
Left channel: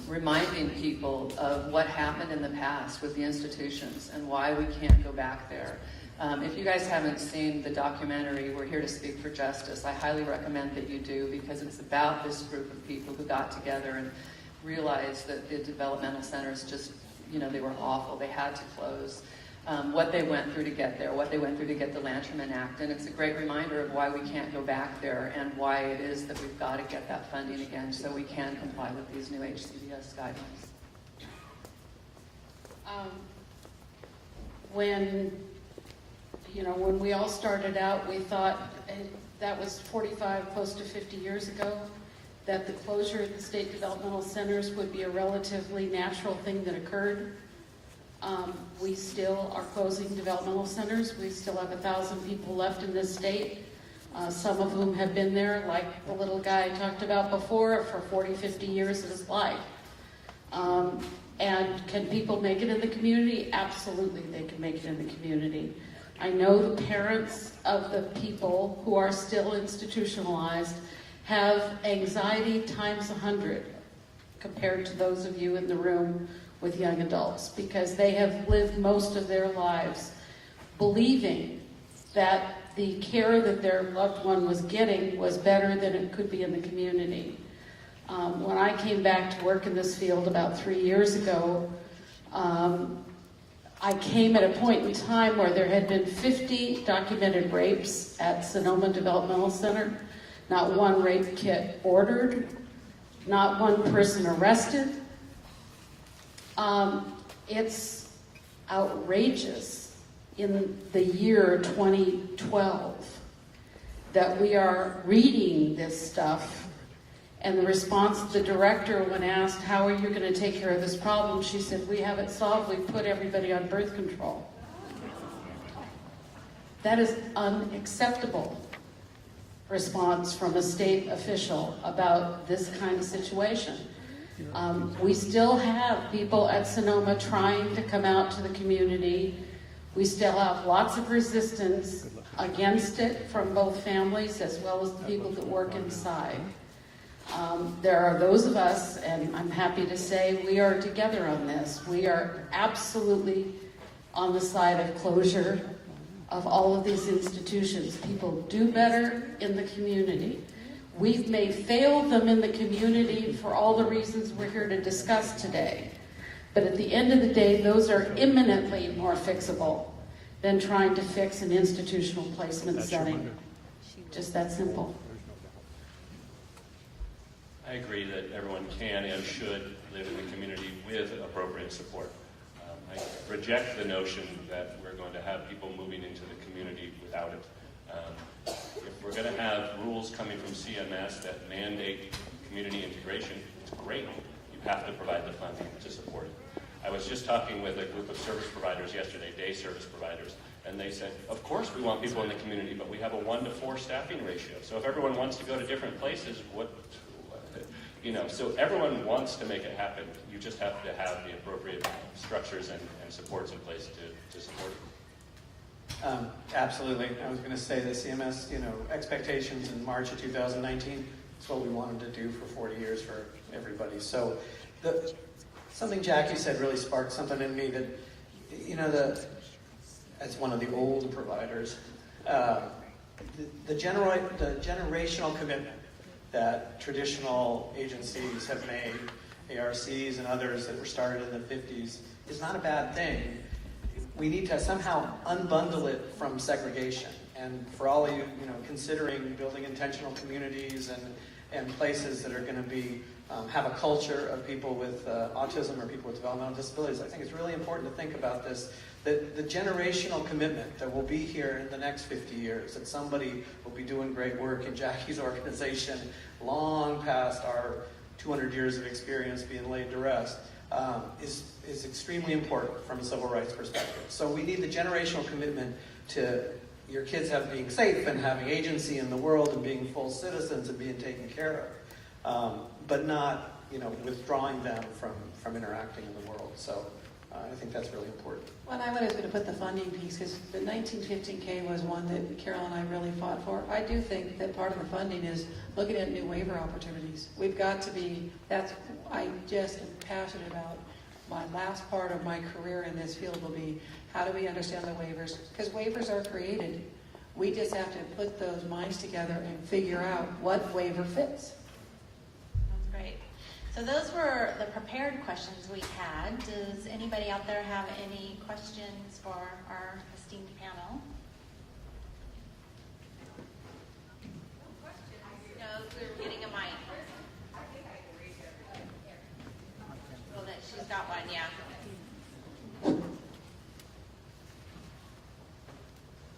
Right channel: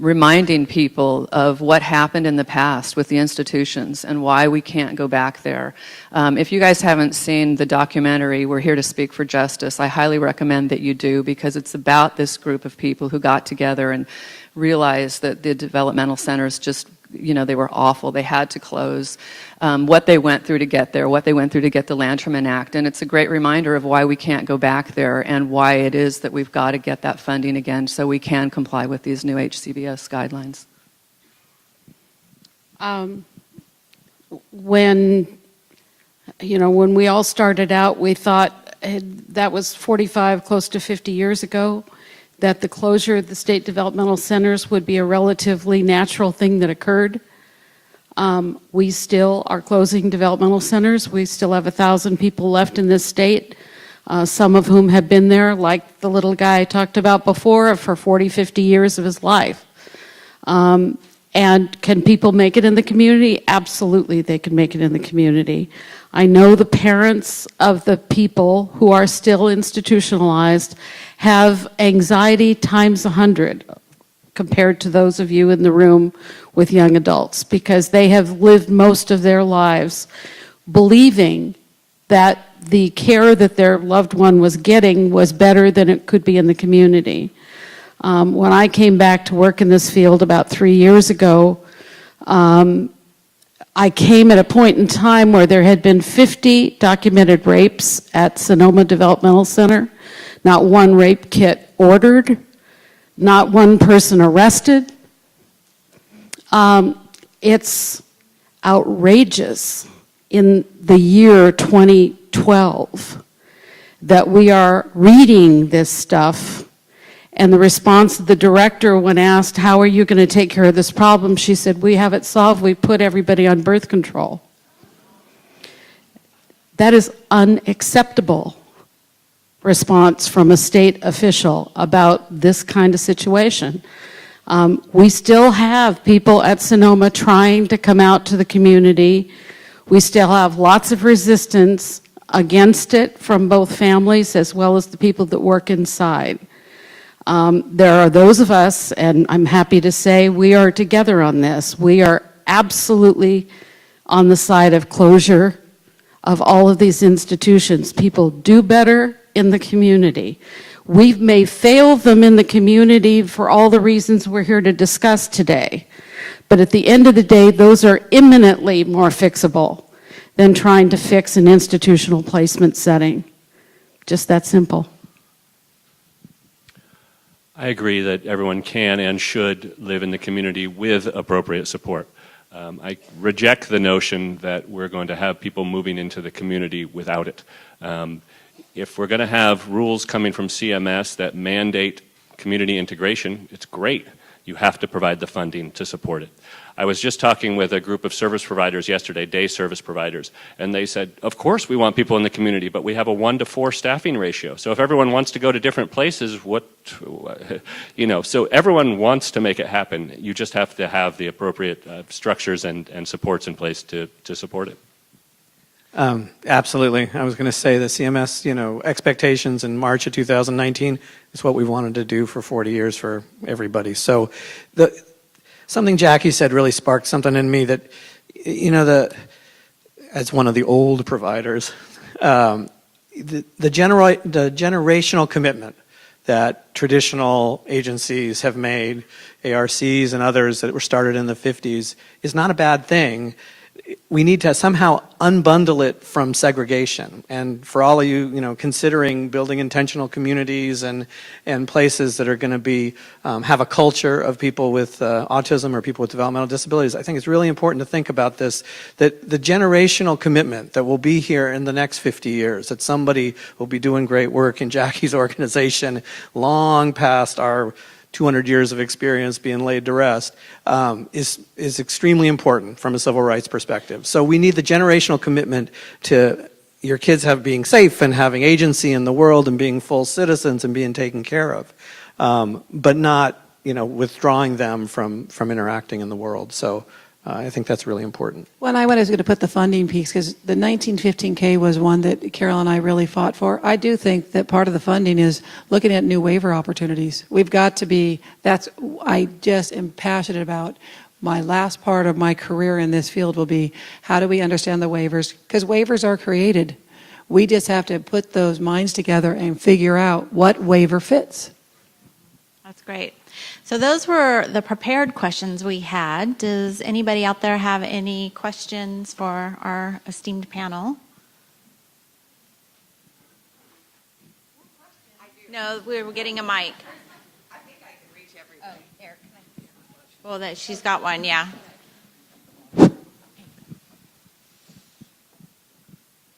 reminding people of what happened in the past with the institutions and why we can't go back there. If you guys haven't seen the documentary, We're Here to Speak for Justice, I highly recommend that you do, because it's about this group of people who got together and realized that the developmental centers just, they were awful. They had to close. What they went through to get there, what they went through to get the Lanterman Act. And it's a great reminder of why we can't go back there and why it is that we've got to get that funding again so we can comply with these new HCBS guidelines. When we all started out, we thought that was 45, close to 50 years ago, that the closure of the state developmental centers would be a relatively natural thing that occurred. We still are closing developmental centers. We still have 1,000 people left in this state, some of whom have been there, like the little guy I talked about before, for 40, 50 years of his life. And can people make it in the community? Absolutely, they can make it in the community. I know the parents of the people who are still institutionalized have anxiety times 100 compared to those of you in the room with young adults, because they have lived most of their lives believing that the care that their loved one was getting was better than it could be in the community. When I came back to work in this field about 3 years ago, I came at a point in time where there had been 50 documented rapes at Sonoma Developmental Center, not one rape kit ordered, not one person arrested. outrageous in the year 2012 that we are reading this stuff. And the response of the director when asked, how are you going to take care of this problem? She said, we have it solved. We put everybody on birth control. That is unacceptable response from a state official about this kind of situation. We still have people at Sonoma trying to come out to the community. We still have lots of resistance against it from both families as well as the people that work inside. There are those of us, and I'm happy to say we are together on this. We are absolutely on the side of closure of all of these institutions. People do better in the community. We may fail them in the community for all the reasons we're here to discuss today. But at the end of the day, those are imminently more fixable than trying to fix an institutional placement setting. Just that simple. I agree that everyone can and should live in the community with appropriate support. I reject the notion that we're going to have people moving into the community without it. If we're going to have rules coming from CMS that mandate community integration, it's great. You have to provide the funding to support it. I was just talking with a group of service providers yesterday, day service providers, and they said, of course we want people in the community, but we have a 1-to-4 staffing ratio. So if everyone wants to go to different places, so everyone wants to make it happen. You just have to have the appropriate structures and supports in place to support it. Absolutely. I was going to say the CMS, expectations in March of 2019 is what we wanted to do for 40 years for everybody. So something Jackie said really sparked something in me that, as one of the old providers, the generational commitment that traditional agencies have made, ARCs and others that were started in the 50s, is not a bad thing. We need to somehow unbundle it from segregation. And for all of you, considering building intentional communities and places that are going to be have a culture of people with autism or people with developmental disabilities, I think it's really important to think about this, that the generational commitment that will be here in the next 50 years, that somebody will be doing great work in Jackie's organization long past our 200 years of experience being laid to rest, is extremely important from a civil rights perspective. So we need the generational commitment to your kids being safe and having agency in the world and being full citizens and being taken care of, but not withdrawing them from interacting in the world. So I think that's really important. Well, I was going to put the funding piece, because the 1915K was one that Carol and I really fought for. I do think that part of the funding is looking at new waiver opportunities. We've got to be, I just am passionate about. My last part of my career in this field will be, how do we understand the waivers? Because waivers are created. We just have to put those minds together and figure out what waiver fits. That's great. So those were the prepared questions we had. Does anybody out there have any questions for our esteemed panel? No, we were getting a mic. Well, she's got one, yeah.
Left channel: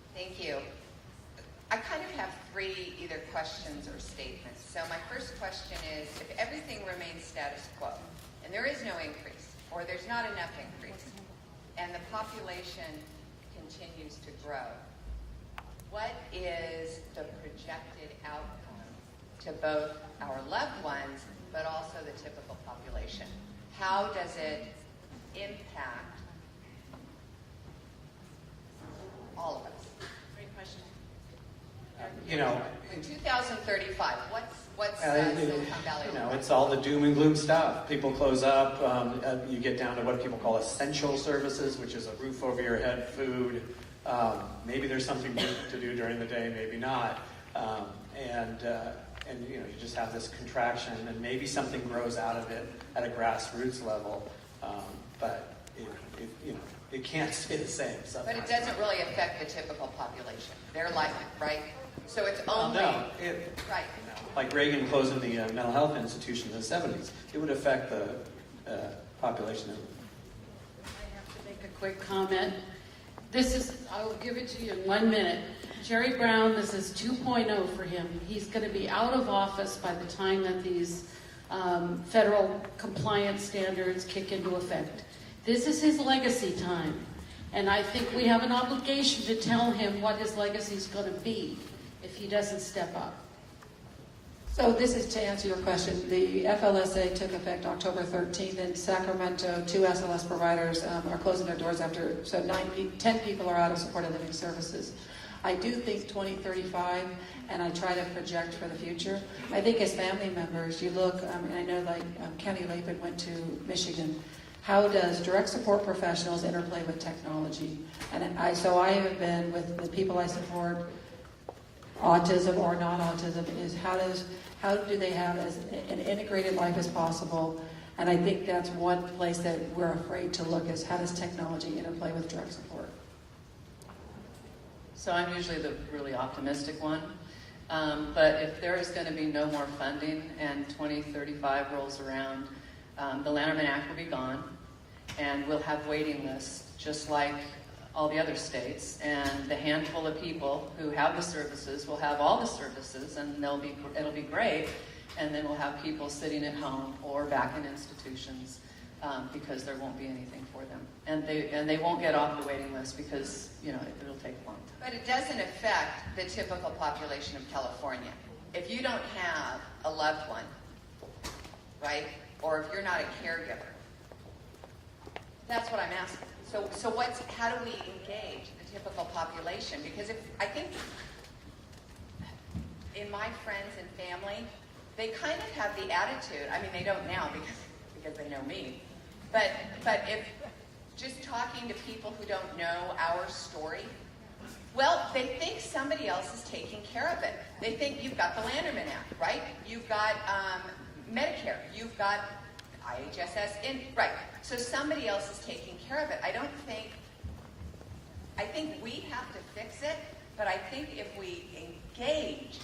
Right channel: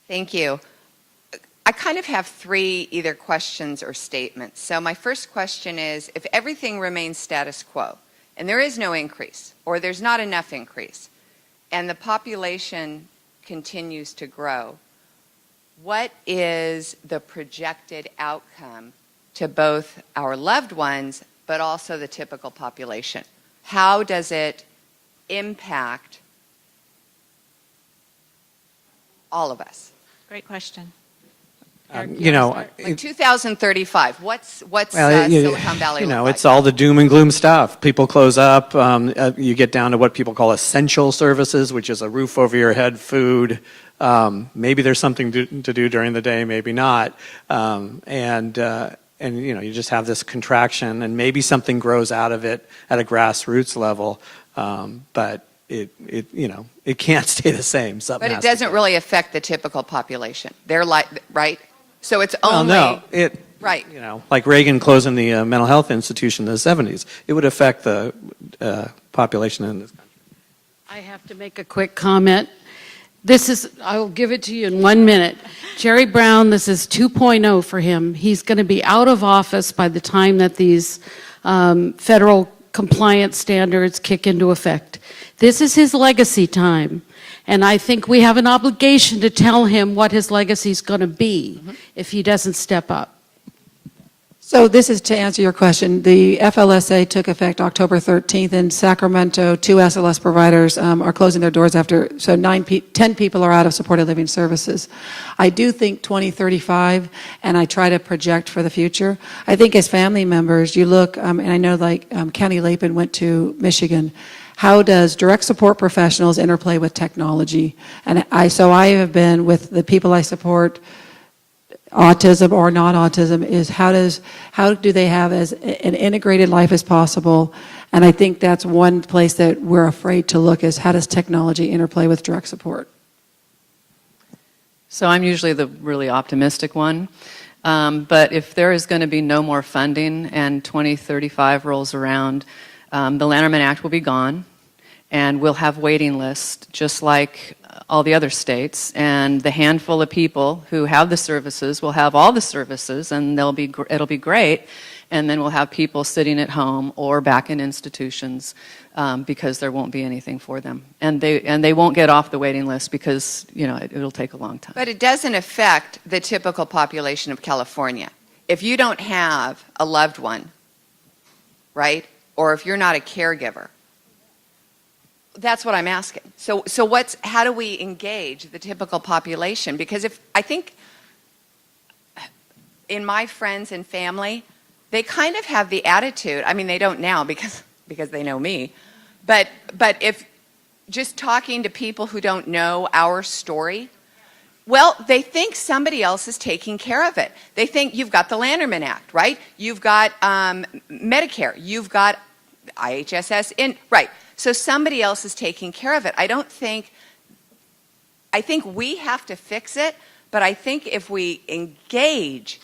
Thank you. I kind of have three either questions or statements. So my first question is, if everything remains status quo, and there is no increase, or there's not enough increase, and the population continues to grow, what is the projected outcome to both our loved ones, but also the typical population? How does it impact all of us? Great question. Like 2035, what's Silicon Valley look like? It's all the doom and gloom stuff. People close up. You get down to what people call essential services, which is a roof over your head, food. Maybe there's something to do during the day, maybe not. And you just have this contraction, and maybe something grows out of it at a grassroots level. But it can't stay the same. But it doesn't really affect the typical population. They're right? So it's only... Oh, no. Right. Like Reagan closing the mental health institution in the 70s, it would affect the population in I have to make a quick comment. I will give it to you in 1 minute. Jerry Brown, this is 2.0 for him. He's going to be out of office by the time that these federal compliance standards kick into effect. This is his legacy time. And I think we have an obligation to tell him what his legacy is going to be if he doesn't step up. So this is to answer your question. The FLSA took effect October 13th in Sacramento. 2 SLS providers are closing their doors after, so 10 people are out of supported living services. I do think 2035, and I try to project for the future. I think as family members, you look, and I know like County Lapin went to Michigan. How does direct support professionals interplay with technology? And so I have been with the people I support, autism or not autism, is how do they have as an integrated life as possible? And I think that's one place that we're afraid to look, is how does technology interplay with direct support? So I'm usually the really optimistic one. But if there is going to be no more funding and 2035 rolls around, the Lanterman Act will be gone, and we'll have waiting lists just like all the other states, and the handful of people who have the services will have all the services, and it'll be great, and then we'll have people sitting at home or back in institutions because there won't be anything for them, and they won't get off the waiting list because it'll take a long time. But it doesn't affect the typical population of California. If you don't have a loved one, right, or if you're not a caregiver, that's what I'm asking. So how do we engage the typical population? Because I think in my friends and family, they kind of have the attitude, I mean, they don't now because they know me, but if just talking to people who don't know our story, well, they think somebody else is taking care of it. They think you've got the Lanterman Act, right? You've got Medicare. You've got IHSS right. So somebody else is taking care of it. I think we have to fix it, but I think if we engage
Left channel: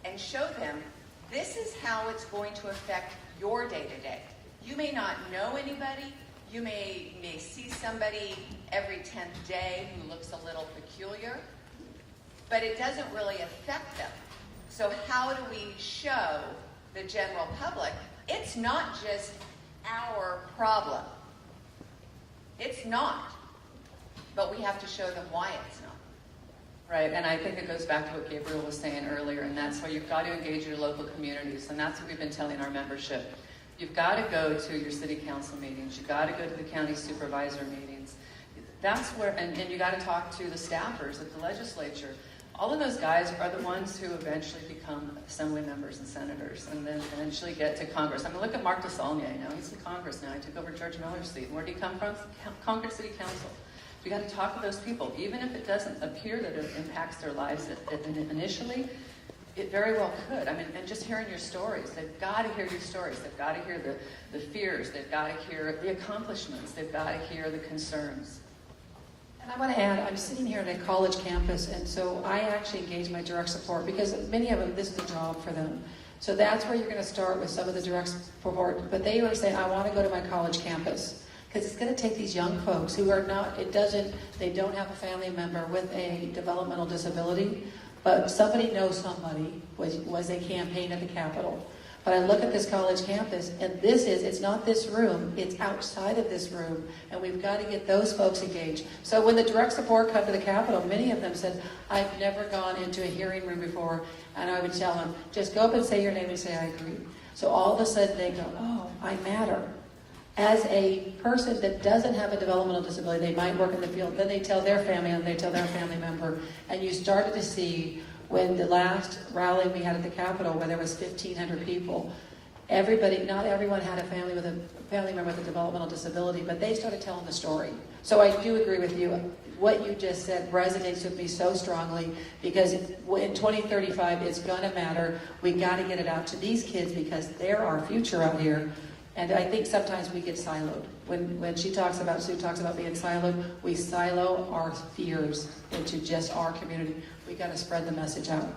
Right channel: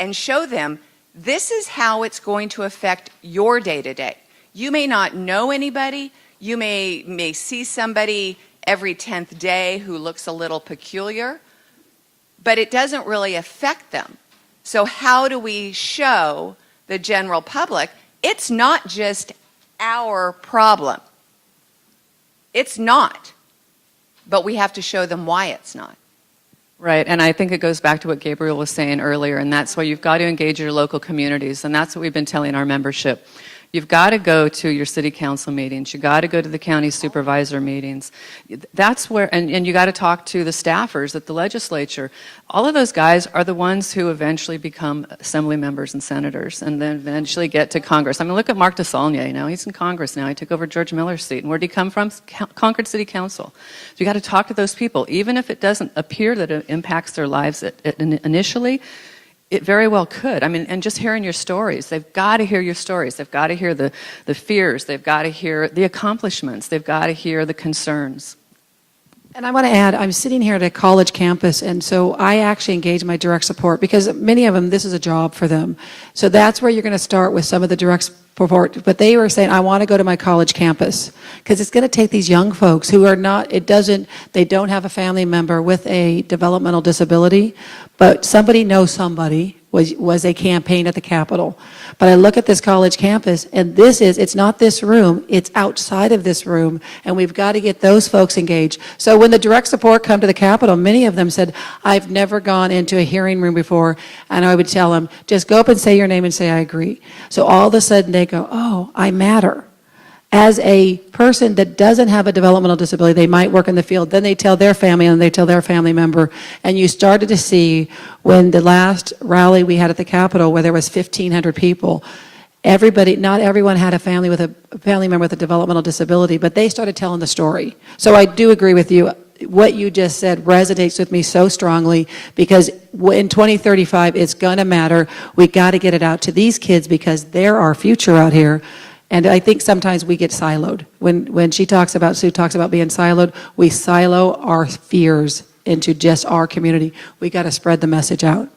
and show them this is how it's going to affect your day-to-day. You may not know anybody. You may see somebody every 10th day who looks a little peculiar, but it doesn't really affect them. So how do we show the general public it's not just our problem? It's not. But we have to show them why it's not. Right, and I think it goes back to what Gabriel was saying earlier, and that's why you've got to engage your local communities, and that's what we've been telling our membership. You've got to go to your city council meetings. You've got to go to the county supervisor meetings. That's where, and you got to talk to the staffers at the legislature. All of those guys are the ones who eventually become assembly members and senators and then eventually get to Congress. I mean, look at Mark DeSaulnier, he's in Congress now. He took over George Miller's seat. And where'd he come from? Concord City Council. So you got to talk to those people. Even if it doesn't appear that it impacts their lives initially, it very well could. I mean, and just hearing your stories. They've got to hear your stories. They've got to hear the fears. They've got to hear the accomplishments. They've got to hear the concerns. And I want to add, I'm sitting here at a college campus, and so I actually engage my direct support because many of them, this is a job for them. So that's where you're going to start with some of the direct support. But they were saying, I want to go to my college campus because it's going to take these young folks who are not, they don't have a family member with a developmental disability, but somebody knows somebody, was a campaign at the Capitol. But I look at this college campus, and it's not this room, it's outside of this room, and we've got to get those folks engaged. So when the direct support come to the Capitol, many of them said, I've never gone into a hearing room before, and I would tell them, just go up and say your name and say, I agree. So all of a sudden they go, oh, I matter. As a person that doesn't have a developmental disability, they might work in the field, then they tell their family and they tell their family member, and you started to see when the last rally we had at the Capitol where there was 1,500 people, not everyone had a family member with a developmental disability, but they started telling the story. So I do agree with you. What you just said resonates with me so strongly because in 2035, it's going to matter. We got to get it out to these kids because they're our future out here. And I think sometimes we get siloed. When Sue talks about being siloed, we silo our fears into just our community. We got to spread the message out.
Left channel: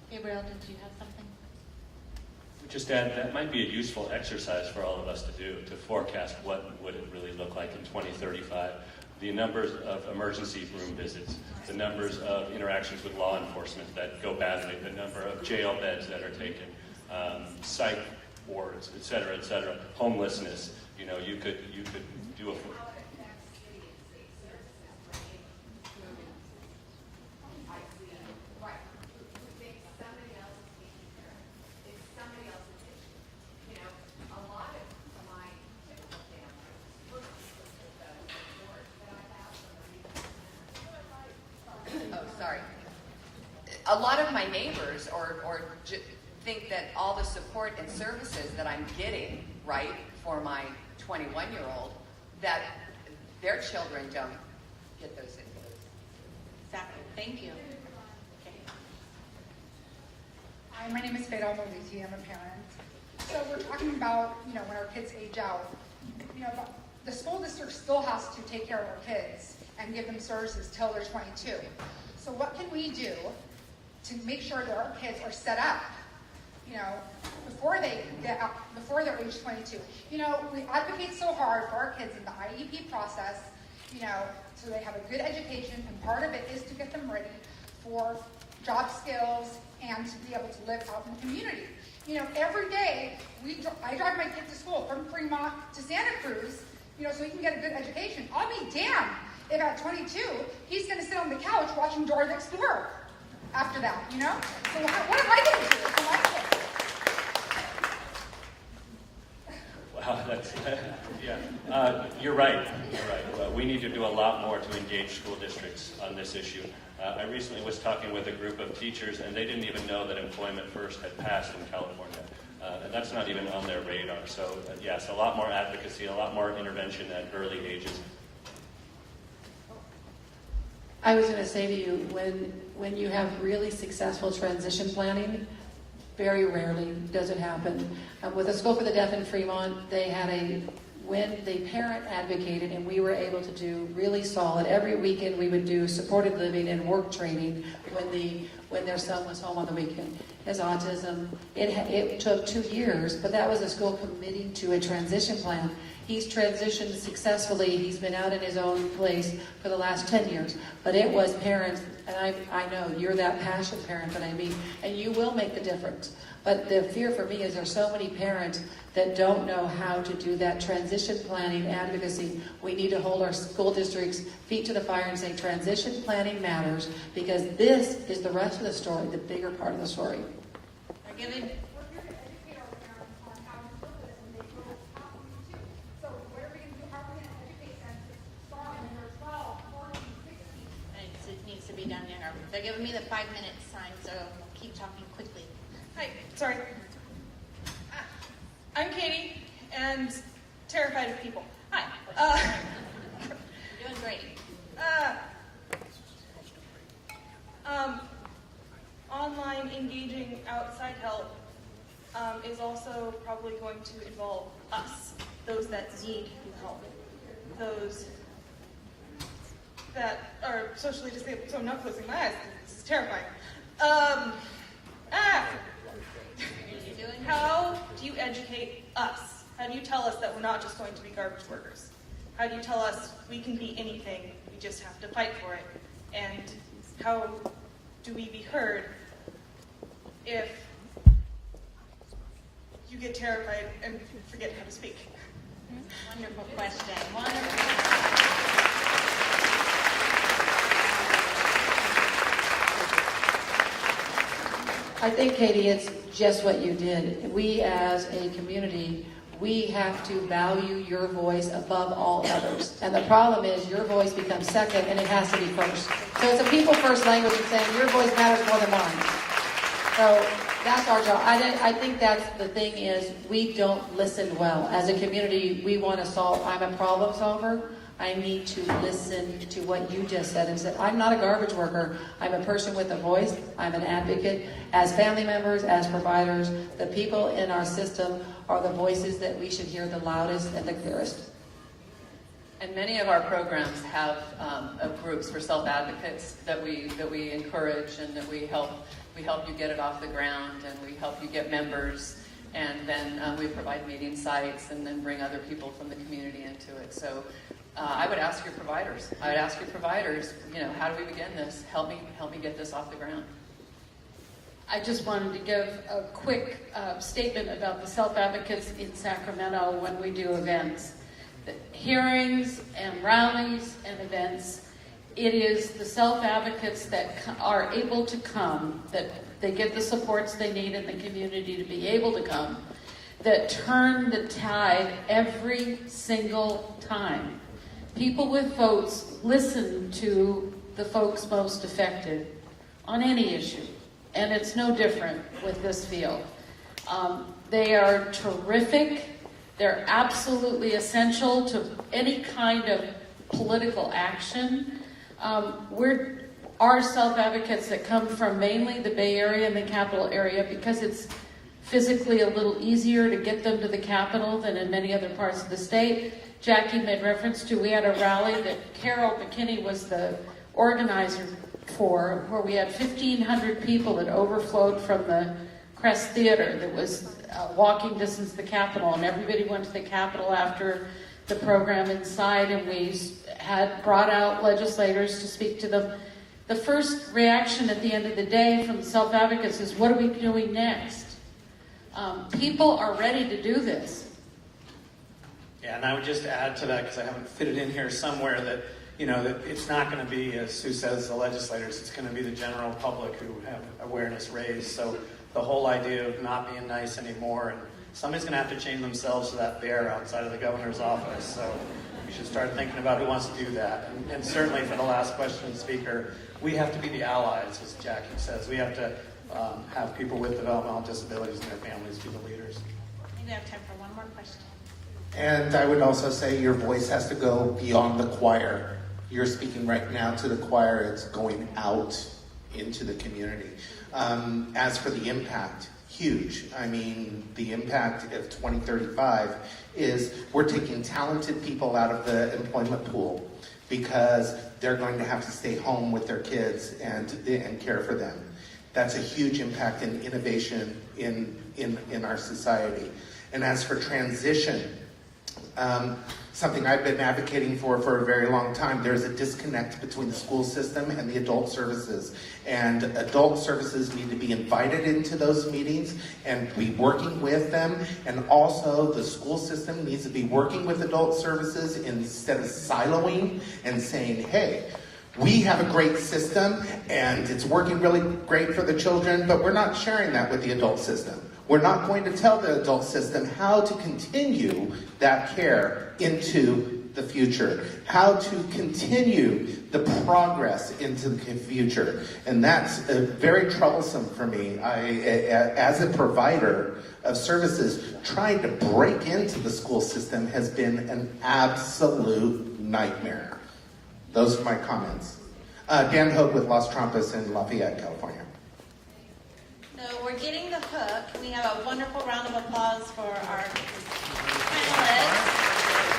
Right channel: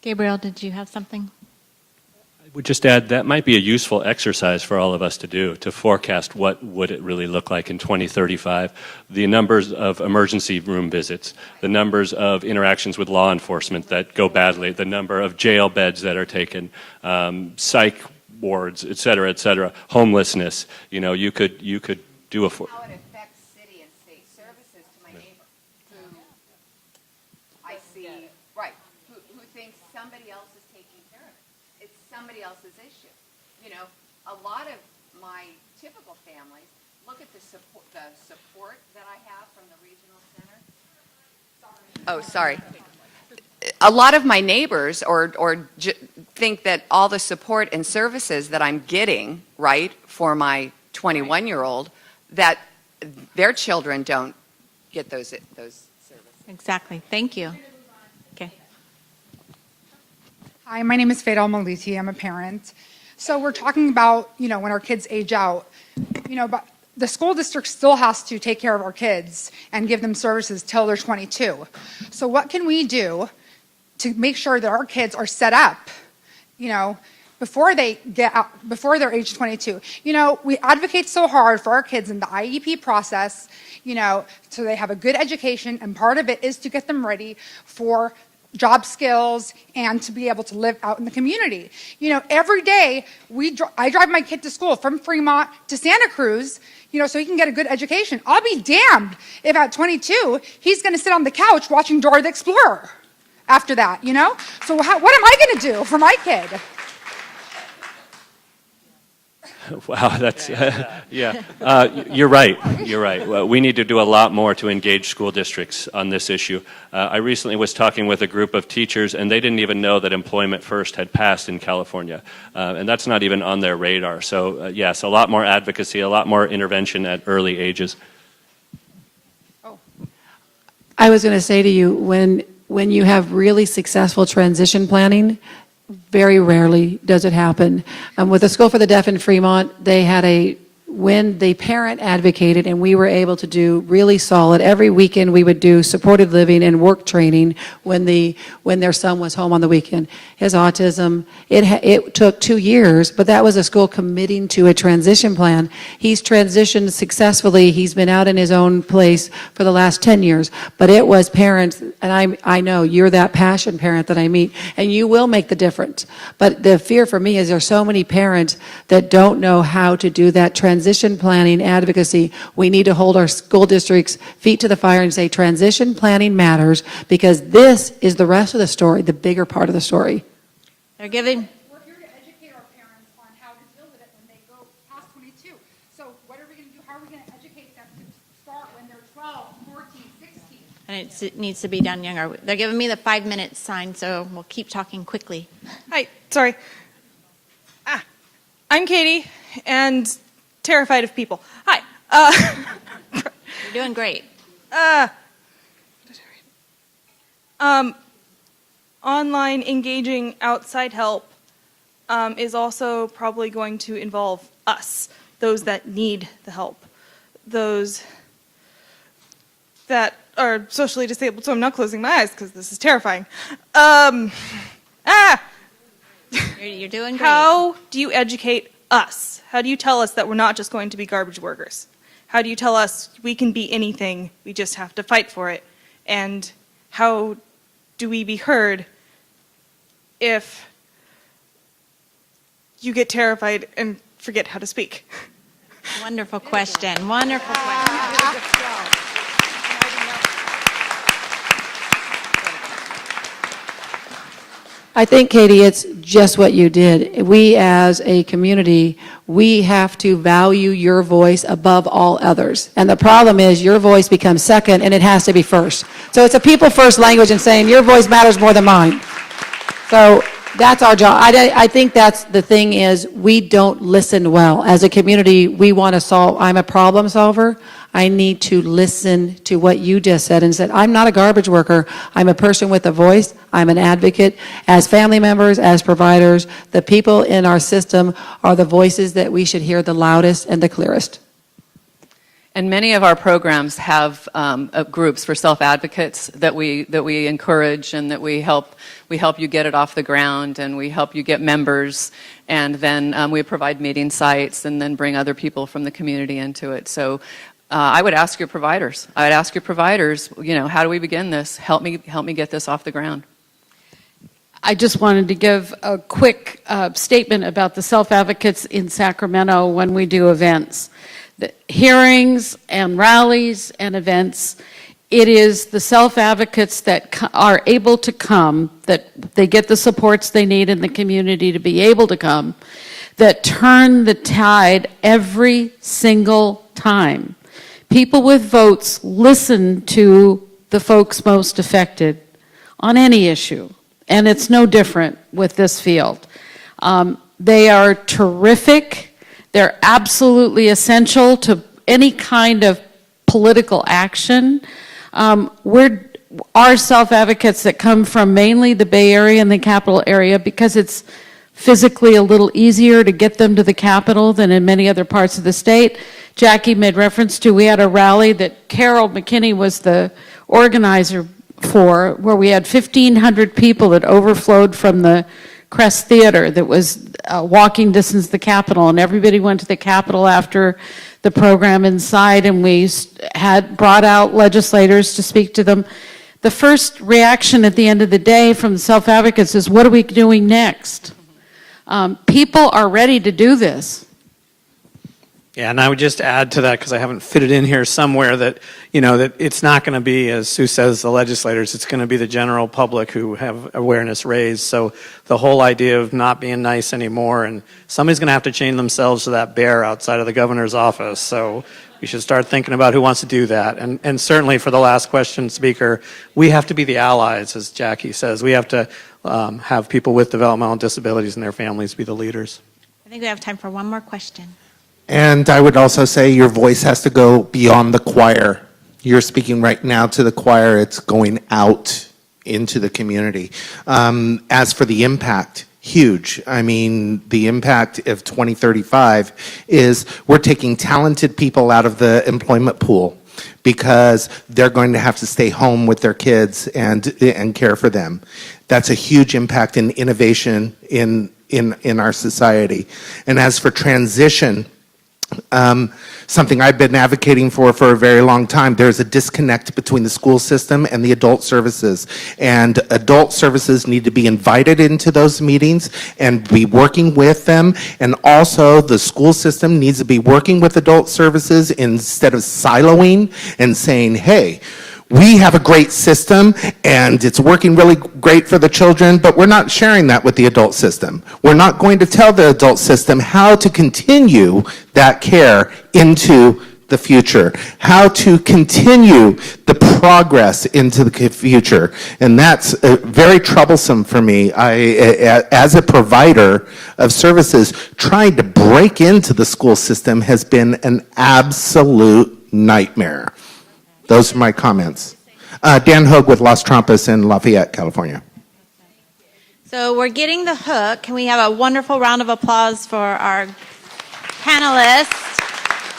Gabriel, did you have something? would just add that might be a useful exercise for all of us to do, to forecast what would it really look like in 2035. The numbers of emergency room visits, the numbers of interactions with law enforcement that go badly, the number of jail beds that are taken, psych wards, et cetera, homelessness. You know, you could do a... Oh, sorry. A lot of my neighbors think that all the support and services that I'm getting, right, for my 21-year-old, that their children don't get those services. Exactly. Thank you. Okay. Hi, my name is Fatal Maliti. I'm a parent. So we're talking about, when our kids age out, but the school district still has to take care of our kids and give them services till they're 22. So what can we do to make sure that our kids are set up, before they get out, before they're age 22? We advocate so hard for our kids in the IEP process, so they have a good education, and part of it is to get them ready for job skills and to be able to live out in the community. Every day I drive my kid to school from Fremont to Santa Cruz, so he can get a good education. I'll be damned if at 22 he's going to sit on the couch watching Dora the Explorer after that, So what am I going to do for my kid? Wow, that's, yeah. You're right. Well, we need to do a lot more to engage school districts on this issue. I recently was talking with a group of teachers, and they didn't even know that Employment First had passed in California. And that's not even on their radar. So, yes, a lot more advocacy, a lot more intervention at early ages. I was going to say to you, when you have really successful transition planning, very rarely does it happen. With the School for the Deaf in Fremont, they had when the parent advocated, and we were able to do really solid. Every weekend we would do supported living and work training when their son was home on the weekend. His autism, it took 2 years, but that was a school committing to a transition plan. He's transitioned successfully. He's been out in his own place for the last 10 years. But it was parents, and I know you're that passion parent that I meet, and you will make the difference. But the fear for me is there's so many parents that don't know how to do that transition planning advocacy. We need to hold our school districts' feet to the fire and say transition planning matters, because this is the rest of the story, the bigger part of the story. They're giving. And it needs to be done younger. They're giving me the 5-minute sign, so we'll keep talking quickly. Hi, sorry. I'm Katie, and terrified of people. Hi. You're doing great. Online engaging outside help is also probably going to involve us, those that need the help, those that are socially disabled. So I'm not closing my eyes because this is terrifying. You're doing great. How do you educate us? How do you tell us that we're not just going to be garbage workers? How do you tell us we can be anything, we just have to fight for it? And how do we be heard if you get terrified and forget how to speak? Wonderful question. Wonderful question. I think, Katie, it's just what you did. We as a community, we have to value your voice above all others. And the problem is your voice becomes second and it has to be first. So it's a people first language and saying your voice matters more than mine. So that's our job. I think that's the thing is we don't listen well. As a community, we want to solve. I'm a problem solver. I need to listen to what you just said and said, I'm not a garbage worker. I'm a person with a voice. I'm an advocate. As family members, as providers, the people in our system are the voices that we should hear the loudest and the clearest. And many of our programs have groups for self-advocates that we encourage and that we help you get it off the ground, and we help you get members. And then we provide meeting sites and then bring other people from the community into it. So I would ask your providers. How do we begin this? Help me get this off the ground. I just wanted to give a quick statement about the self-advocates in Sacramento when we do events. The hearings and rallies and events, it is the self-advocates that are able to come, that they get the supports they need in the community to be able to come, that turn the tide every single time. People with votes listen to the folks most affected on any issue, and it's no different with this field. They are terrific. They're absolutely essential to any kind of political action. Our self-advocates that come from mainly the Bay Area and the capital area, because it's physically a little easier to get them to the Capitol than in many other parts of the state. Jackie made reference to, we had a rally that Carol McKinney was the organizer for, where we had 1,500 people that overflowed from the Crest Theater that was walking distance to the Capitol, and everybody went to the Capitol after the program inside, and we had brought out legislators to speak to them. The first reaction at the end of the day from the self-advocates is, what are we doing next? People are ready to do this. Yeah, and I would just add to that, because I haven't fit it in here somewhere, that that it's not going to be, as Sue says, the legislators. It's going to be the general public who have awareness raised. So the whole idea of not being nice anymore, and somebody's going to have to chain themselves to that bear outside of the governor's office. So we should start thinking about who wants to do that. And certainly for the last question, Speaker, we have to be the allies, as Jackie says. We have to have people with developmental disabilities and their families be the leaders. I think we have time for one more question. And I would also say your voice has to go beyond the choir. You're speaking right now to the choir. It's going out into the community. As for the impact, huge. I mean, the impact of 2035 is we're taking talented people out of the employment pool because they're going to have to stay home with their kids and care for them. That's a huge impact in innovation in our society. And as for transition, something I've been advocating for a very long time, there's a disconnect between the school system and the adult services. And adult services need to be invited into those meetings and be working with them. And also the school system needs to be working with adult services instead of siloing and saying, hey, we have a great system and it's working really great for the children, but we're not sharing that with the adult system. We're not going to tell the adult system how to continue that care into the future, how to continue the progress into the future. And that's very troublesome for me. As a provider of services, trying to break into the school system has been an absolute nightmare. Those are my comments. Dan Hogue with Las Trampas in Lafayette, California. So we're getting the hook. Can we have a wonderful round of applause for our panelists?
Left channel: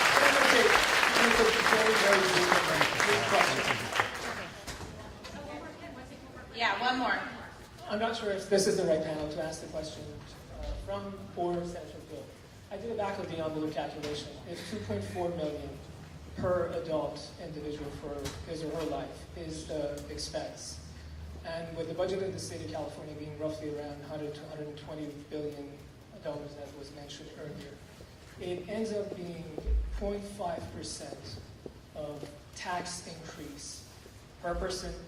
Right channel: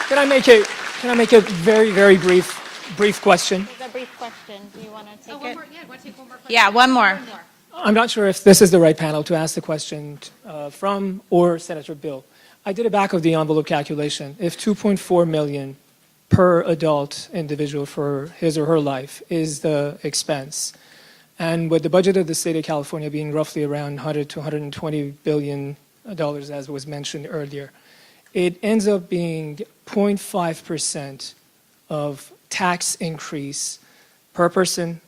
Can I make a very, very brief question? Yeah, one more. I'm not sure if this is the right panel to ask the question from or Senator Bill. I did a back of the envelope calculation. If 2.4 million per adult individual for his or her life is the expense, and with the budget of the state of California being roughly around 100 to 120 billion dollars, as was mentioned earlier, it ends up being 0.5% of tax increase per person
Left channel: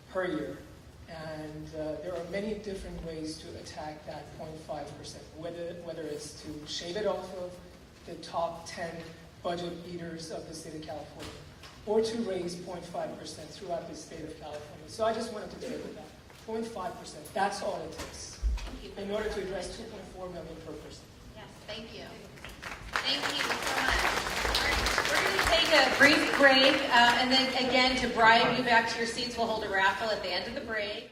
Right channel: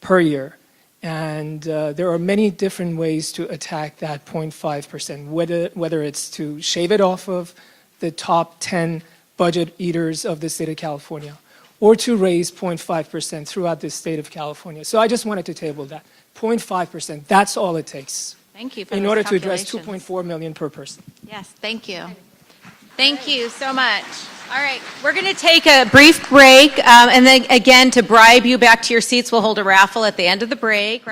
per year. And there are many different ways to attack that 0.5%, whether it's to shave it off of the top 10 budget eaters of the state of California, or to raise 0.5% throughout the state of California. So I just wanted to table that. 0.5%, that's all it takes. Thank you for in those order to address calculations. 2.4 million per person. Yes, thank you. Thank you so much. All right, we're going to take a brief break, and then again, to bribe you back to your seats, we'll hold a raffle at the end of the break.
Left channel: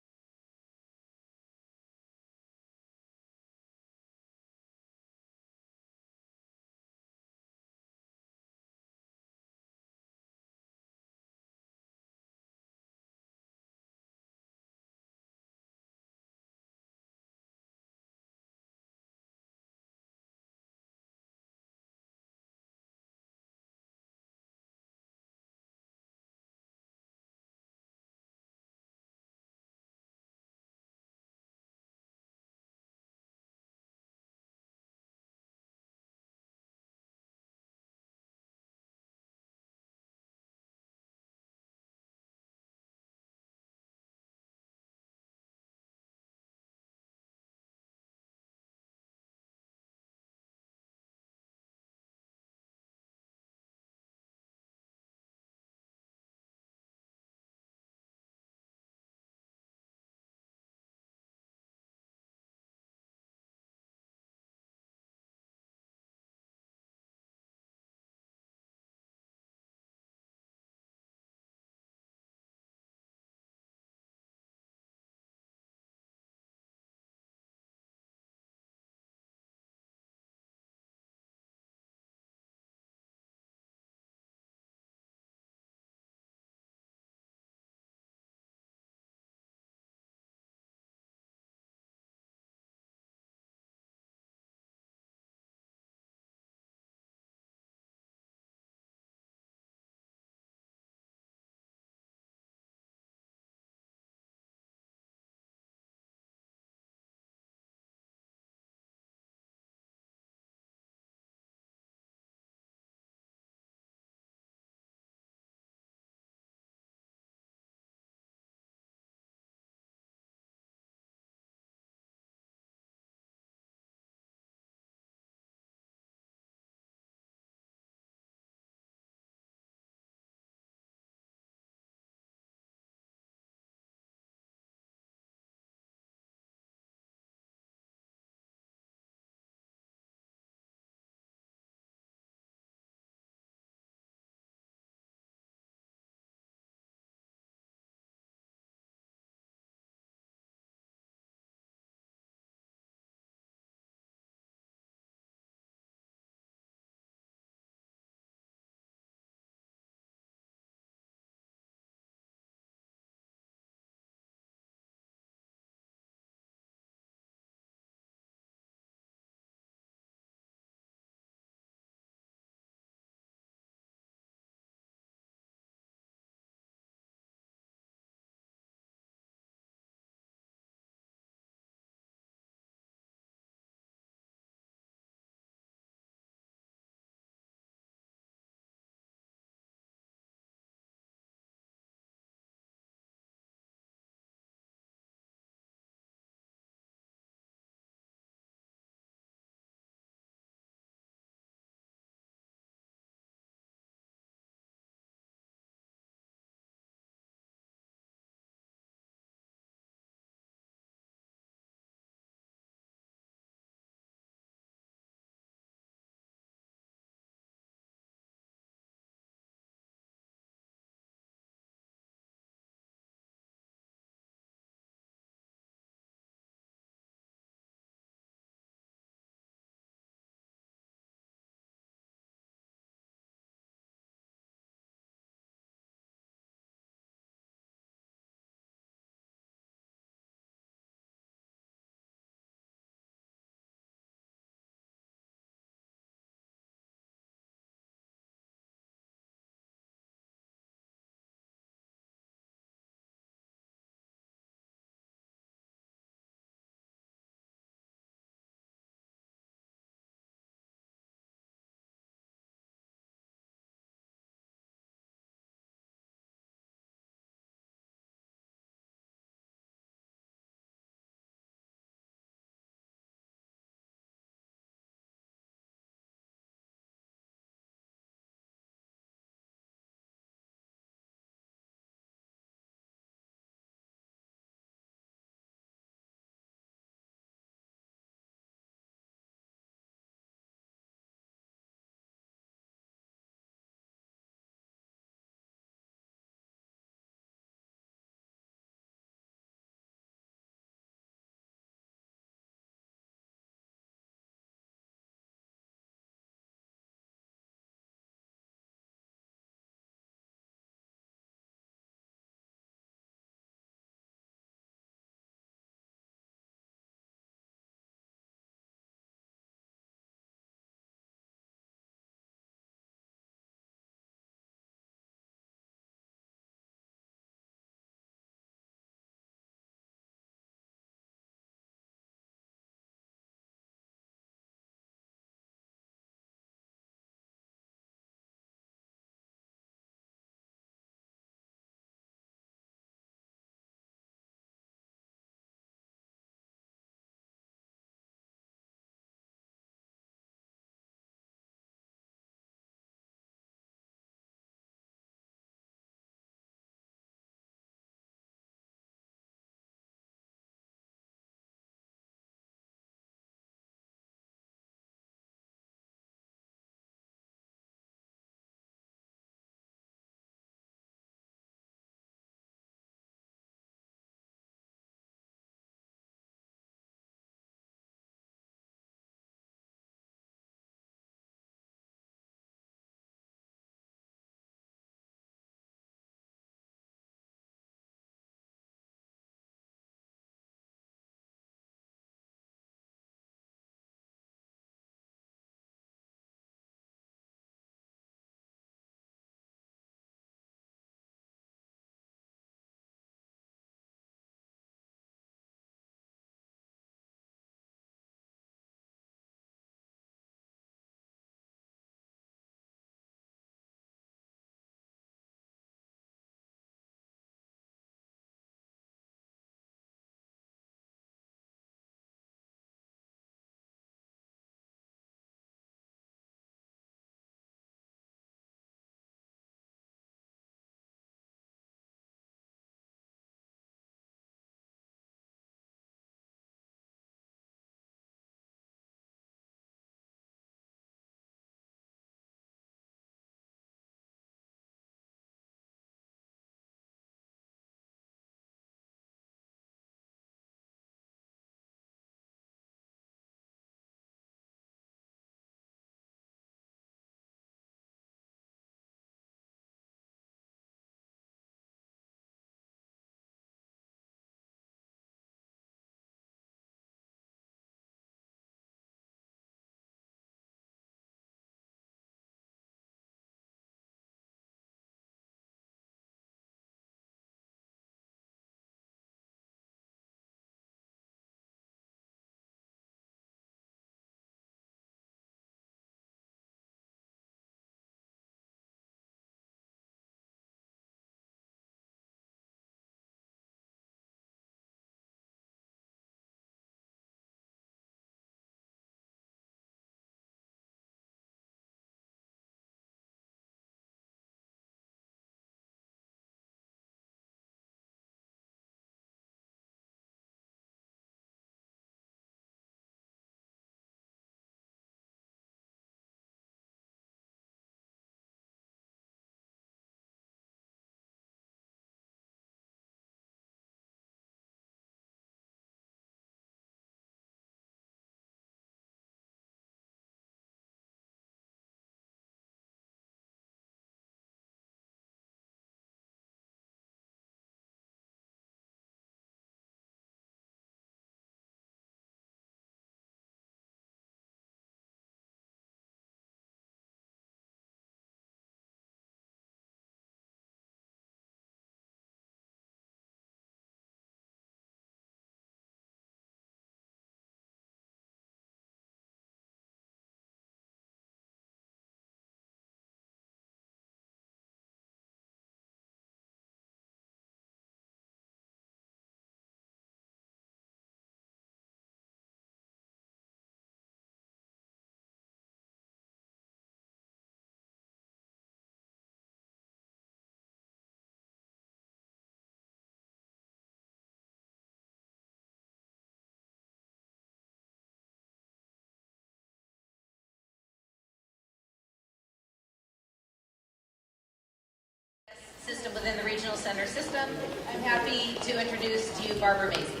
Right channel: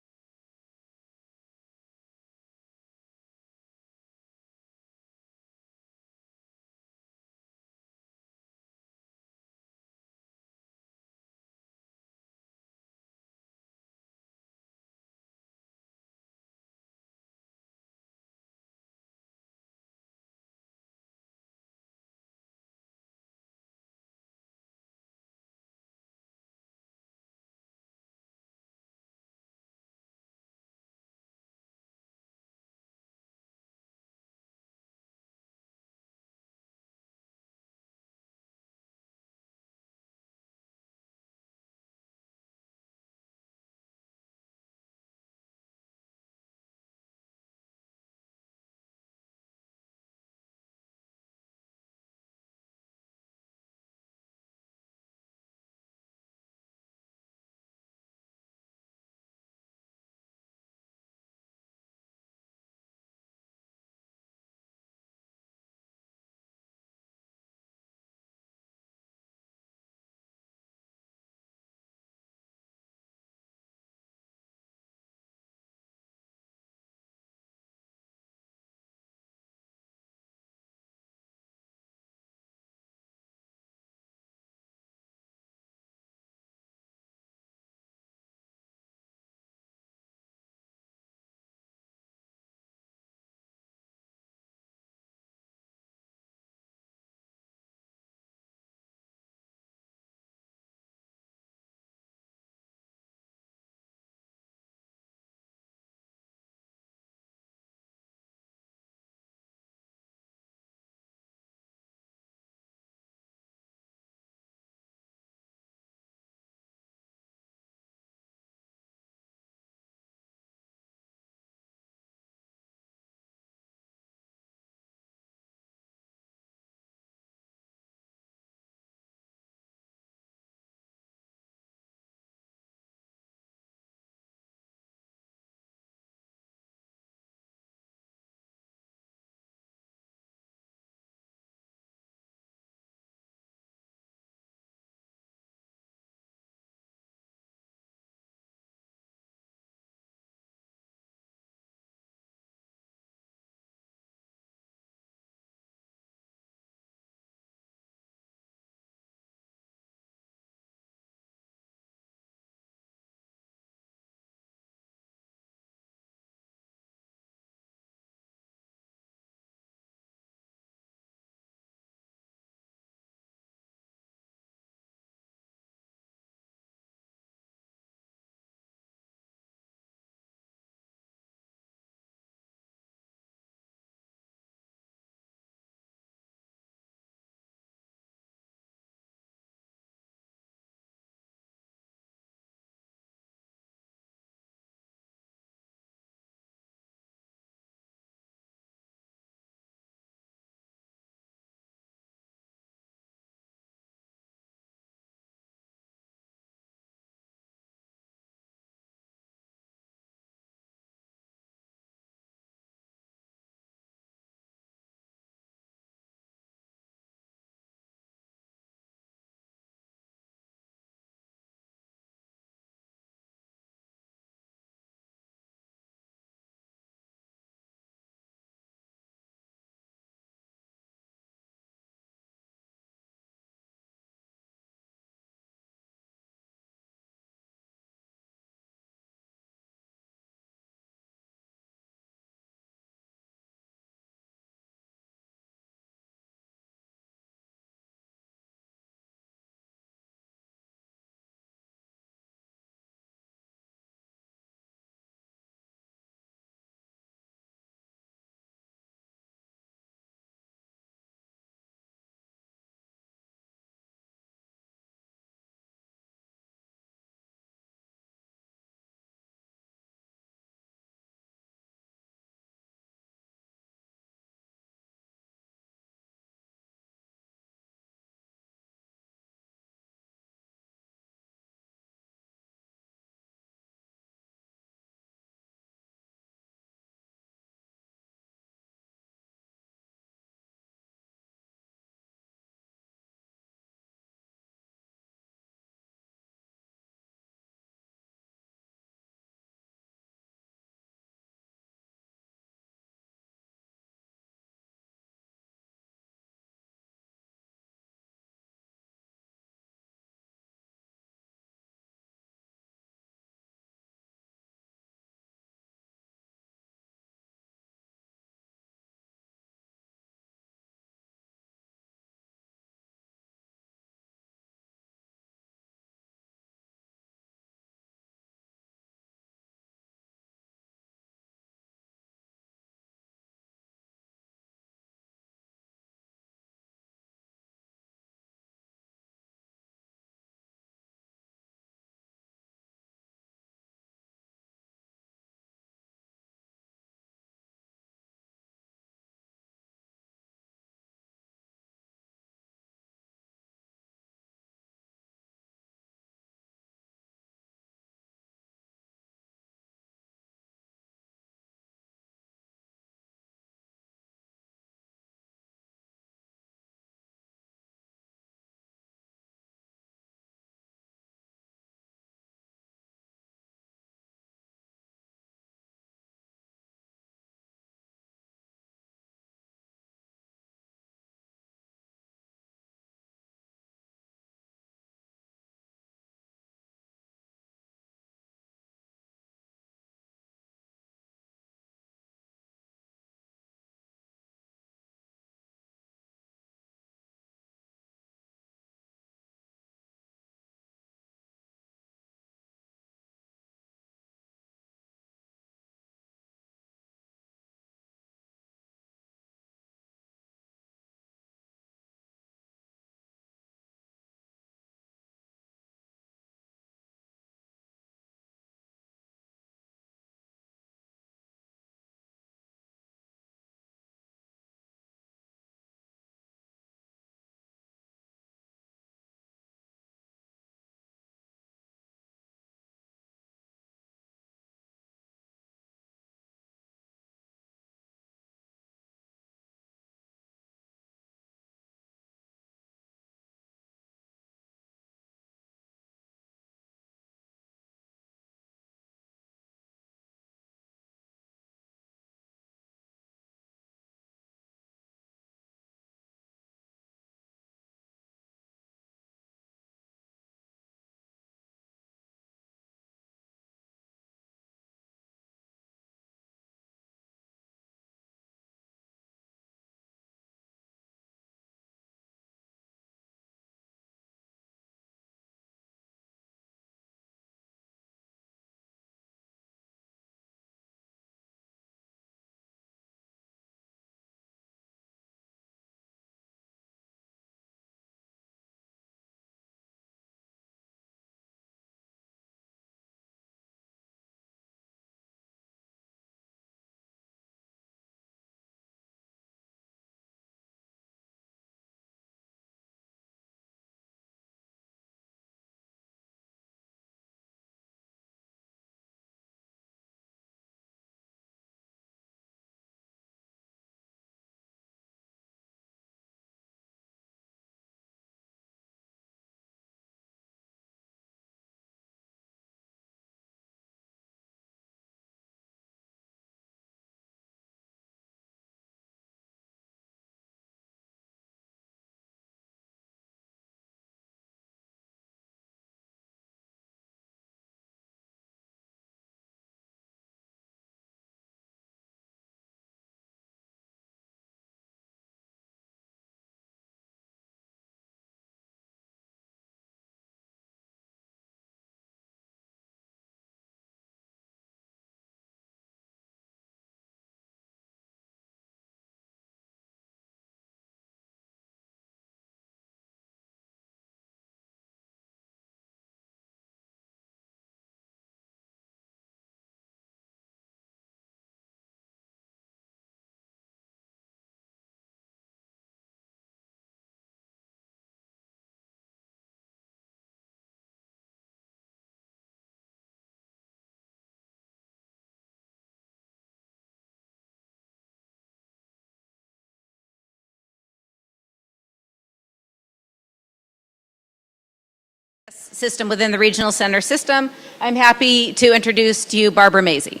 system within the regional center system. I'm happy to introduce to you Barbara Mazey.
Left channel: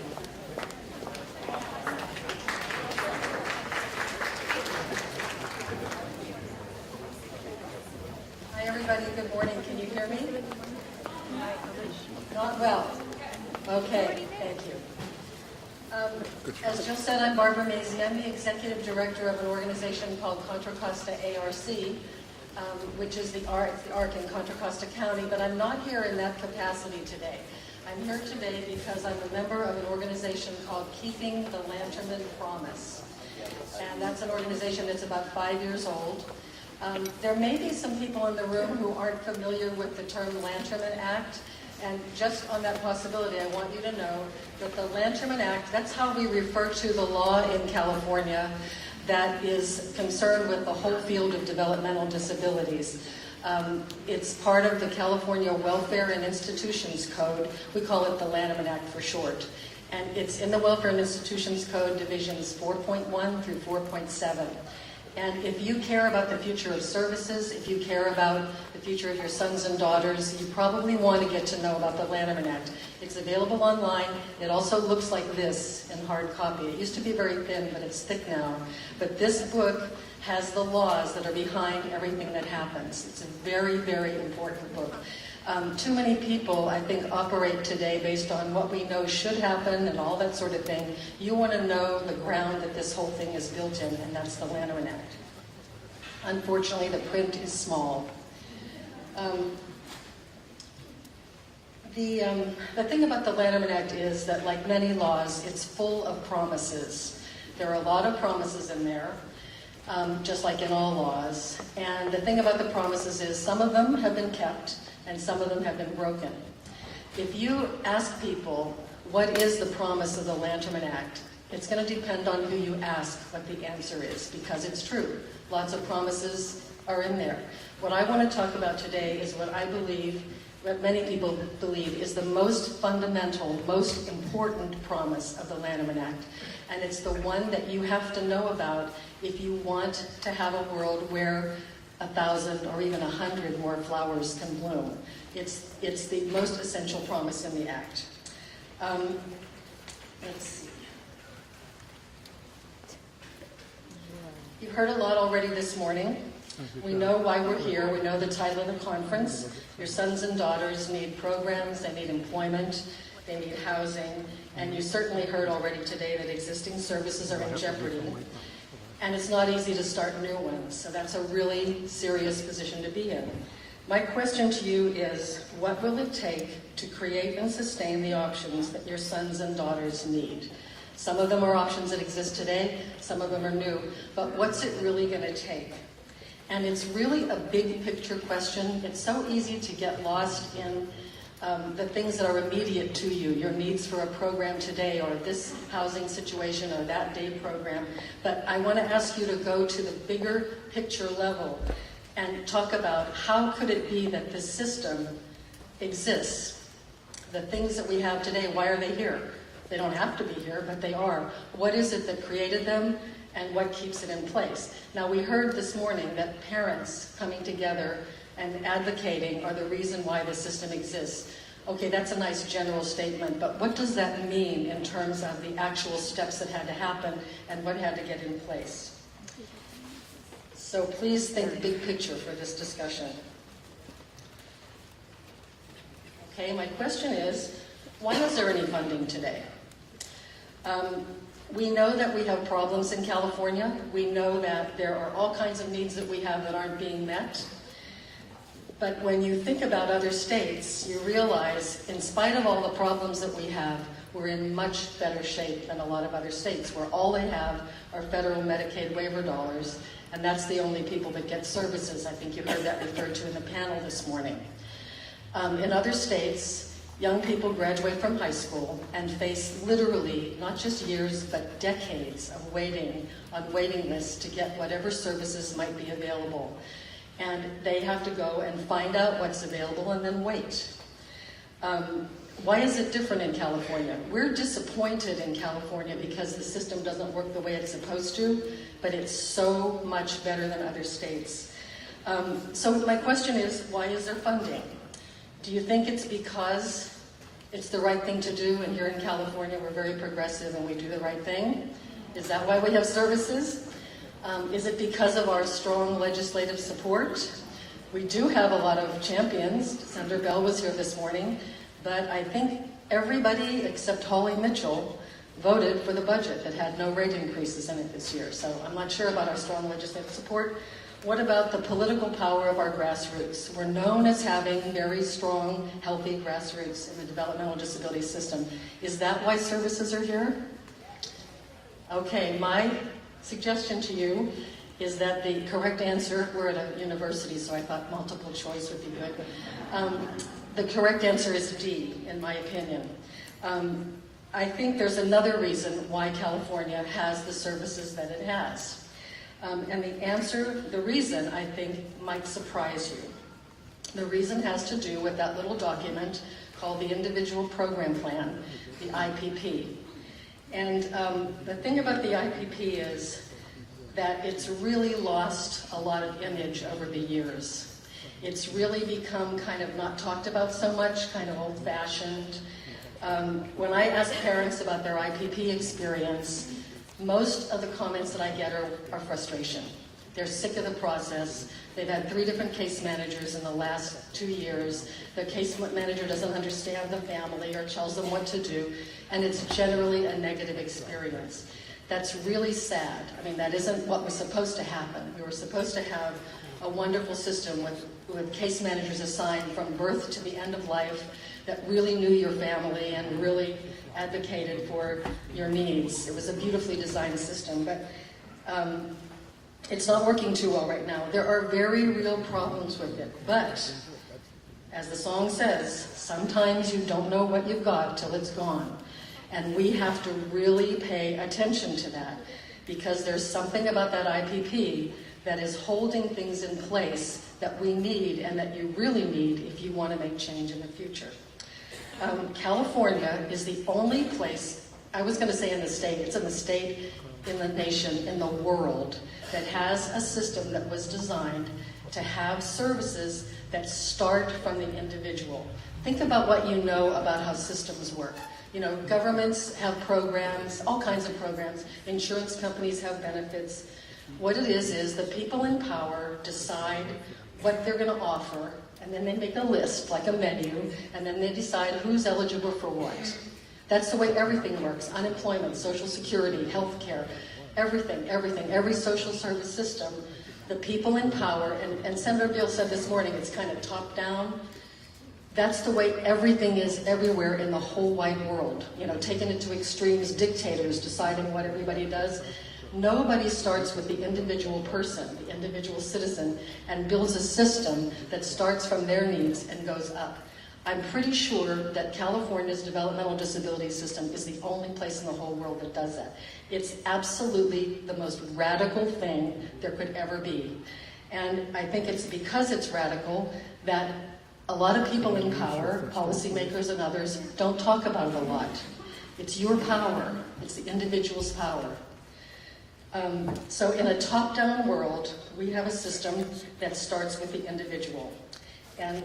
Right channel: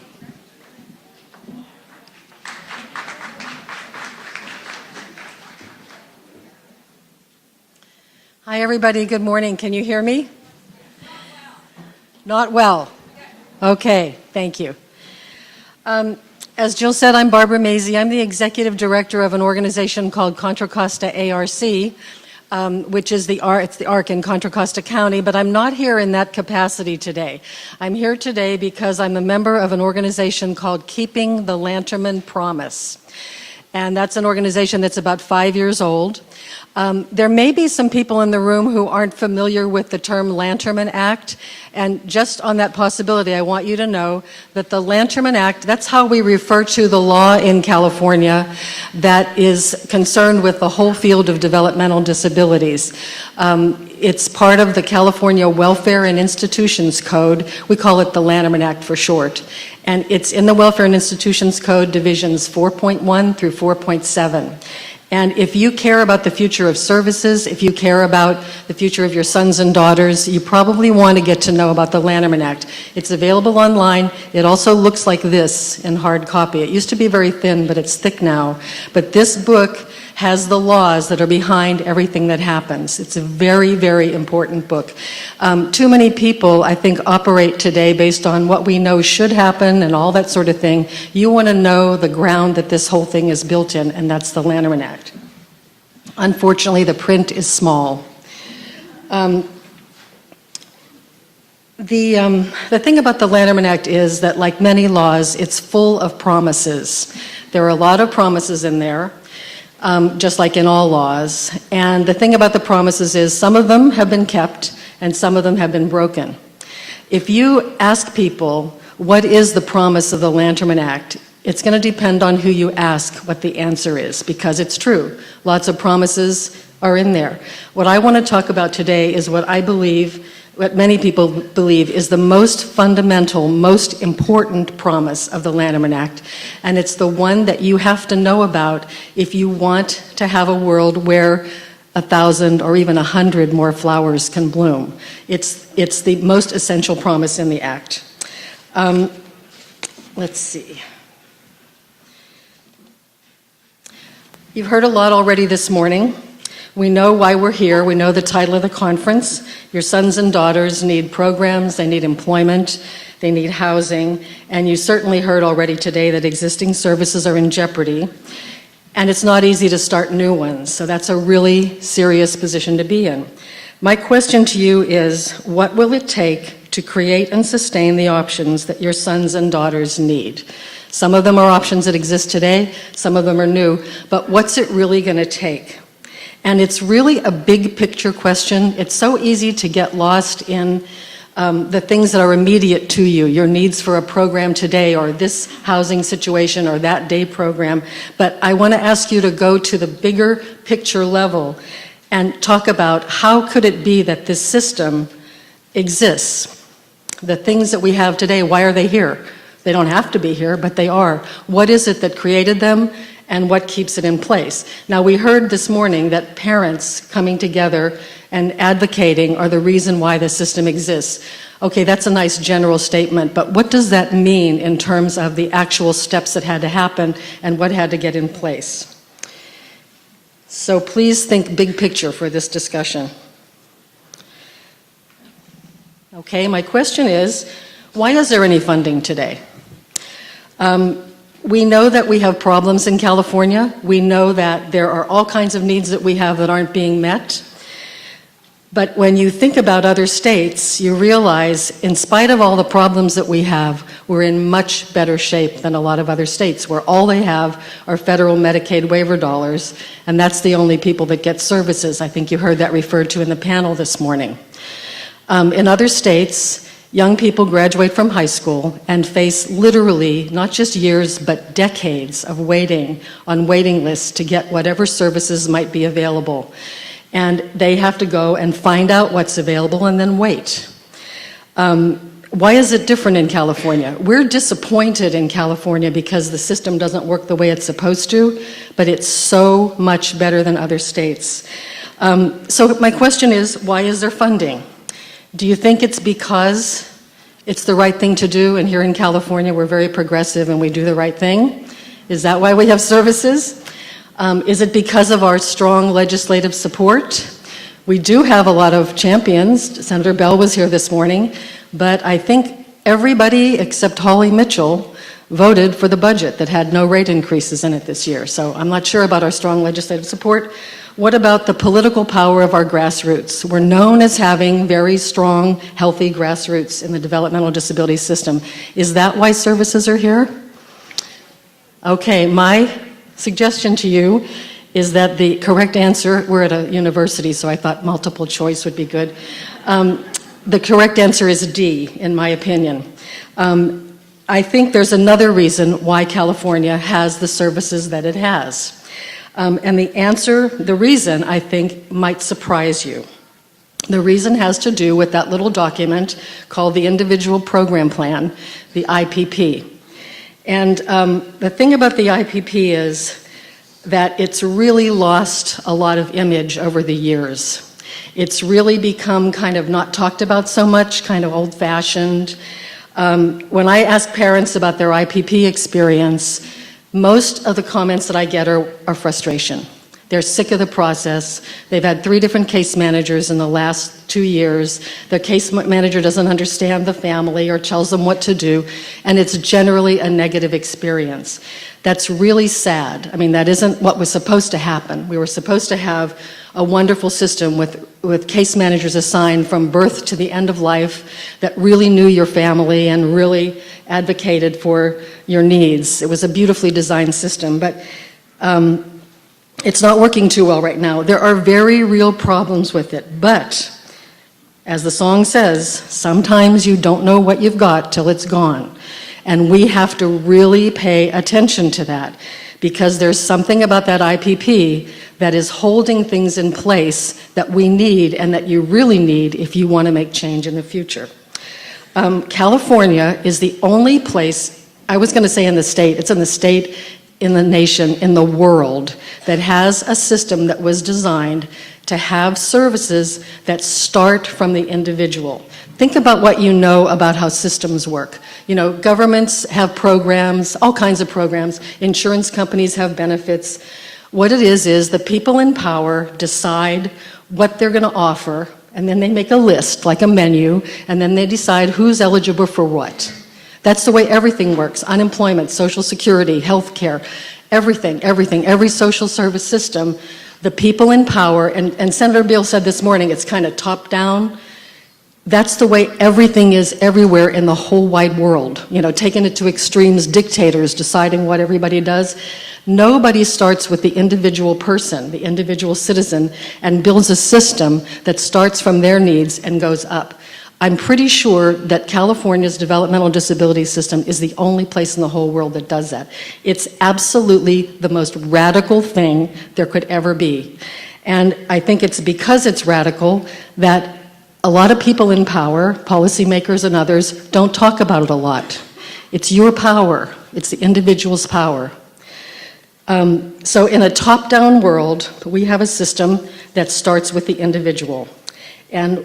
Hi, everybody. Good morning. Can you hear me? Not well. Okay, thank you. As Jill said, I'm Barbara Mazey. I'm the executive director of an organization called Contra Costa ARC, which is the ARC in Contra Costa County, but I'm not here in that capacity today. I'm here today because I'm a member of an organization called Keeping the Lanterman Promise. And that's an organization that's about 5 years old. There may be some people in the room who aren't familiar with the term Lanterman Act. And just on that possibility, I want you to know that the Lanterman Act, that's how we refer to the law in California that is concerned with the whole field of developmental disabilities. It's part of the California Welfare and Institutions Code. We call it the Lanterman Act for short. And it's in the Welfare and Institutions Code, divisions 4.1 through 4.7. And if you care about the future of services, if you care about the future of your sons and daughters, you probably want to get to know about the Lanterman Act. It's available online. It also looks like this in hard copy. It used to be very thin, but it's thick now. But this book has the laws that are behind everything that happens. It's a very, very important book. Too many people, I think, operate today based on what we know should happen and all that sort of thing. You want to know the ground that this whole thing is built in, and that's the Lanterman Act. Unfortunately, the print is small. The thing about the Lanterman Act is that, like many laws, it's full of promises. There are a lot of promises in there. Just like in all laws. And the thing about the promises is some of them have been kept and some of them have been broken. If you ask people, what is the promise of the Lanterman Act? It's going to depend on who you ask what the answer is, because it's true. Lots of promises are in there. What I want to talk about today is what I believe, what many people believe is the most fundamental, most important promise of the Lanterman Act. And it's the one that you have to know about if you want to have a world where 1,000 or even 100 more flowers can bloom. It's the most essential promise in the Act. Let's see. You've heard a lot already this morning. We know why we're here. We know the title of the conference. Your sons and daughters need programs, they need employment, they need housing, and you certainly heard already today that existing services are in jeopardy, and it's not easy to start new ones, so that's a really serious position to be in. My question to you is, what will it take to create and sustain the options that your sons and daughters need? Some of them are options that exist today, some of them are new, but what's it really going to take? And it's really a big picture question. It's so easy to get lost in the things that are immediate to you, your needs for a program today or this housing situation or that day program. But I want to ask you to go to the bigger picture level and talk about how could it be that this system exists? The things that we have today, why are they here? They don't have to be here, but they are. What is it that created them? And what keeps it in place? Now, we heard this morning that parents coming together and advocating are the reason why the system exists. Okay, that's a nice general statement, but what does that mean in terms of the actual steps that had to happen and what had to get in place? So please think big picture for this discussion. Okay, my question is, why is there any funding today? We know that we have problems in California. We know that there are all kinds of needs that we have that aren't being met. But when you think about other states, you realize, in spite of all the problems that we have, we're in much better shape than a lot of other states, where all they have are federal Medicaid waiver dollars, and that's the only people that get services. I think you heard that referred to in the panel this morning. In other states, young people graduate from high school and face literally not just years but decades of waiting on waiting lists to get whatever services might be available. And they have to go and find out what's available and then wait. Why is it different in California? We're disappointed in California because the system doesn't work the way it's supposed to, but it's so much better than other states. So my question is, why is there funding? Do you think it's because it's the right thing to do, and here in California we're very progressive and we do the right thing? Is that why we have services? Is it because of our strong legislative support? We do have a lot of champions. Senator Bell was here this morning, but I think everybody except Holly Mitchell voted for the budget that had no rate increases in it this year. So I'm not sure about our strong legislative support. What about the political power of our grassroots? We're known as having very strong, healthy grassroots in the developmental disability system. Is that why services are here? Okay, my suggestion to you is that the correct answer, we're at a university, so I thought multiple choice would be good. The correct answer is D, in my opinion. I think there's another reason why California has the services that it has. And the reason, I think, might surprise you. The reason has to do with that little document called the Individual Program Plan, the IPP. And the thing about the IPP is that it's really lost a lot of image over the years. It's really become kind of not talked about so much, kind of old-fashioned. When I ask parents about their IPP experience, most of the comments that I get are frustration. They're sick of the process. They've had 3 different case managers in the last 2 years. Their case manager doesn't understand the family or tells them what to do, and it's generally a negative experience. That's really sad. I mean, that isn't what was supposed to happen. We were supposed to have a wonderful system with case managers assigned from birth to the end of life that really knew your family and really advocated for your needs. It was a beautifully designed system, but it's not working too well right now. There are very real problems with it, but as the song says, sometimes you don't know what you've got till it's gone. And we have to really pay attention to that, because there's something about that IPP that is holding things in place that we need and that you really need if you want to make change in the future. California is the only place, I was going to say in the state, it's in the state, in the nation, in the world, that has a system that was designed to have services that start from the individual. Think about what you know about how systems work. You know, governments have programs, all kinds of programs. Insurance companies have benefits. What it is the people in power decide what they're going to offer, and then they make a list, like a menu, and then they decide who's eligible for what. That's the way everything works. Unemployment, Social Security, health care, everything, every social service system, the people in power, and Senator Beal said this morning, it's kind of top-down. That's the way everything is everywhere in the whole wide world. You know, taking it to extremes, dictators deciding what everybody does. Nobody starts with the individual person, the individual citizen, and builds a system that starts from their needs and goes up. I'm pretty sure that California's developmental disability system is the only place in the whole world that does that. It's absolutely the most radical thing there could ever be. And I think it's because it's radical that a lot of people in power, policymakers and others, don't talk about it a lot. It's your power. It's the individual's power. So in a top-down world, we have a system that starts with the individual. And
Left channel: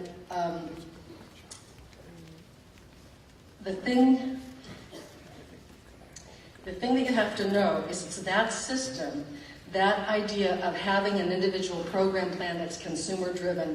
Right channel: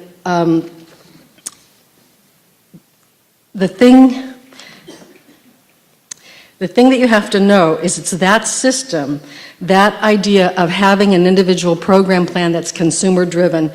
the thing that you have to know is it's that system, that idea of having an individual program plan that's consumer-driven,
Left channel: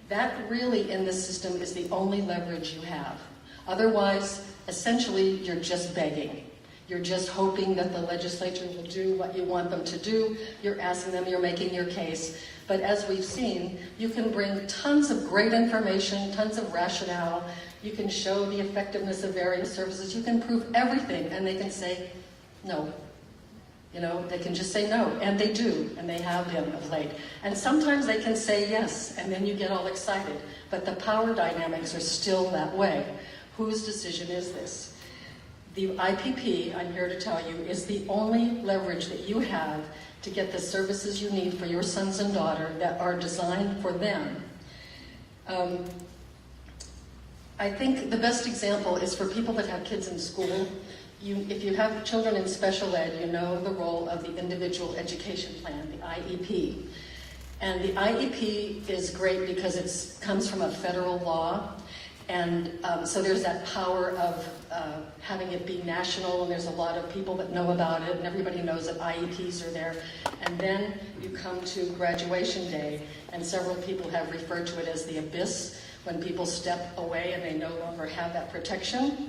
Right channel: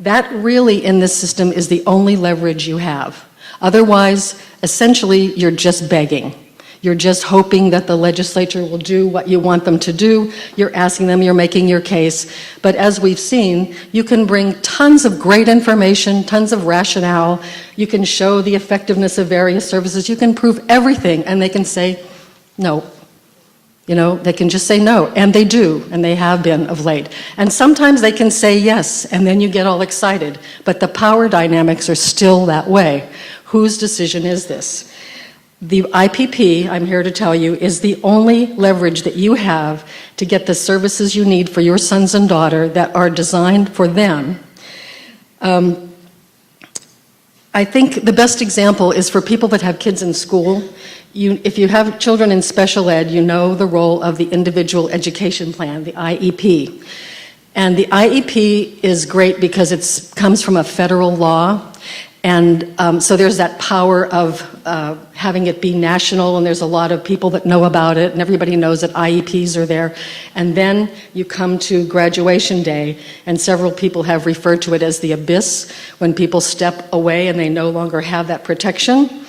that really in this system is the only leverage you have. Otherwise, essentially, you're just begging. You're just hoping that the legislature will do what you want them to do. You're asking them, you're making your case. But as we've seen, you can bring tons of great information, tons of rationale. You can show the effectiveness of various services. You can prove everything, and they can say no. You know, they can just say no, and they do, and they have been of late. And sometimes they can say yes, and then you get all excited. But the power dynamics are still that way. Whose decision is this? The IPP, I'm here to tell you, is the only leverage that you have to get the services you need for your sons and daughter that are designed for them. I think the best example is for people that have kids in school. If you have children in special ed, you know the role of the individual education plan, the IEP. And the IEP is great because it comes from a federal law. And so there's that power of having it be national, and there's a lot of people that know about it, and everybody knows that IEPs are there. And then you come to graduation day, and several people have referred to it as the abyss, when people step away and they no longer have that protection.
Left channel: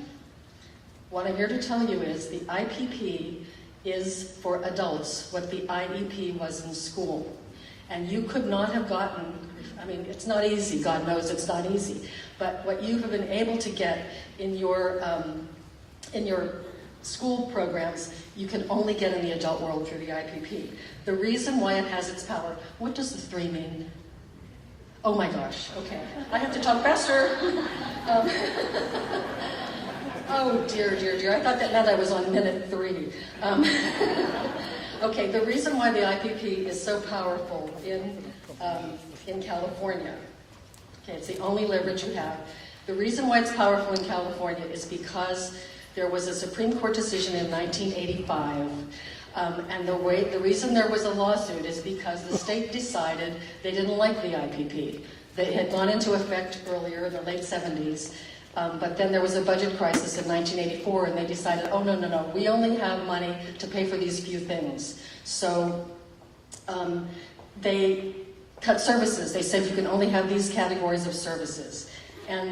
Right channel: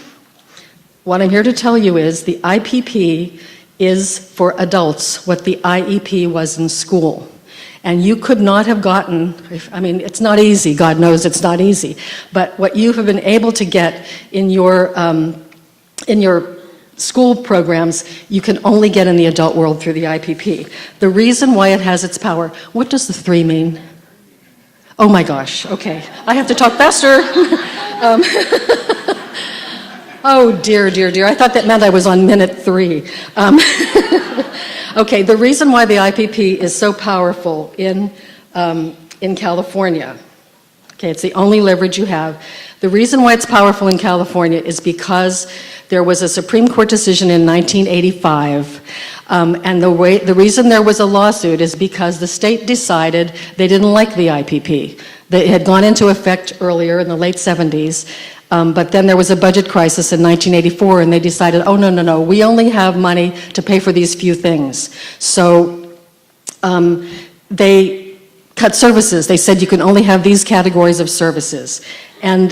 What I'm here to tell you is the IPP is for adults what the IEP was in school. And you could not have gotten, I mean, it's not easy, God knows it's not easy, but what you have been able to get in your school programs, you can only get in the adult world through the IPP. The reason why it has its power, what does the 3 mean? Oh my gosh, okay, I have to talk faster. Oh dear, dear, dear, I thought that meant I was on minute 3. Okay, the reason why the IPP is so powerful in California, okay, it's the only leverage you have. The reason why it's powerful in California is because there was a Supreme Court decision in 1985, and the reason there was a lawsuit is because the state decided they didn't like the IPP. It had gone into effect earlier in the late 70s, but then there was a budget crisis in 1984, and they decided, oh, no, we only have money to pay for these few things. So they cut services. They said you can only have these categories of services. And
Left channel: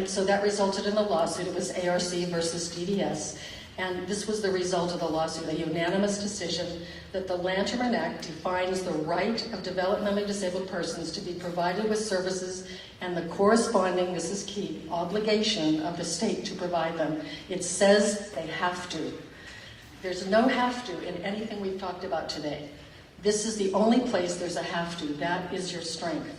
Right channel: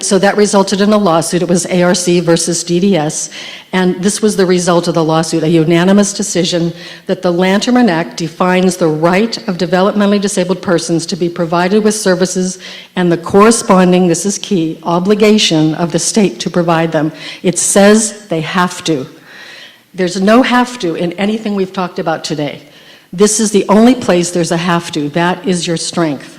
so that resulted in a lawsuit. It was ARC versus DDS. And this was the result of the lawsuit, a unanimous decision that the Lanterman Act defines the right of developmentally disabled persons to be provided with services and the corresponding, this is key, obligation of the state to provide them. It says they have to. There's no have to in anything we've talked about today. This is the only place there's a have to. That is your strength.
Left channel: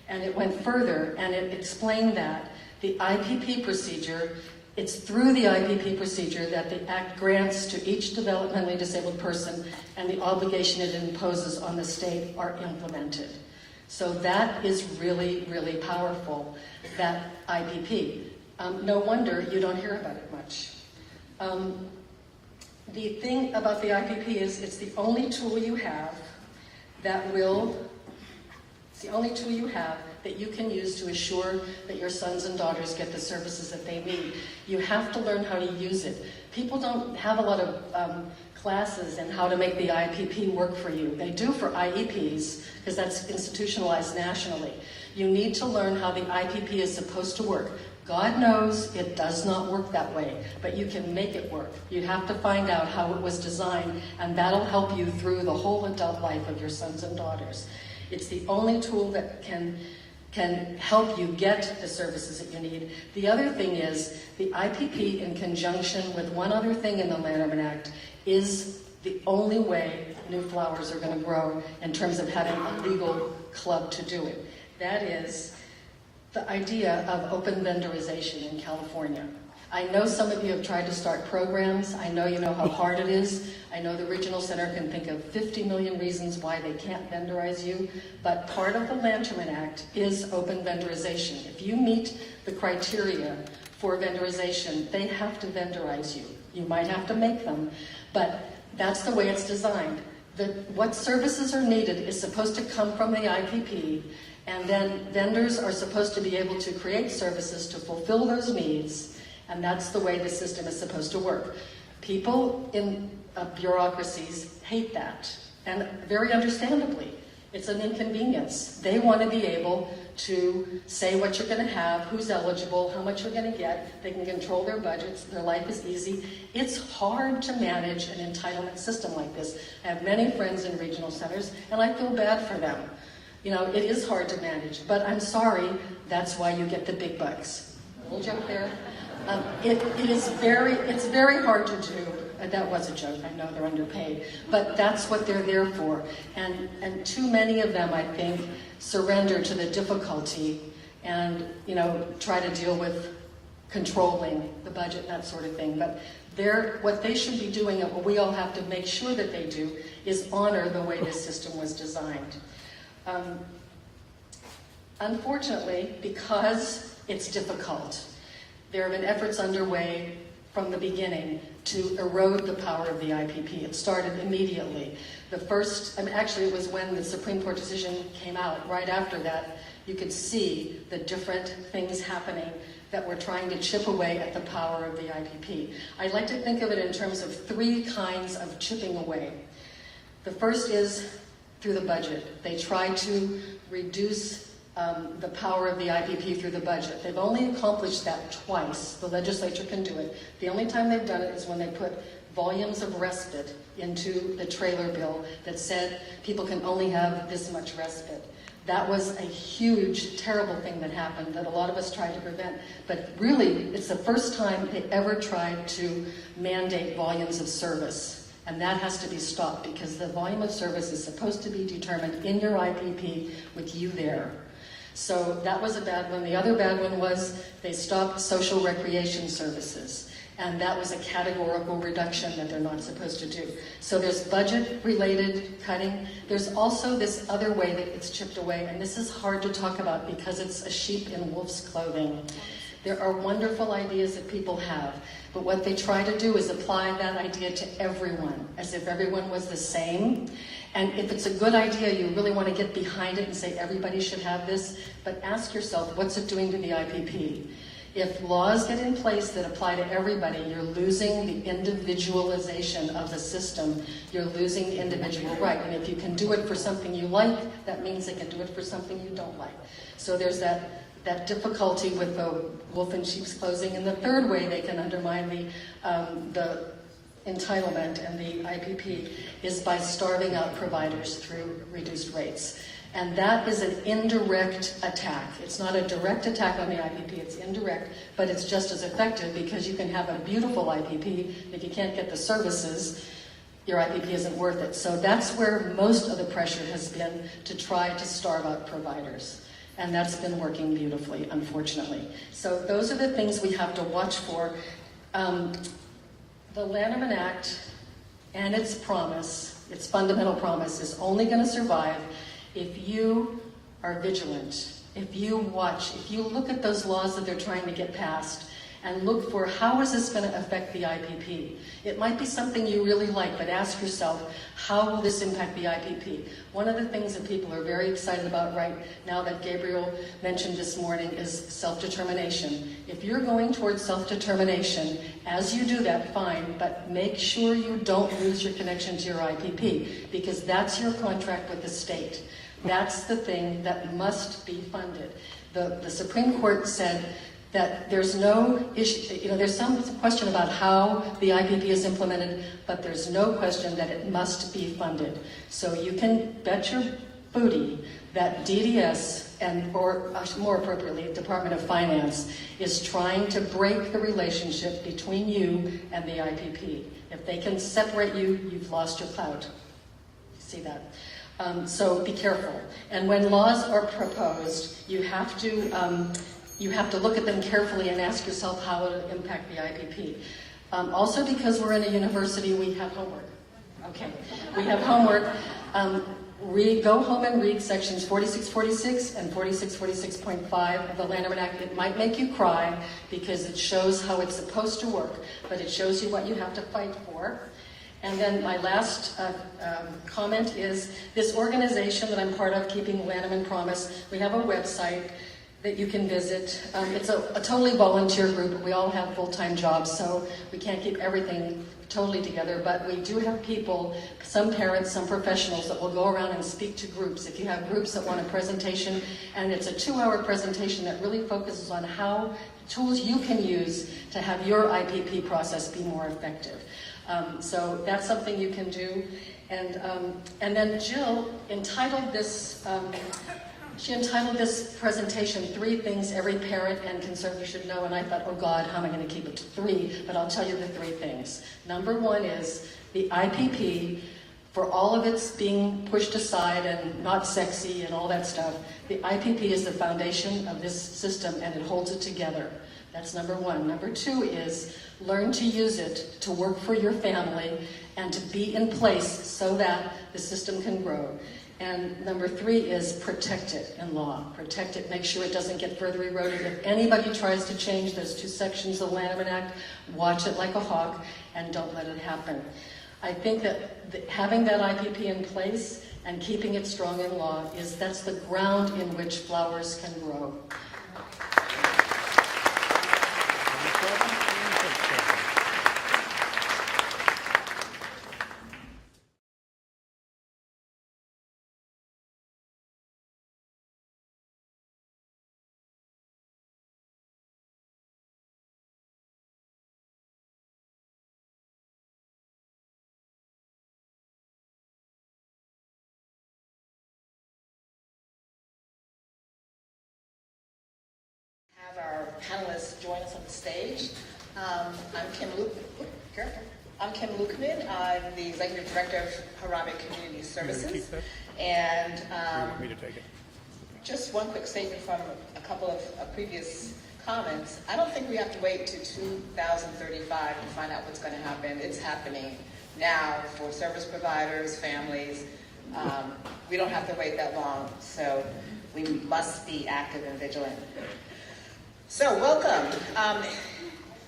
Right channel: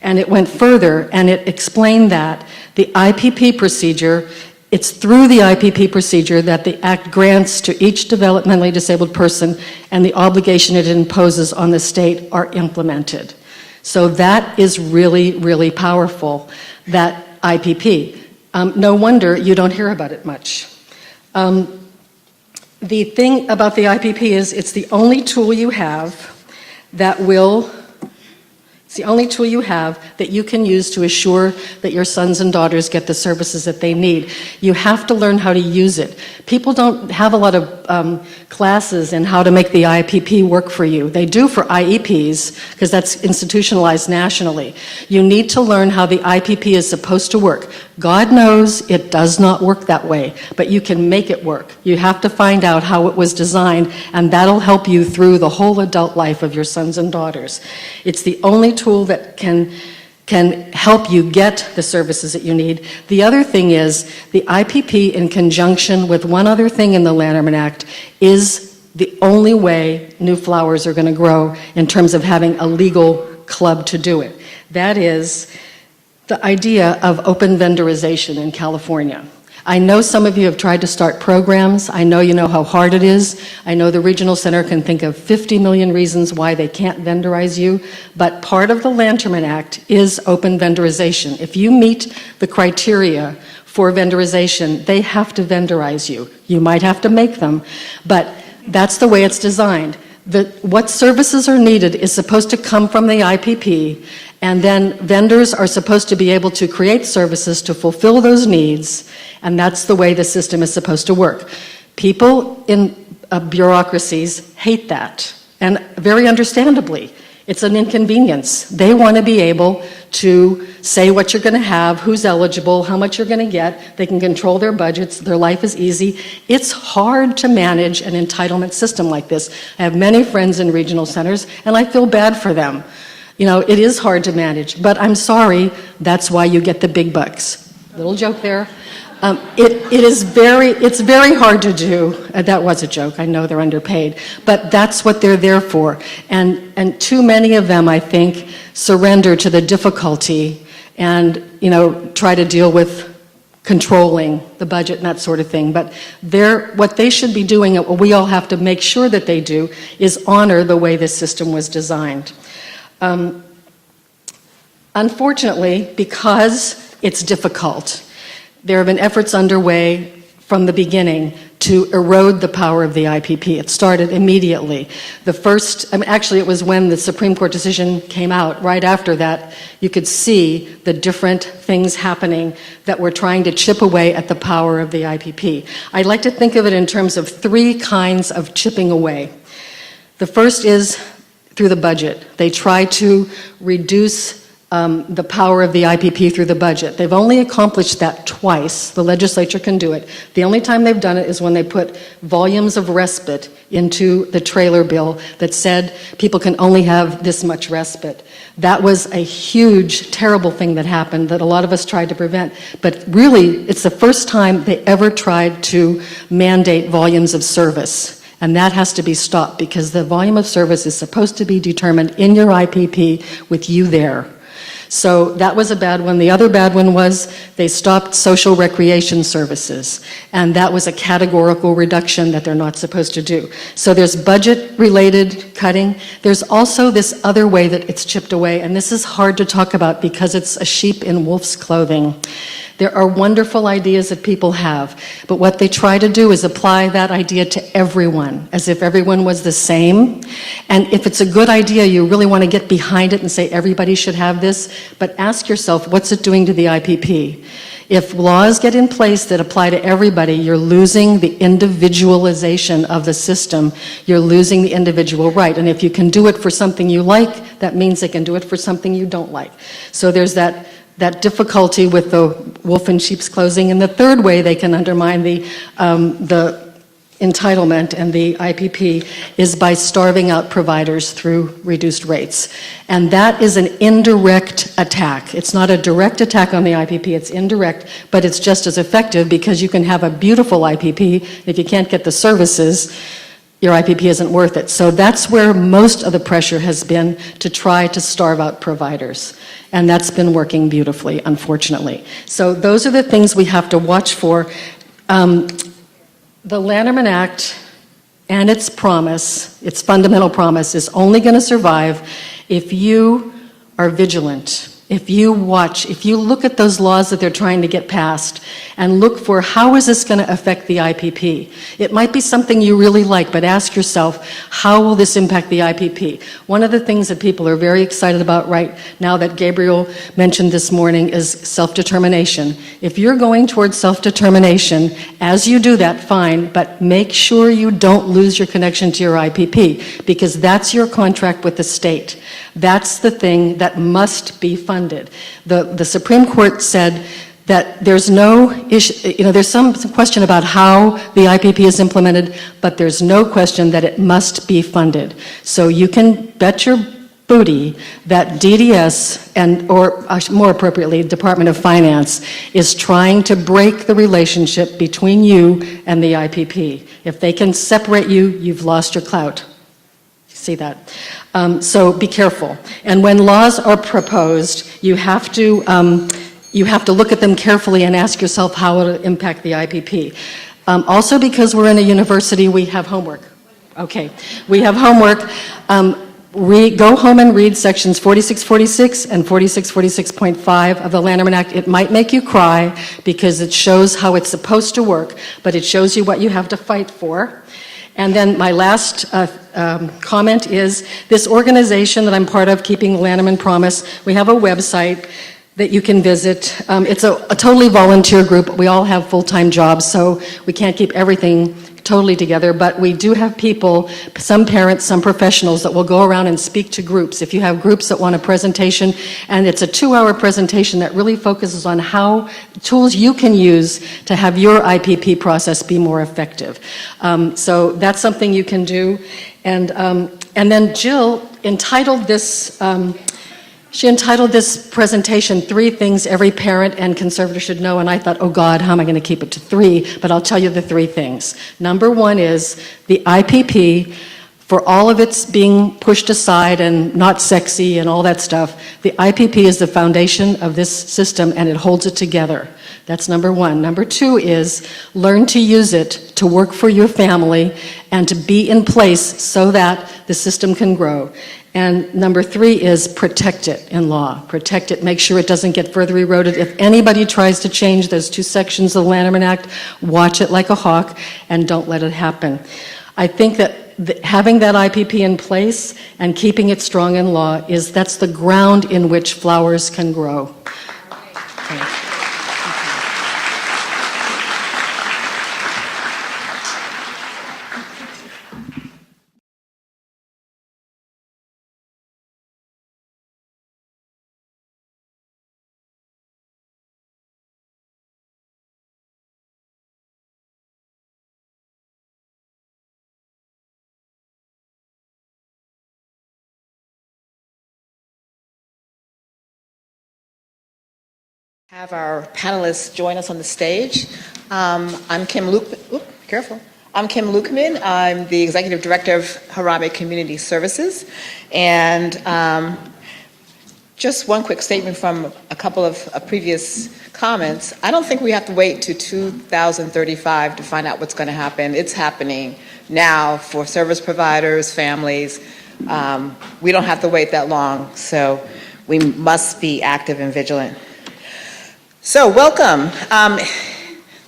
And it went further, and it explained that the IPP procedure, it's through the IPP procedure that the Act grants to each developmentally disabled person, and the obligation it imposes on the state are implemented. So that is really, really powerful, that IPP. No wonder you don't hear about it much. The thing about the IPP is it's the only tool you have that will It's the only tool you have that you can use to assure that your sons and daughters get the services that they need. You have to learn how to use it. People don't have a lot of classes in how to make the IPP work for you. They do for IEPs, because that's institutionalized nationally. You need to learn how the IPP is supposed to work. God knows it does not work that way, but you can make it work. You have to find out how it was designed, and that'll help you through the whole adult life of your sons and daughters. It's the only tool that can help you get the services that you need. The other thing is the IPP, in conjunction with one other thing in the Lanterman Act, is the only way new flowers are going to grow in terms of having a legal club to do it. That is the idea of open vendorization in California. I know some of you have tried to start programs. I know you know how hard it is. I know the Regional Center can think of 50 million reasons why they can't vendorize you, but part of the Lanterman Act is open vendorization. If you meet the criteria for vendorization, they have to vendorize you. You might have to make them, but that's the way it's designed. What services are needed is supposed to come from the IPP, and then vendors are supposed to be able to create services to fulfill those needs, and that's the way the system is supposed to work. People in bureaucracies hate that, and very understandably. It's an inconvenience. They want to be able to say what you're going to have, who's eligible, how much you're going to get. They can control their budgets. Their life is easy. It's hard to manage an entitlement system like this. I have many friends in regional centers, and I feel bad for them. You know, it is hard to manage, but I'm sorry, that's why you get the big bucks. Little joke there. It's very hard to do. That was a joke. I know they're underpaid, but that's what they're there for. And too many of them, I think, surrender to the difficulty and, you know, try to deal with controlling the budget and that sort of thing. But what they should be doing, and what we all have to make sure that they do, is honor the way this system was designed. Unfortunately, because it's difficult, there have been efforts underway from the beginning to erode the power of the IPP. It started immediately. The first, actually it was when the Supreme Court decision came out. Right after that, you could see the different things happening that were trying to chip away at the power of the IPP. I like to think of it in terms of three kinds of chipping away. The first is through the budget. They try to reduce the power of the IPP through the budget. They've only accomplished that twice. The legislature can do it. The only time they've done it is when they put volumes of respite into the trailer bill that said people can only have this much respite. That was a huge, terrible thing that happened that a lot of us tried to prevent. But really, it's the first time they ever tried to mandate volumes of service. And that has to be stopped because the volume of service is supposed to be determined in your IPP with you there. So that was a bad one. The other bad one was they stopped social recreation services, and that was a categorical reduction that they're not supposed to do. So there's budget-related cutting. There's also this other way that it's chipped away, and this is hard to talk about because it's a sheep in wolf's clothing. There are wonderful ideas that people have, but what they try to do is apply that idea to everyone, as if everyone was the same. And if it's a good idea, you really want to get behind it and say everybody should have this, but ask yourself, what's it doing to the IPP? If laws get in place that apply to everybody, you're losing the individualization of the system. You're losing the individual right. And if you can do it for something you like, that means they can do it for something you don't like. So there's that difficulty with the wolf in sheep's clothing. And the third way they can undermine the entitlement and the IPP is by starving out providers through reduced rates. And that is an indirect attack. It's not a direct attack on the IPP, it's indirect, but it's just as effective because you can have a beautiful IPP. If you can't get the services, your IPP isn't worth it. So that's where most of the pressure has been, to try to starve out providers. And that's been working beautifully, unfortunately. So those are the things we have to watch for. The Lanterman Act and its promise, its fundamental promise, is only going to survive if you are vigilant, if you watch, if you look at those laws that they're trying to get passed and look for how is this going to affect the IPP. It might be something you really like, but ask yourself, how will this impact the IPP? One of the things that people are very excited about right now that Gabriel mentioned this morning is self-determination. If you're going towards self-determination, as you do that, fine, but make sure you don't lose your connection to your IPP, because that's your contract with the state. That's the thing that must be funded. The Supreme Court said that there's no issue, there's some question about how the IPP is implemented, but there's no question that it must be funded. So you can bet your booty that DDS, or more appropriately, Department of Finance, is trying to break the relationship between you and the IPP. If they can separate you, you've lost your clout. You see that? So be careful. And when laws are proposed, you have to look at them carefully and ask yourself how it will impact the IPP. Also, because we're in a university, we have homework. Okay, we have homework. Go home and read sections 4646 and 4646.5 of the Lanterman Act. It might make you cry because it shows how it's supposed to work, but it shows you what you have to fight for. And then my last comment is this organization that I'm part of, Keeping the Lanterman Promise, we have a website that you can visit. It's a totally volunteer group. We all have full-time jobs, so we can't keep everything totally together, but we do have people, some parents, some professionals, that will go around and speak to groups. If you have groups that want a presentation, and it's a 2-hour presentation that really focuses on how tools you can use to have your IPP process be more effective. So that's something you can do. And then Jill entitled this, presentation, 3 Things Every Parent and Conservator Should Know, and I thought, oh God, how am I going to keep it to 3? But I'll tell you the 3 things. Number 1 is the IPP For all of its being pushed aside and not sexy and all that stuff, the IPP is the foundation of this system and it holds it together. That's number one. Number two is learn to use it to work for your family and to be in place so that the system can grow. And number three is protect it in law. Protect it, make sure it doesn't get further eroded. If anybody tries to change those two sections of the Lanterman Act, watch it like a hawk and don't let it happen. I think that having that IPP in place and keeping it strong in law that's the ground in which flowers can grow. Have our panelists join us on the stage. I'm Kim Luke. Careful. I'm Kim Lukeman. I'm the Executive Director of Harambe Community Services. And just one quick statement from a couple of previous comments. I don't think we have to wait to 2035 to find out what's going to happen. It's happening now for service providers, families. We don't have to wait that long. So we must be active and vigilant. So welcome.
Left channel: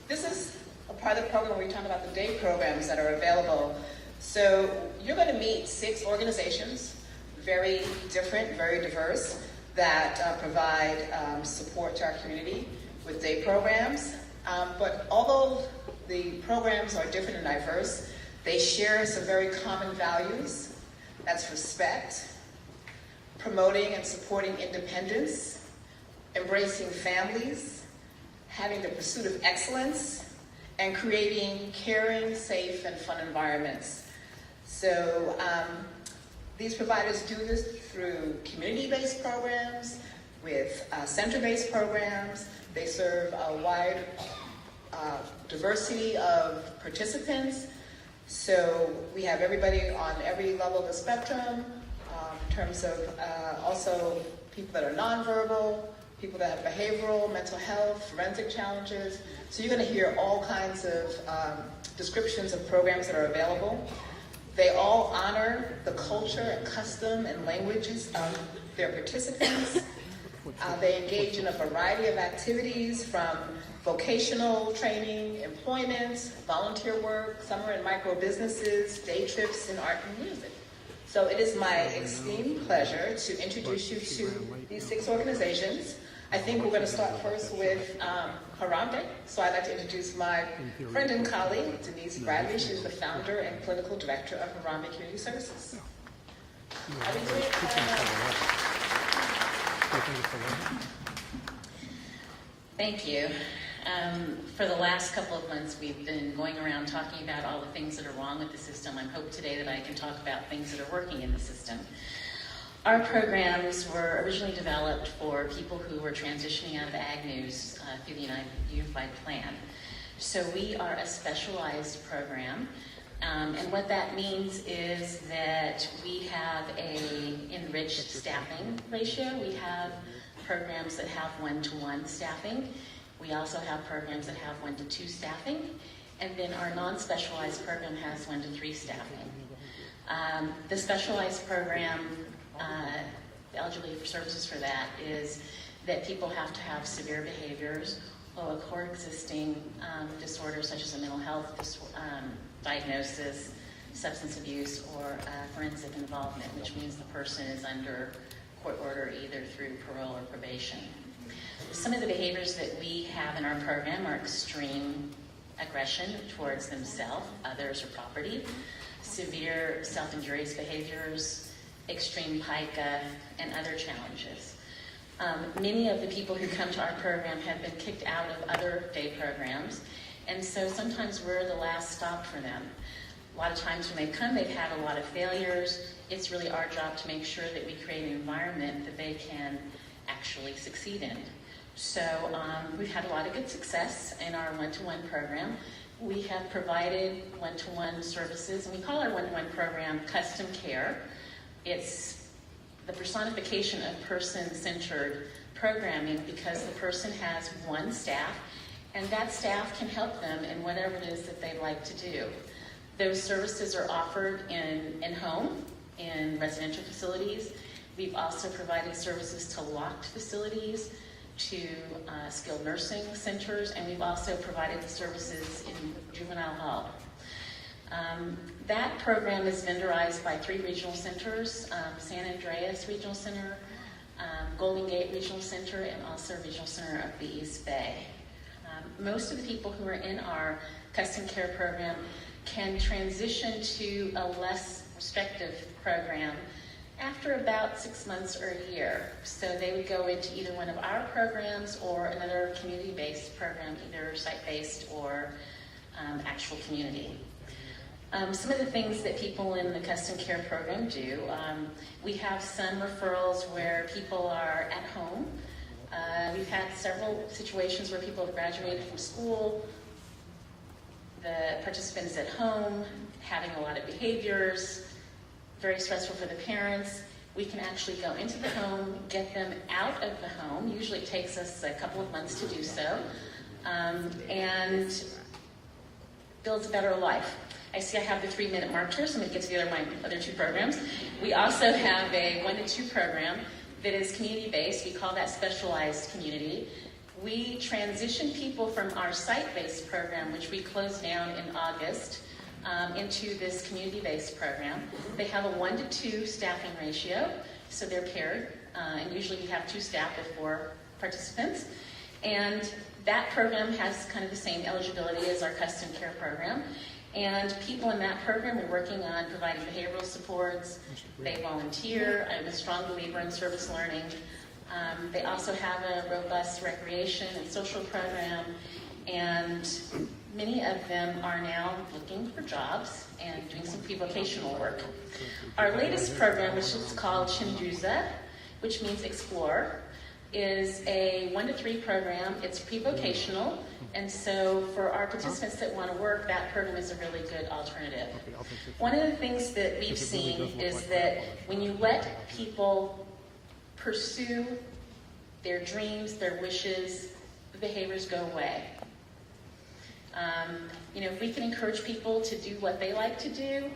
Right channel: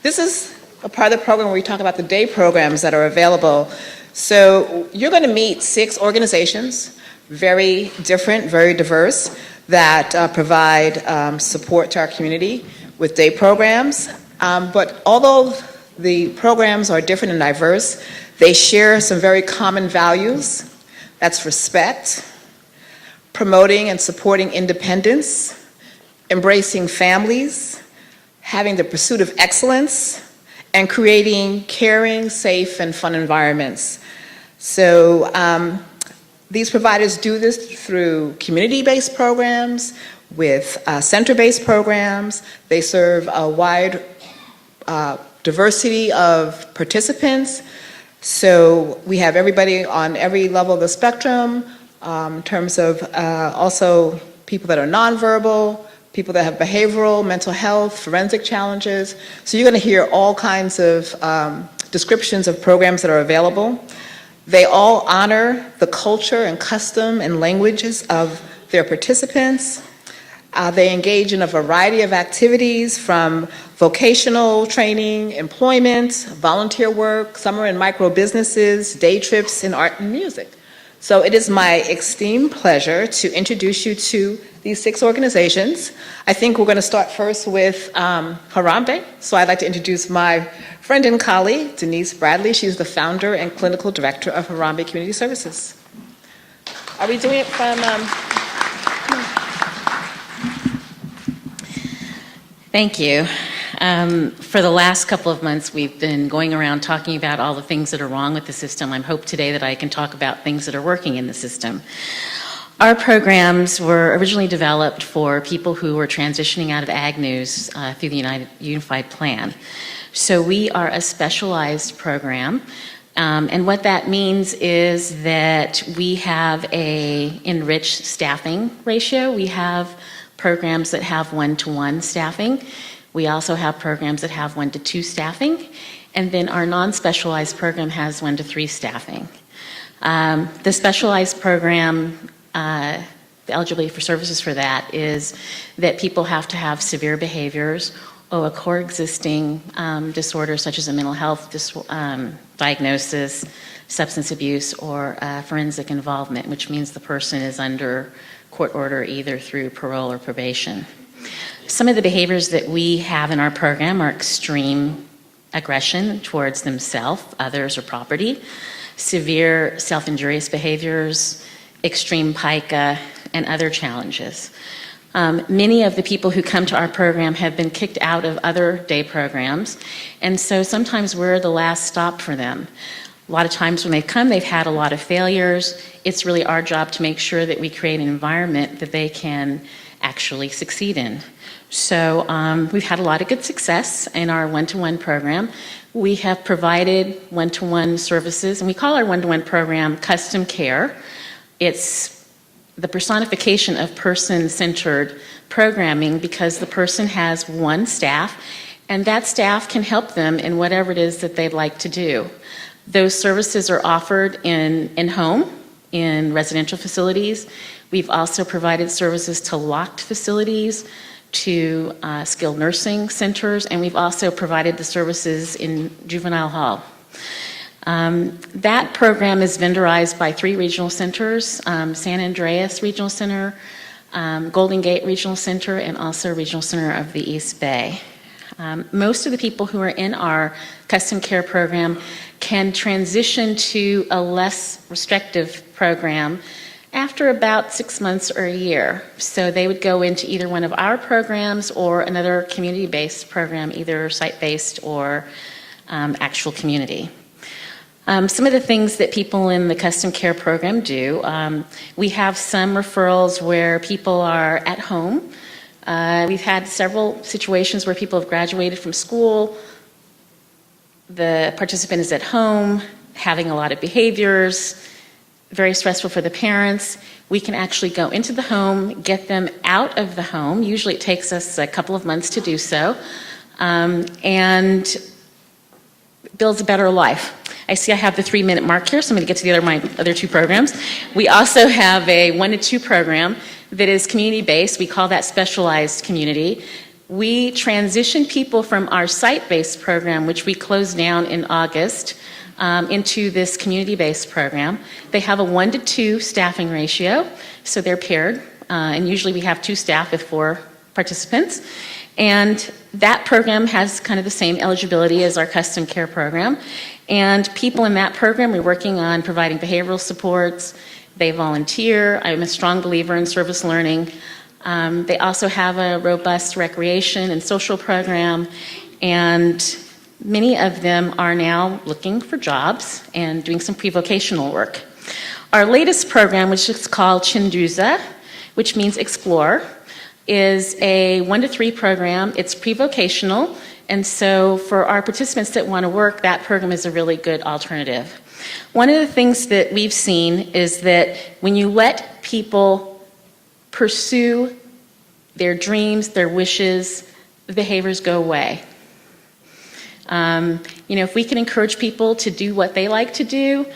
This is a part of the program where we talk about the day programs that are available. So you're going to meet 6 organizations, very different, very diverse, that provide support to our community with day programs. But although the programs are different and diverse, they share some very common values. That's respect, promoting and supporting independence, embracing families, having the pursuit of excellence, and creating caring, safe, and fun environments. So these providers do this through community-based programs, with center-based programs. They serve a wide diversity of participants. So we have everybody on every level of the spectrum, in terms of also people that are nonverbal, people that have behavioral, mental health, forensic challenges. So you're going to hear all kinds of descriptions of programs that are available. They all honor the culture and custom and languages of their participants. They engage in a variety of activities from vocational training, employment, volunteer work, summer and micro businesses, day trips in art and music. So it is my extreme pleasure to introduce you to these 6 organizations. I think we're going to start first with Harambe. So I'd like to introduce my friend and colleague, Denise Bradley. She's the founder and clinical director of Harambe Community Services. Are we doing it from... Thank you. For the last couple of months, we've been going around talking about all the things that are wrong with the system. I hope today that I can talk about things that are working in the system. Our programs were originally developed for people who were transitioning out of Ag News through the Unified Plan. So we are a specialized program. And what that means is that we have an enriched staffing ratio. We have programs that have 1-to-1 staffing. We also have programs that have 1-to-2 staffing. And then our non-specialized program has 1-to-3 staffing. The specialized program, the eligibility for services for that is that people have to have severe behaviors or a coexisting disorder such as a mental health diagnosis, substance abuse, or forensic involvement, which means the person is under court order either through parole or probation. Some of the behaviors that we have in our program are extreme aggression towards themselves, others, or property, severe self-injurious behaviors, extreme pica, and other challenges. Many of the people who come to our program have been kicked out of other day programs, and so sometimes we're the last stop for them. A lot of times when they've come, they've had a lot of failures. It's really our job to make sure that we create an environment that they can actually succeed in. So we've had a lot of good success in our 1-to-1 program. We have provided one-to-one services, and we call our one-to-one program custom care. It's the personification of person-centered programming because the person has one staff, and that staff can help them in whatever it is that they'd like to do. Those services are offered in-home, in residential facilities. We've also provided services to locked facilities, to skilled nursing centers, and we've also provided the services in juvenile hall. That program is vendorized by 3 regional centers, San Andreas Regional Center, Golden Gate Regional Center, and also Regional Center of the East Bay. Most of the people who are in our custom care program can transition to a less restrictive program after about 6 months or a year. So they would go into either one of our programs or another community-based program, either site-based or actual community. Some of the things that people in the custom care program do, we have some referrals where people are at home. We've had several situations where people have graduated from school. The participant is at home, having a lot of behaviors, very stressful for the parents. We can actually go into the home, get them out of the home. Usually it takes us a couple of months to do so, and builds a better life. I see I have the 3-minute mark here, so I'm going to get to my other 2 programs. We also have a 1 to 2 program that is community-based. We call that specialized community. We transition people from our site-based program, which we closed down in August, into this community-based program. They have a 1 to 2 staffing ratio, so they're paired, and usually we have 2 staff with 4 participants. And that program has kind of the same eligibility as our custom care program. And people in that program, we're working on providing behavioral supports. They volunteer. I'm a strong believer in service learning. They also have a robust recreation and social program, and many of them are now looking for jobs and doing some pre-vocational work. Our latest program, which is called Chinduza, which means explore, is a 1 to 3 program. It's pre-vocational, and so for our participants that want to work, that program is a really good alternative. One of the things that we've seen is that when you let people pursue their dreams, their wishes, the behaviors go away. If we can encourage people to do what they like to do,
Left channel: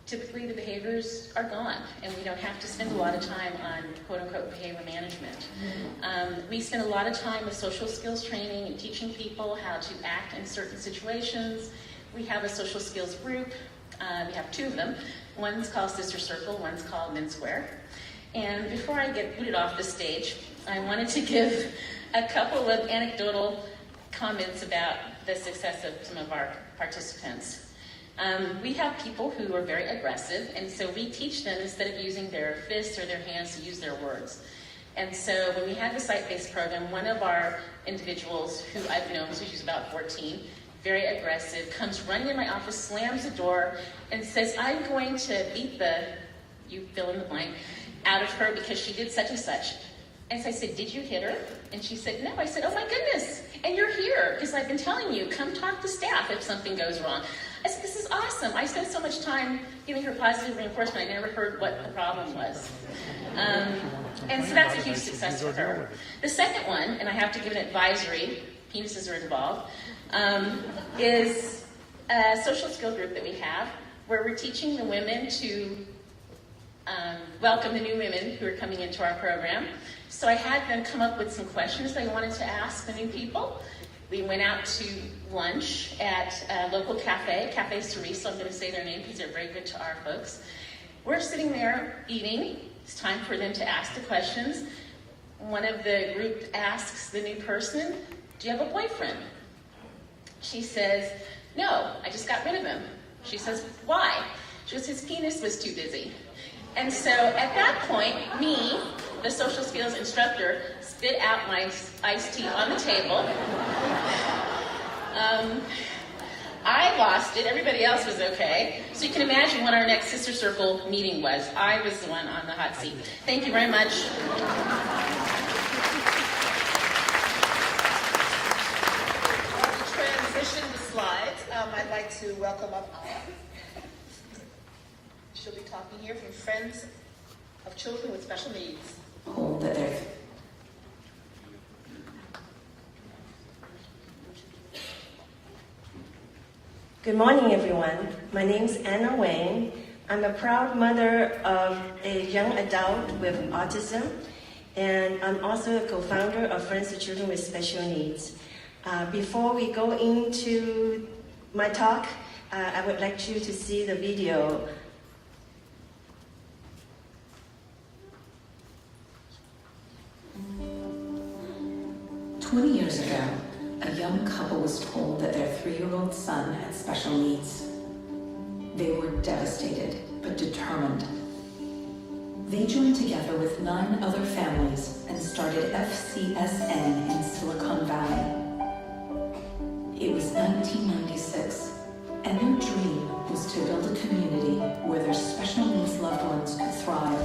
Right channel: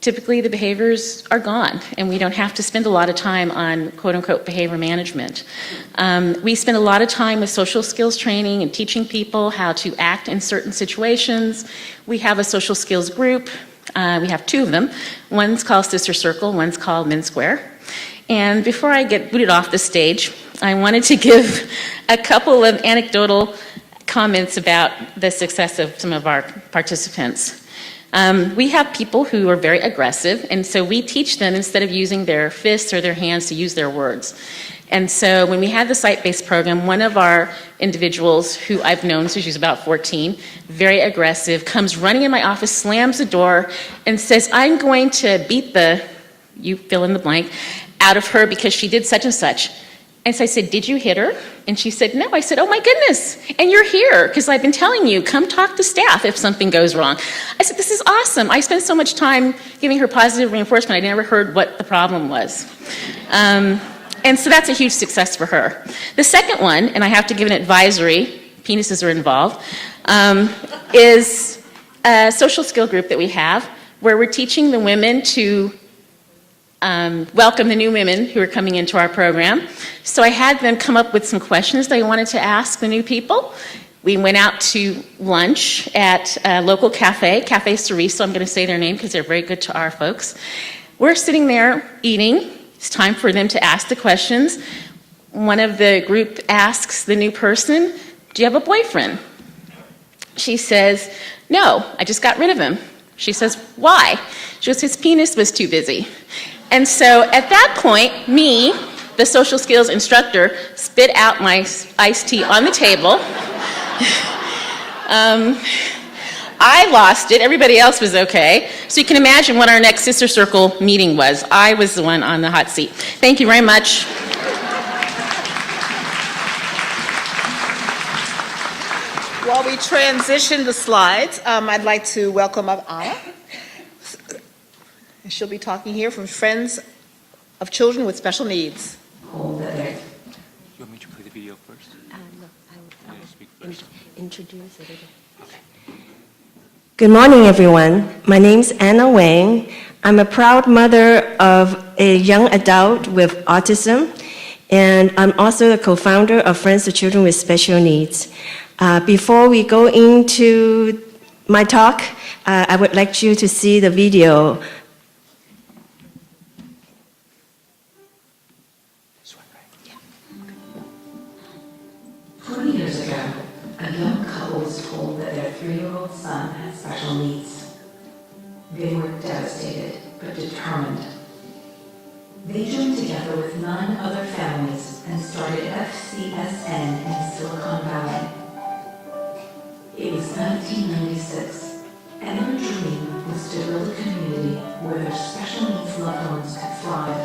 typically the behaviors are gone, and we don't have to spend a lot of time on quote-unquote behavior management. We spend a lot of time with social skills training and teaching people how to act in certain situations. We have a social skills group. We have 2 of them. One's called Sister Circle, one's called Men Square. And before I get booted off the stage, I wanted to give a couple of anecdotal comments about the success of some of our participants. We have people who are very aggressive, and so we teach them, instead of using their fists or their hands, to use their words. And so when we had the site-based program, one of our individuals, who I've known since she was about 14, very aggressive, comes running in my office, slams the door, and says, "I'm going to beat the," you fill in the blank, "out of her because she did such and such." And so I said, "Did you hit her?" And she said, "No." I said, "Oh my goodness, and you're here because I've been telling you, come talk to staff if something goes wrong." I said, "This is awesome." I spent so much time giving her positive reinforcement, I never heard what the problem was. And so that's a huge success for her. The second one, and I have to give an advisory, penises are involved, is a social skill group that we have where we're teaching the women to welcome the new women who are coming into our program. So I had them come up with some questions they wanted to ask the new people. We went out to lunch at a local cafe, Cafe Cerise, I'm going to say their name because they're very good to our folks. We're sitting there eating. It's time for them to ask the questions. One of the group asks the new person, "Do you have a boyfriend?" She says, "No, I just got rid of him." She says, "Why?" She goes, "His penis was too busy." And so at that point, me, the social skills instructor, spit out my iced tea on the table. I lost it. Everybody else was okay. So you can imagine what our next Sister Circle meeting was. I was the one on the hot seat. Thank you very much. While we transition the slides, I'd like to welcome up Anna. She'll be talking here from Friends of Children with Special Needs. Hold it there. You want me to play the video first? Introduce it. Good morning, everyone. My name's Anna Wang. I'm a proud mother of a young adult with autism, and I'm also the co-founder of Friends of Children with Special Needs. Before we go into my talk, I would like you to see the video. 20 years ago, a young couple was told that their 3-year-old son had special needs. They were devastated, but determined. They joined together with 9 other families and started FCSN in Silicon Valley. It was 1996, and their dream was to build a community where their special needs loved ones could thrive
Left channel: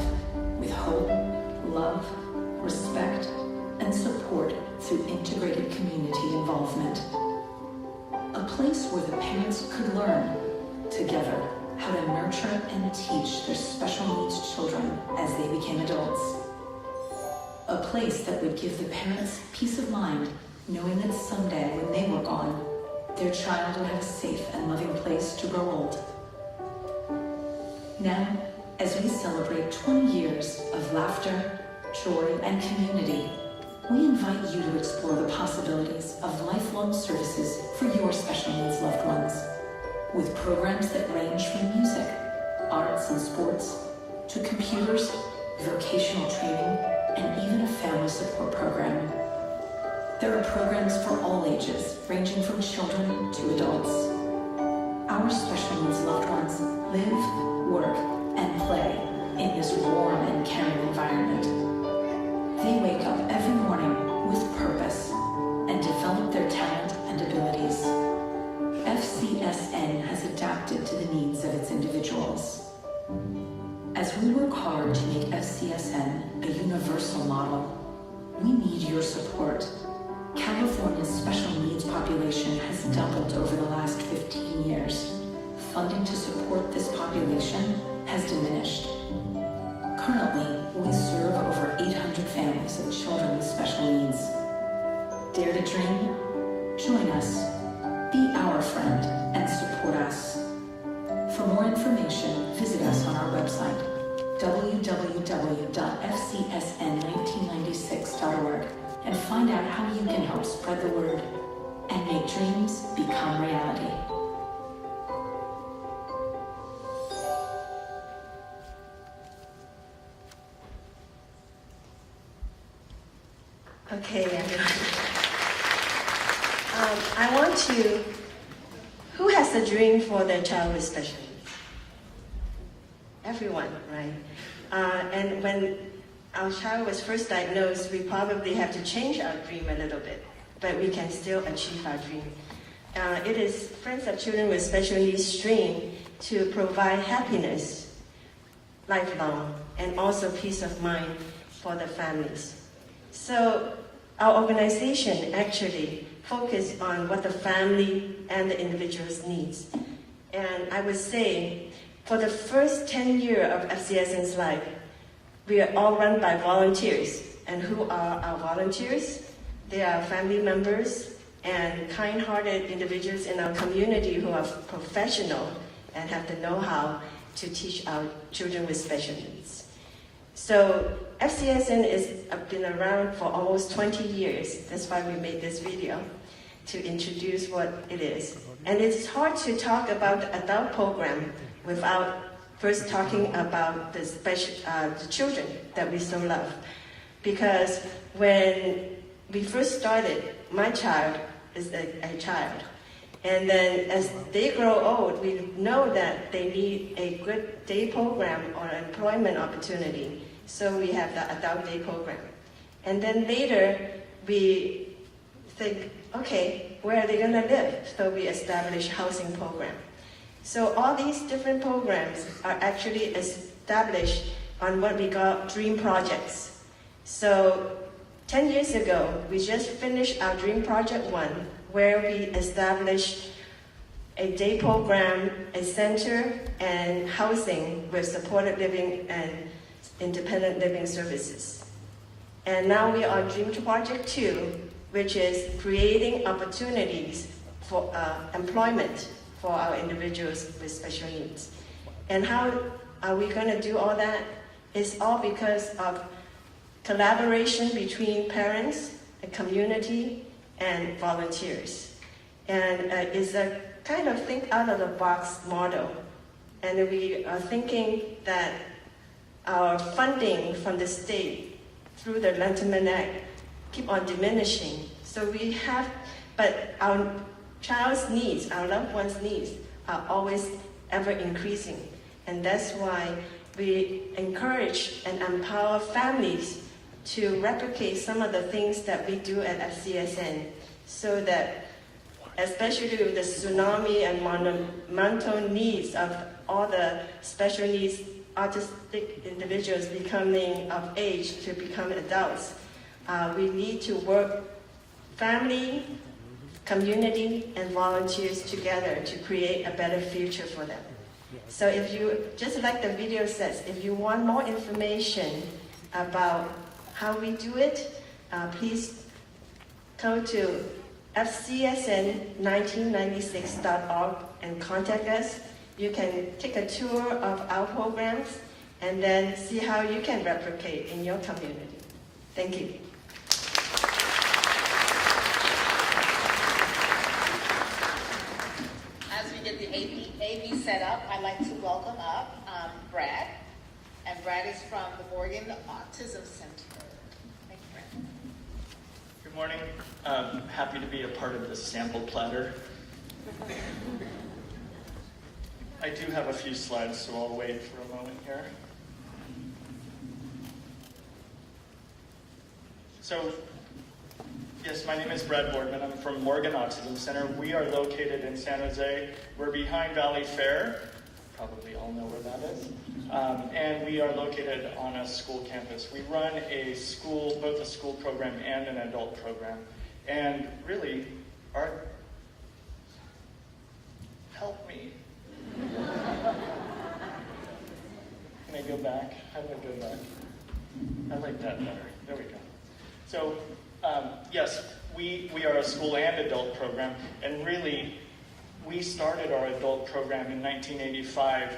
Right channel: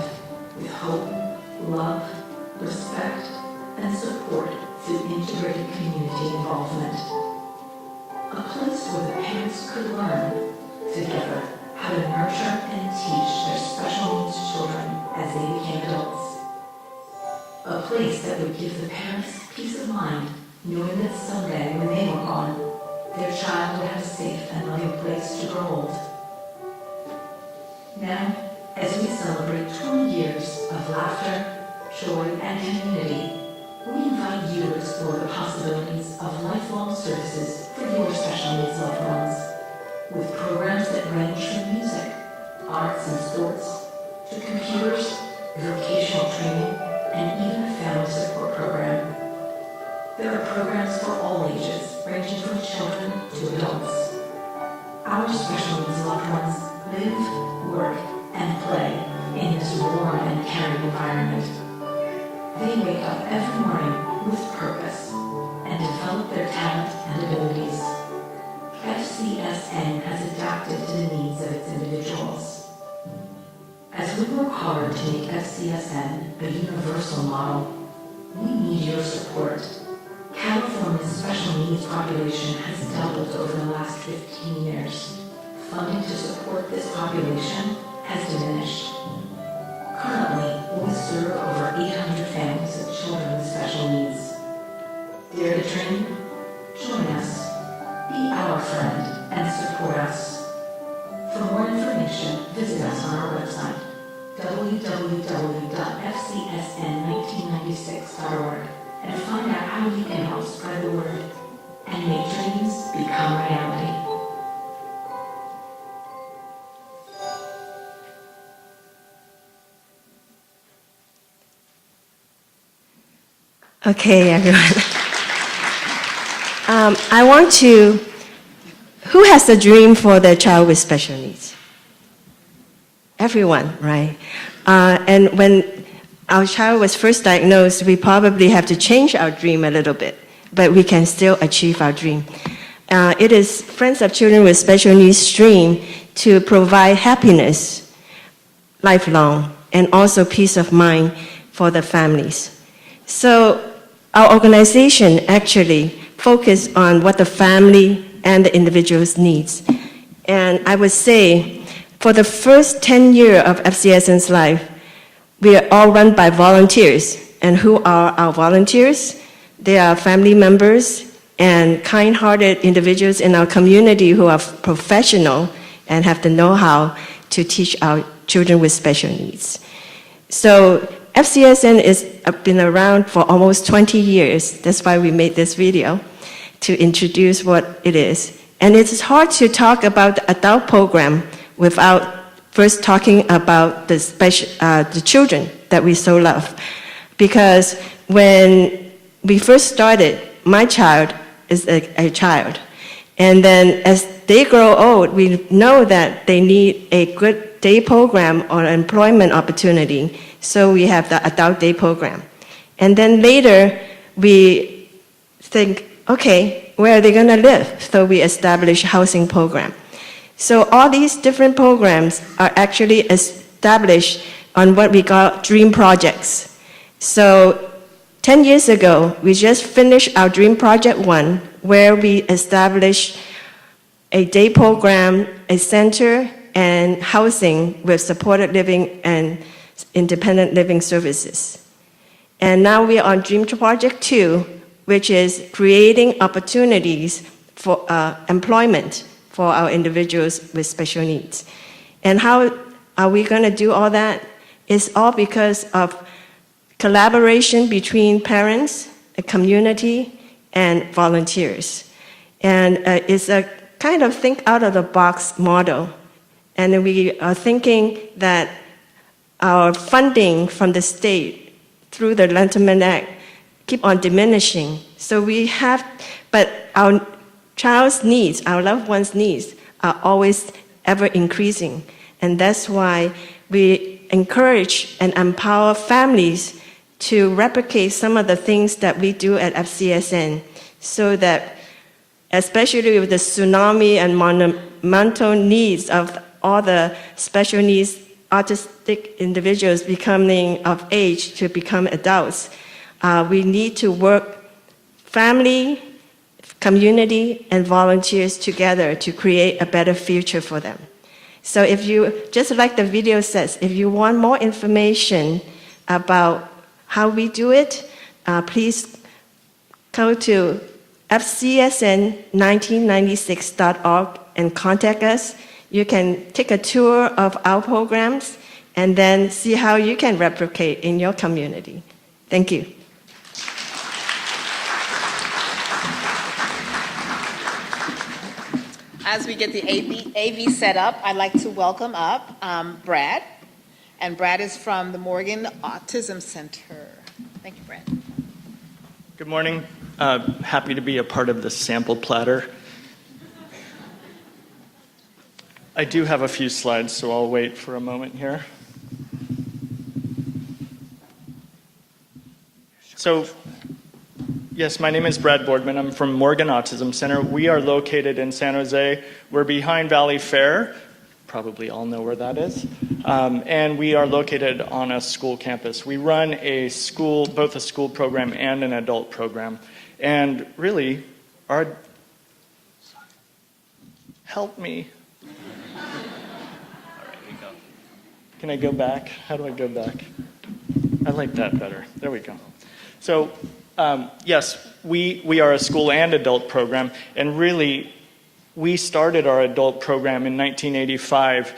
with hope, love, respect, and support through integrated community involvement. A place where the parents could learn together how to nurture and teach their special needs children as they became adults. A place that would give the parents peace of mind, knowing that someday when they were gone, their child would have a safe and loving place to grow old. Now, as we celebrate 20 years of laughter, joy, and community, we invite you to explore the possibilities of lifelong services for your special needs loved ones, with programs that range from music, arts and sports, to computers, vocational training, and even a family support program. There are programs for all ages, ranging from children to adults. Our special needs loved ones live, work, and play in this warm and caring environment. They wake up every morning with purpose and develop their talent and abilities. FCSN has adapted to the needs of its individuals. As we work hard to make FCSN a universal model, we need your support. California's special needs population has doubled over the last 15 years. Funding to support this population has diminished. Currently, we serve over 800 families of children with special needs. Dare to dream? Join us. Be our friend and support us. For more information, visit us on our website, www.fcsn1996.org, and find out how you can help spread the word and make dreams become reality. Okay, everyone. I want to, who has a dream for their child with special needs? Everyone, right? And when our child was first diagnosed, we probably have to change our dream a little bit, but we can still achieve our dream. It is Friends of Children with Special Needs' dream to provide happiness lifelong and also peace of mind for the families. So our organization actually focuses on what the family and the individuals needs. And I would say for the first 10 years of FCSN's life, we are all run by volunteers. And who are our volunteers? They are family members and kind-hearted individuals in our community who are professional and have the know-how to teach our children with special needs. So FCSN has been around for almost 20 years. That's why we made this video, to introduce what it is. And it's hard to talk about the adult program without first talking about the children that we so love. Because when we first started, my child is a child. And then as they grow old, we know that they need a good day program or employment opportunity. So we have the adult day program. And then later, we think, okay, where are they going to live? So we establish housing program. So all these different programs are actually established on what we call dream projects. So 10 years ago, we just finished our dream project 1, where we establish a day program, a center, and housing with supported living and independent living services. And now we are on Dream Project 2, which is creating opportunities for employment for our individuals with special needs. And how are we going to do all that? It's all because of collaboration between parents, a community, and volunteers. And it's a kind of think out of the box model. And we are thinking that our funding from the state through the Lentiment Act keep on diminishing. So we have, but our child's needs, our loved ones' needs are always ever increasing. And that's why we encourage and empower families to replicate some of the things that we do at FCSN, so that, especially with the tsunami and monumental needs of all the special needs autistic individuals becoming of age to become adults, we need to work family, community, and volunteers together to create a better future for them. So if you, just like the video says, if you want more information about how we do it, please go to fcsn1996.org and contact us. You can take a tour of our programs and then see how you can replicate in your community. Thank you. As we get the AV set up, I'd like to welcome up Brad. And Brad is from the Morgan Autism Center. Thank you, Brad. Good morning. Happy to be a part of this sample platter. I do have a few slides, so I'll wait for a moment here. So, yes, my name is Brad Boardman. I'm from Morgan Autism Center. We are located in San Jose. We're behind Valley Fair. Probably all know where that is. And we are located on a school campus. We run a school, both a school program and an adult program. And really, help me. Can I go back? How do I go back? I like that better. There we go. So, yes, we are a school and adult program, and really, we started our adult program in 1985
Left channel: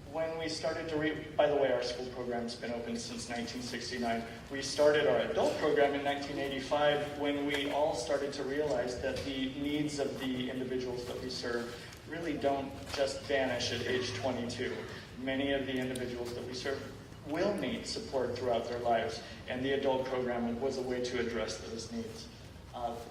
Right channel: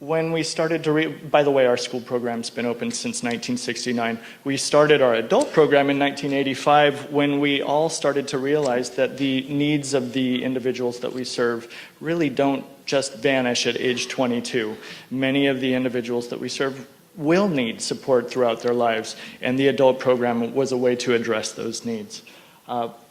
when we started to by the way, our school program's been open since 1969. We started our adult program in 1985 when we all started to realize that the needs of the individuals that we serve really don't just vanish at age 22. Many of the individuals that we serve will need support throughout their lives, and the adult program was a way to address those needs.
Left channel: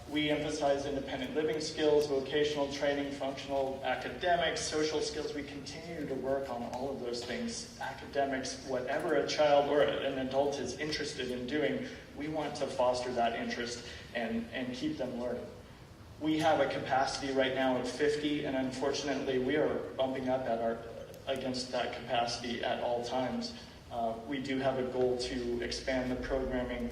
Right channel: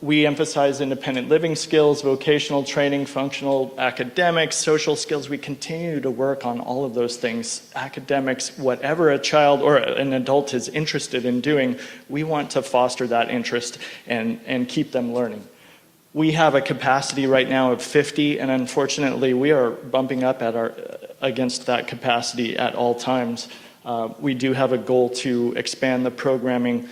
We emphasize independent living skills, vocational training, functional academics, social skills. We continue to work on all of those things. Academics, whatever a child or an adult is interested in doing, we want to foster that interest and keep them learning. We have a capacity right now of 50, and unfortunately, we are bumping up against that capacity at all times. We do have a goal to expand the programming.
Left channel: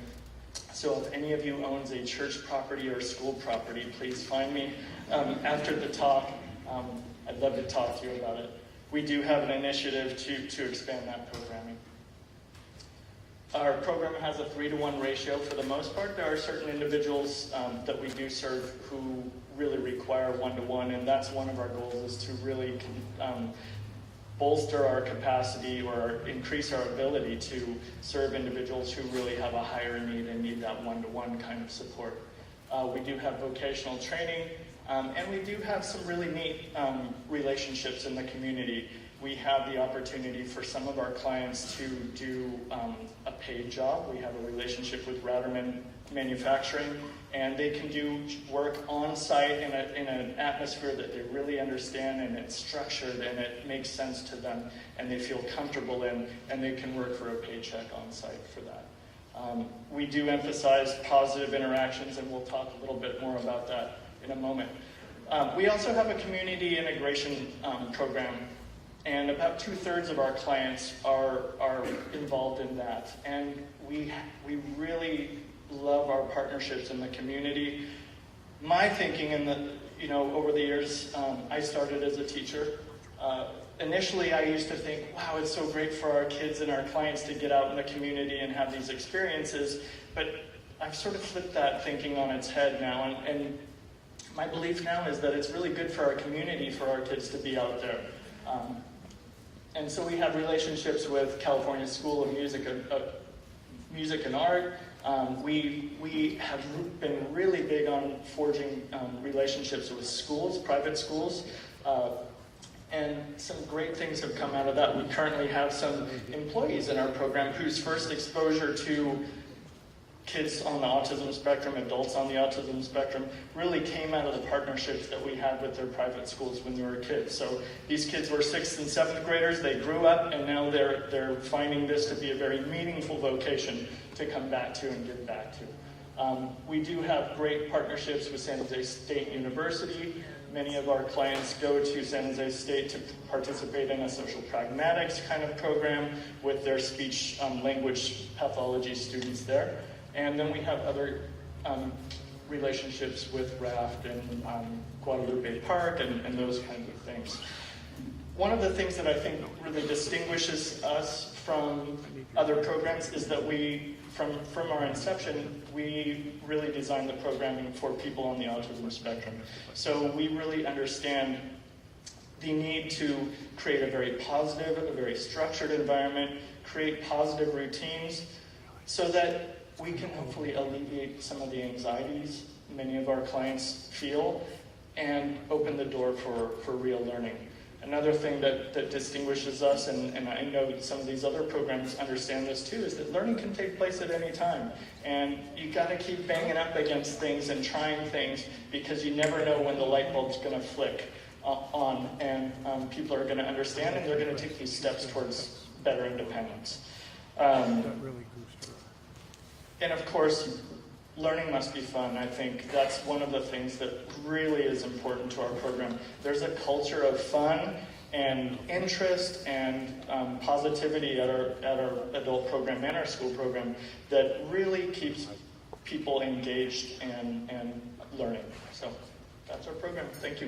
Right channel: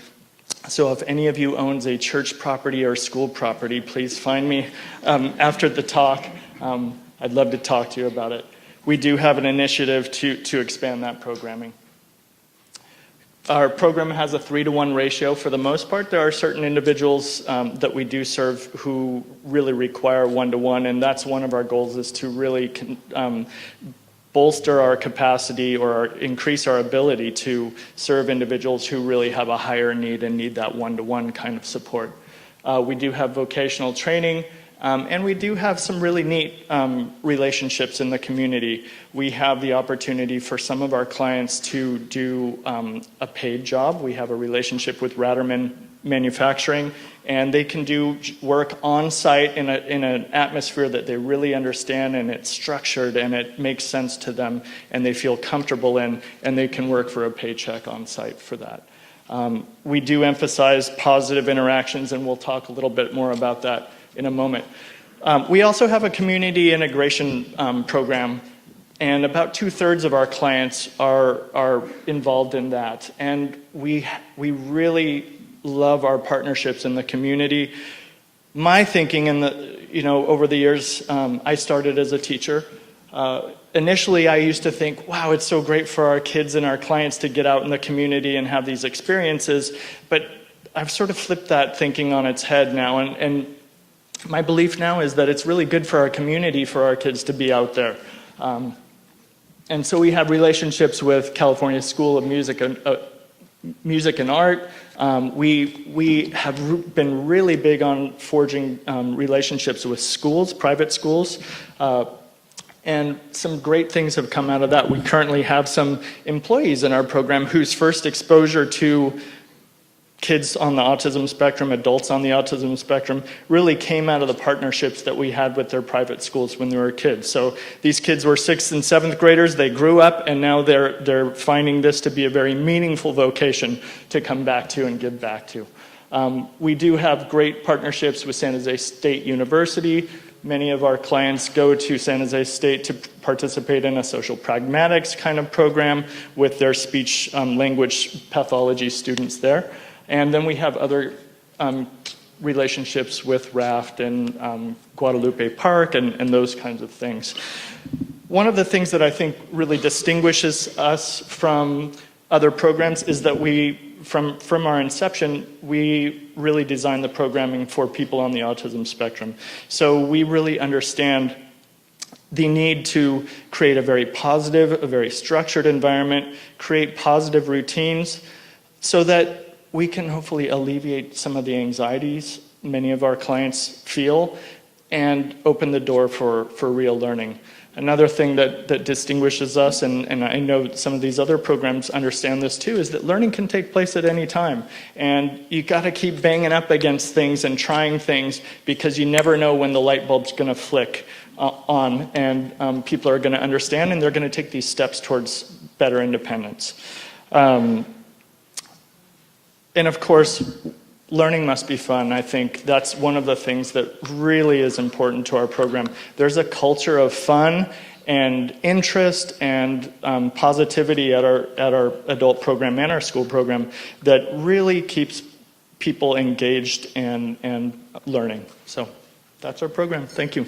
So if any of you owns a church property or school property, please find me after the talk. I'd love to talk to you about it. We do have an initiative to expand that programming. Our program has a 3-to-1 ratio for the most part. There are certain individuals that we do serve who really require 1-to-1, and that's one of our goals, is to really bolster our capacity or increase our ability to serve individuals who really have a higher need and need that 1-to-1 kind of support. We do have vocational training, and we do have some really neat relationships in the community. We have the opportunity for some of our clients to do a paid job. We have a relationship with Ratterman Manufacturing, and they can do work on site in an atmosphere that they really understand, and it's structured and it makes sense to them and they feel comfortable in, and they can work for a paycheck on site for that. We do emphasize positive interactions, and we'll talk a little bit more about that in a moment. We also have a community integration program, and about 2/3 of our clients are involved in that, and we really love our partnerships in the community. my thinking in the, over the years, I started as a teacher. Initially, I used to think, wow, it's so great for our kids and our clients to get out in the community and have these experiences. But I've sort of flipped that thinking on its head now. And my belief now is that it's really good for our community, for our kids to be out there. And so we have relationships with California School of Music and Art. We have been really big on forging relationships with schools, private schools. And some great things have come out of that. We currently have some employees in our program whose first exposure to kids on the autism spectrum, adults on the autism spectrum, really came out of the partnerships that we had with their private schools when they were kids. So these kids were 6th and 7th graders, they grew up, and now they're finding this to be a very meaningful vocation to come back to and give back to. We do have great partnerships with San Jose State University. Many of our clients go to San Jose State to participate in a social pragmatics kind of program with their speech language pathology students there. And then we have other relationships with Raft and Guadalupe Park and those kinds of things. One of the things that I think really distinguishes us from other programs is that from our inception, we really designed the programming for people on the autism spectrum. So we really understand the need to create a very positive, a very structured environment, create positive routines so that we can hopefully alleviate some of the anxieties many of our clients feel and open the door for real learning. Another thing that distinguishes us, and I know some of these other programs understand this too, is that learning can take place at any time. And you got to keep banging up against things and trying things because you never know when the light bulb's going to flick on and people are going to understand and they're going to take these steps towards better independence. And of course, learning must be fun. I think that's one of the things that really is important to our program. There's a culture of fun and interest and positivity at our adult program and our school program that really keeps people engaged and learning. So that's our program. Thank you.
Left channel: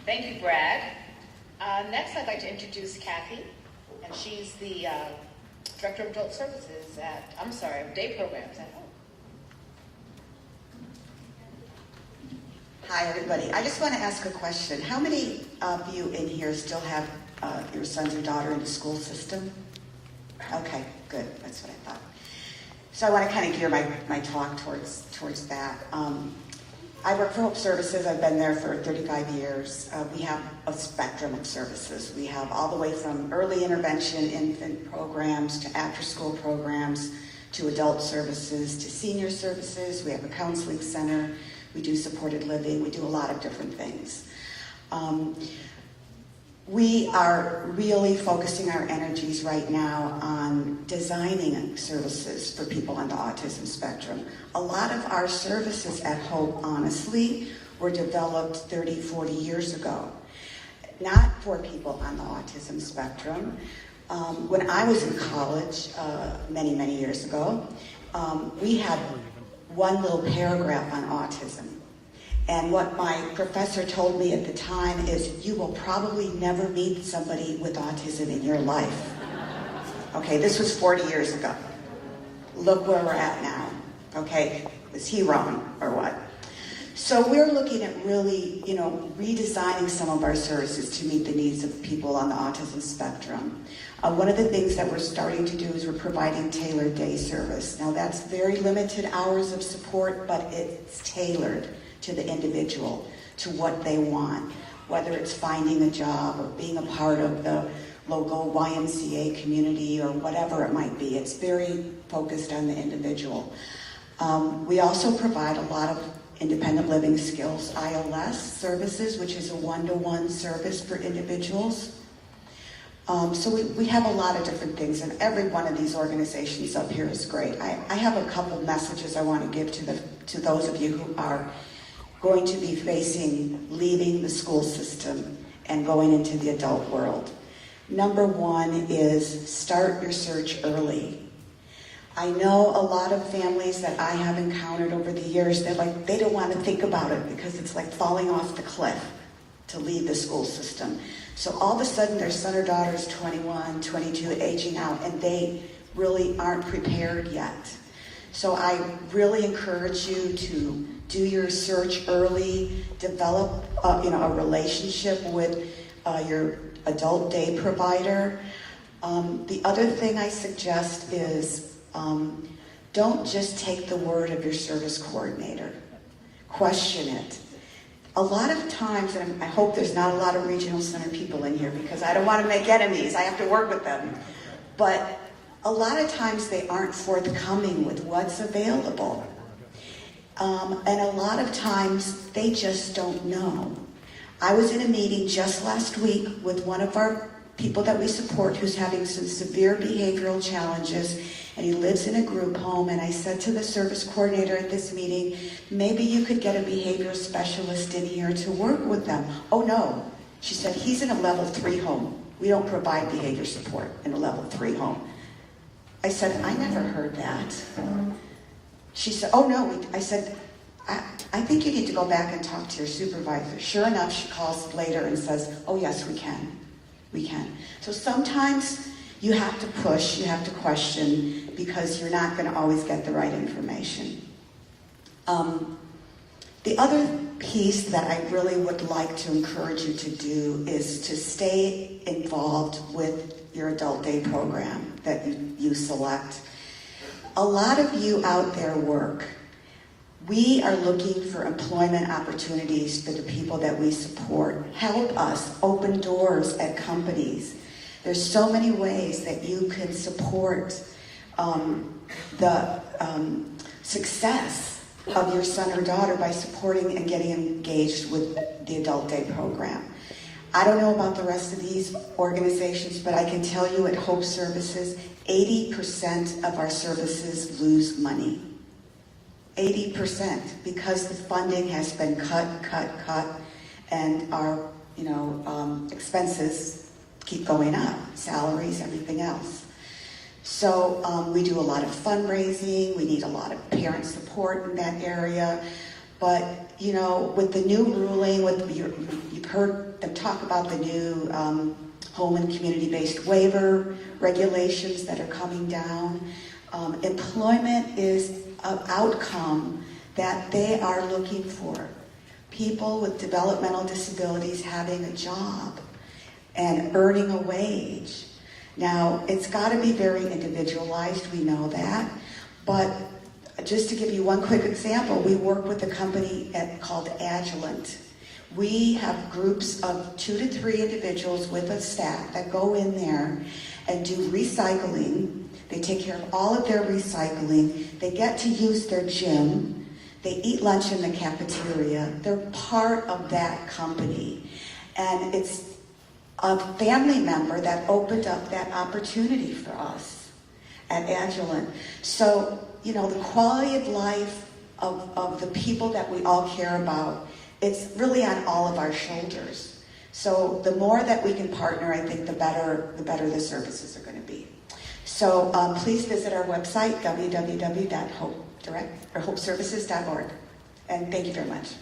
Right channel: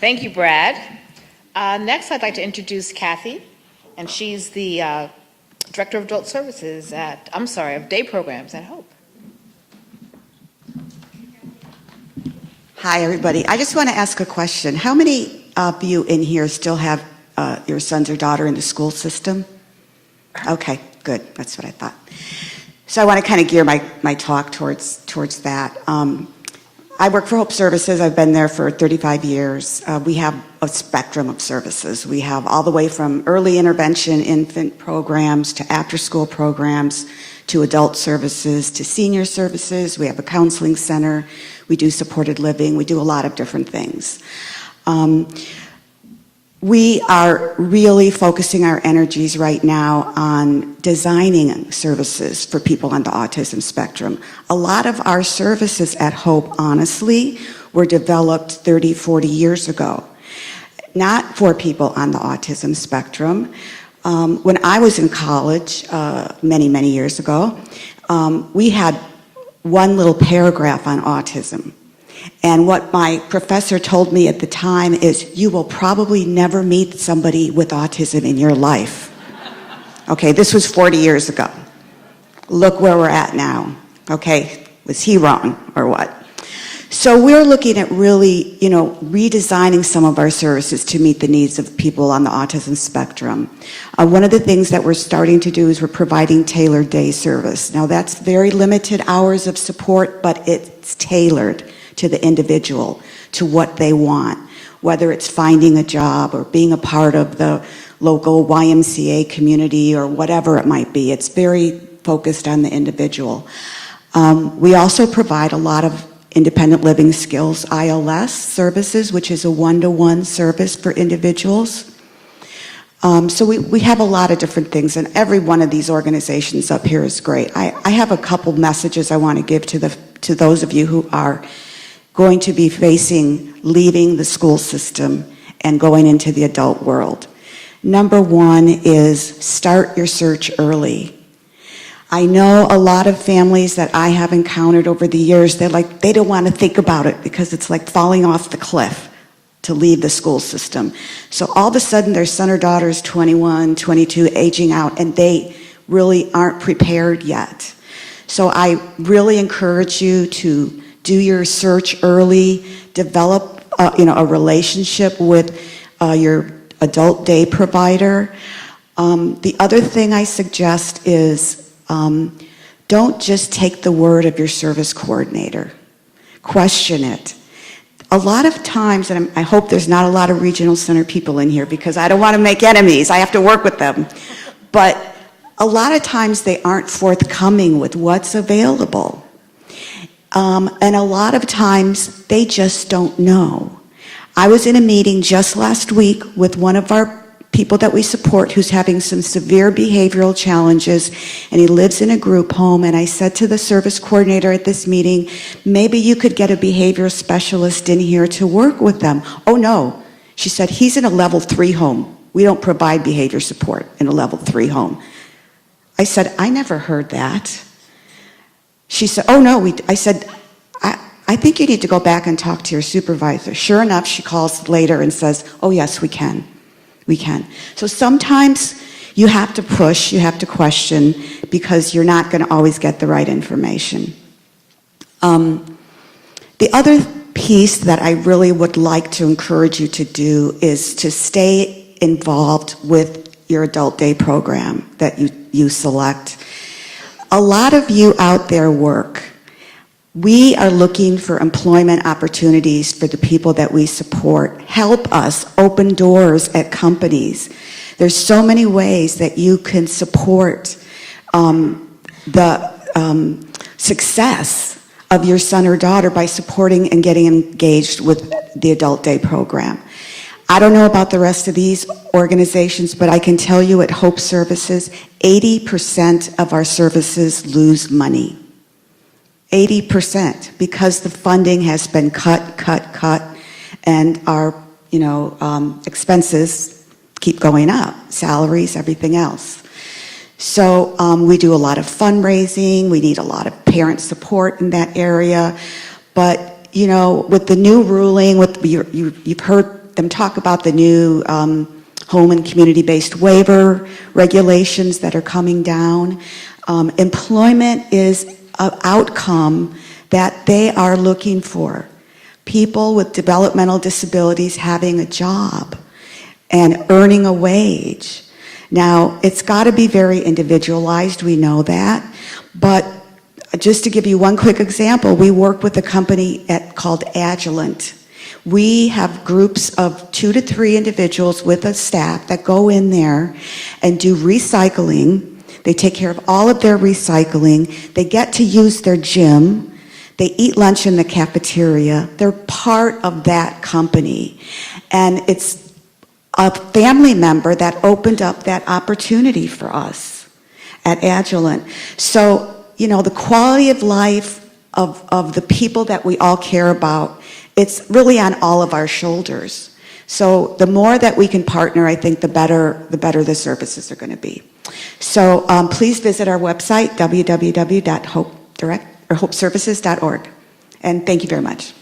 Thank you, Brad. Next, I'd like to introduce Kathy, and she's the Director of Adult Services of Day Programs at Hope. Hi, everybody. I just want to ask a question. How many of you in here still have your sons or daughter in the school system? Okay, good. That's what I thought. So I want to kind of gear my talk towards that. I work for Hope Services. I've been there for 35 years. We have a spectrum of services. We have all the way from early intervention, infant programs, to after-school programs, to adult services, to senior services. We have a counseling center. We do supported living. We do a lot of different things. We are really focusing our energies right now on designing services for people on the autism spectrum. A lot of our services at Hope, honestly, were developed 30, 40 years ago, not for people on the autism spectrum. When I was in college many, many years ago, we had one little paragraph on autism. And what my professor told me at the time is, you will probably never meet somebody with autism in your life. Okay, this was 40 years ago. Look where we're at now. Okay, was he wrong or what? So we're looking at really, redesigning some of our services to meet the needs of people on the autism spectrum. One of the things that we're starting to do is we're providing tailored day service. Now that's very limited hours of support, but it's tailored to the individual, to what they want, whether it's finding a job or being a part of the local YMCA community or whatever it might be. It's very focused on the individual. We also provide a lot of independent living skills ILS services, which is a one-to-one service for individuals. So we have a lot of different things, and every one of these organizations up here is great. I have a couple messages I want to give to those of you who are going to be leaving the school system and going into the adult world. Number one is start your search early. I know a lot of families that I have encountered over the years, they don't want to think about it because it's like falling off the cliff to leave the school system. So all of a sudden their son or daughter is 21, 22, aging out, and they really aren't prepared yet. So I really encourage you to do your search early, develop a relationship with your adult day provider. The other thing I suggest is don't just take the word of your service coordinator. Question it. A lot of times, and I hope there's not a lot of regional center people in here because I don't want to make enemies. I have to work with them. But a lot of times they aren't forthcoming with what's available. And a lot of times they just don't know. I was in a meeting just last week with one of our people that we support who's having some severe behavioral challenges, and he lives in a group home, and I said to the service coordinator at this meeting, maybe you could get a behavior specialist in here to work with them. Oh no, she said, he's in a level 3 home. We don't provide behavior support in a level 3 home. I said, I never heard that. She said, oh no, I said, I think you need to go back and talk to your supervisor. Sure enough, she calls later and says, oh yes, we can. We can. So sometimes you have to push, you have to question, because you're not going to always get the right information. The other piece that I really would like to encourage you to do is to stay involved with your adult day program that you select. A lot of you out there work. We are looking for employment opportunities for the people that we support. Help us open doors at companies. There's so many ways that you can support the success of your son or daughter by supporting and getting engaged with the Adult Day program. I don't know about the rest of these organizations, but I can tell you at Hope Services, 80% of our services lose money. 80%, because the funding has been cut, and our expenses keep going up, salaries, everything else. So we do a lot of fundraising, we need a lot of parent support in that area, but with the new ruling, you've heard them talk about the new home and community-based waiver regulations that are coming down. Employment is an outcome that they are looking for. People with developmental disabilities having a job and earning a wage. Now, it's got to be very individualized, we know that, but just to give you one quick example, we work with a company called Agilent. We have groups of 2 to 3 individuals with a staff that go in there and do recycling. They take care of all of their recycling. They get to use their gym. They eat lunch in the cafeteria. They're part of that company. And it's a family member that opened up that opportunity for us at Agilent. So, the quality of life of the people that we all care about, it's really on all of our shoulders. So the more that we can partner, I think the better the services are going to be. So please visit our website, www.hopeservices.org. And thank you very much.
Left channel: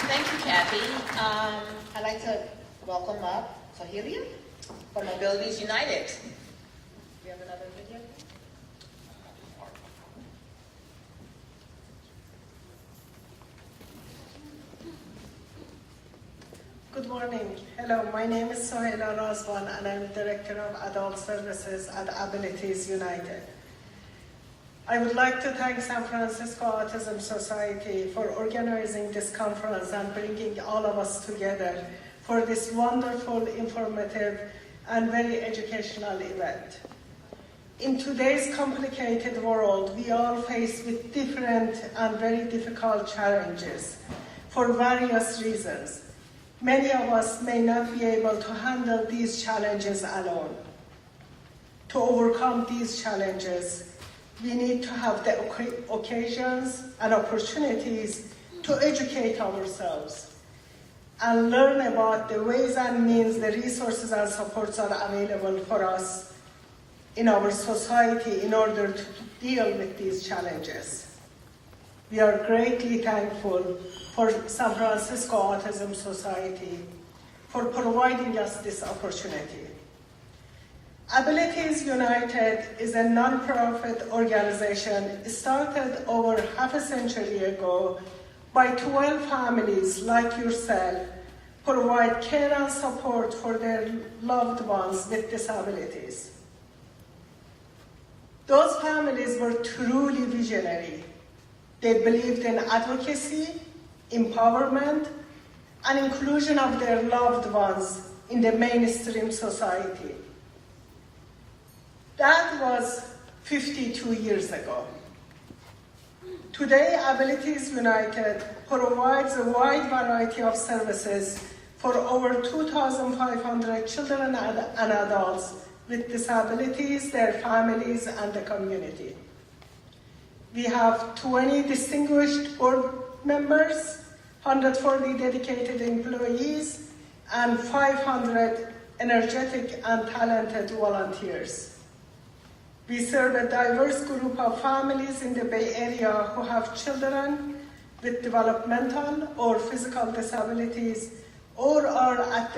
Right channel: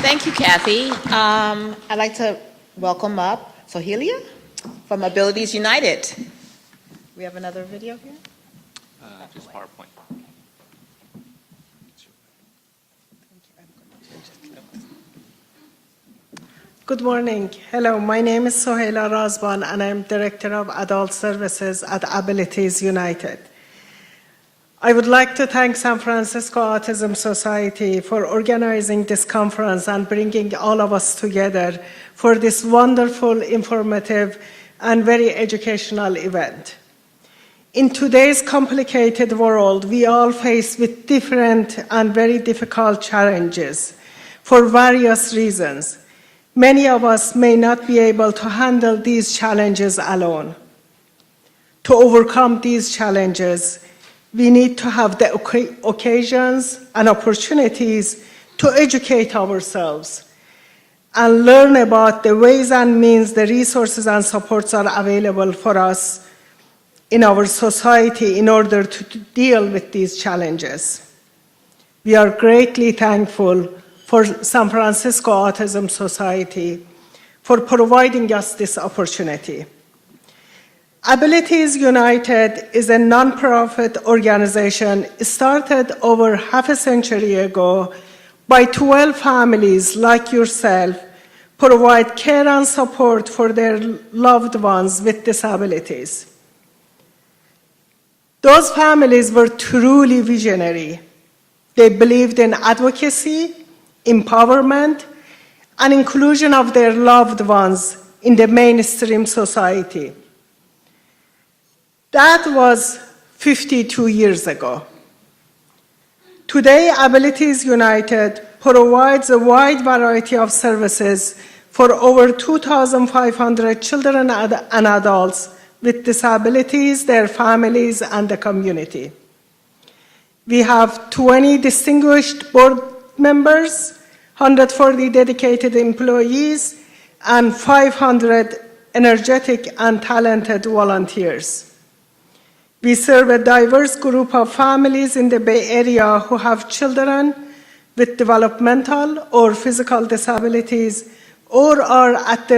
Thank you, Kathy. I'd like to welcome up Sohelia from Abilities United. We have another video here? Just PowerPoint. Good morning. Hello, my name is Soheila Razban, and I'm Director of Adult Services at Abilities United. I would like to thank San Francisco Autism Society for organizing this conference and bringing all of us together for this wonderful, informative, and very educational event. In today's complicated world, we all face with different and very difficult challenges for various reasons. Many of us may not be able to handle these challenges alone. To overcome these challenges, we need to have the occasions and opportunities to educate ourselves and learn about the ways and means, the resources and supports are available for us in our society in order to deal with these challenges. We are greatly thankful for San Francisco Autism Society for providing us this opportunity. Abilities United is a nonprofit organization started over half a century ago by 12 families like yourself, provide care and support for their loved ones with disabilities. Those families were truly visionary. They believed in advocacy, empowerment, and inclusion of their loved ones in the mainstream society. That was 52 years ago. Today, Abilities United provides a wide variety of services for over 2,500 children and adults with disabilities, their families, and the community. We have 20 distinguished board members, 140 dedicated employees, and 500 energetic and talented volunteers. We serve a diverse group of families in the Bay Area who have children with developmental or physical disabilities or are at the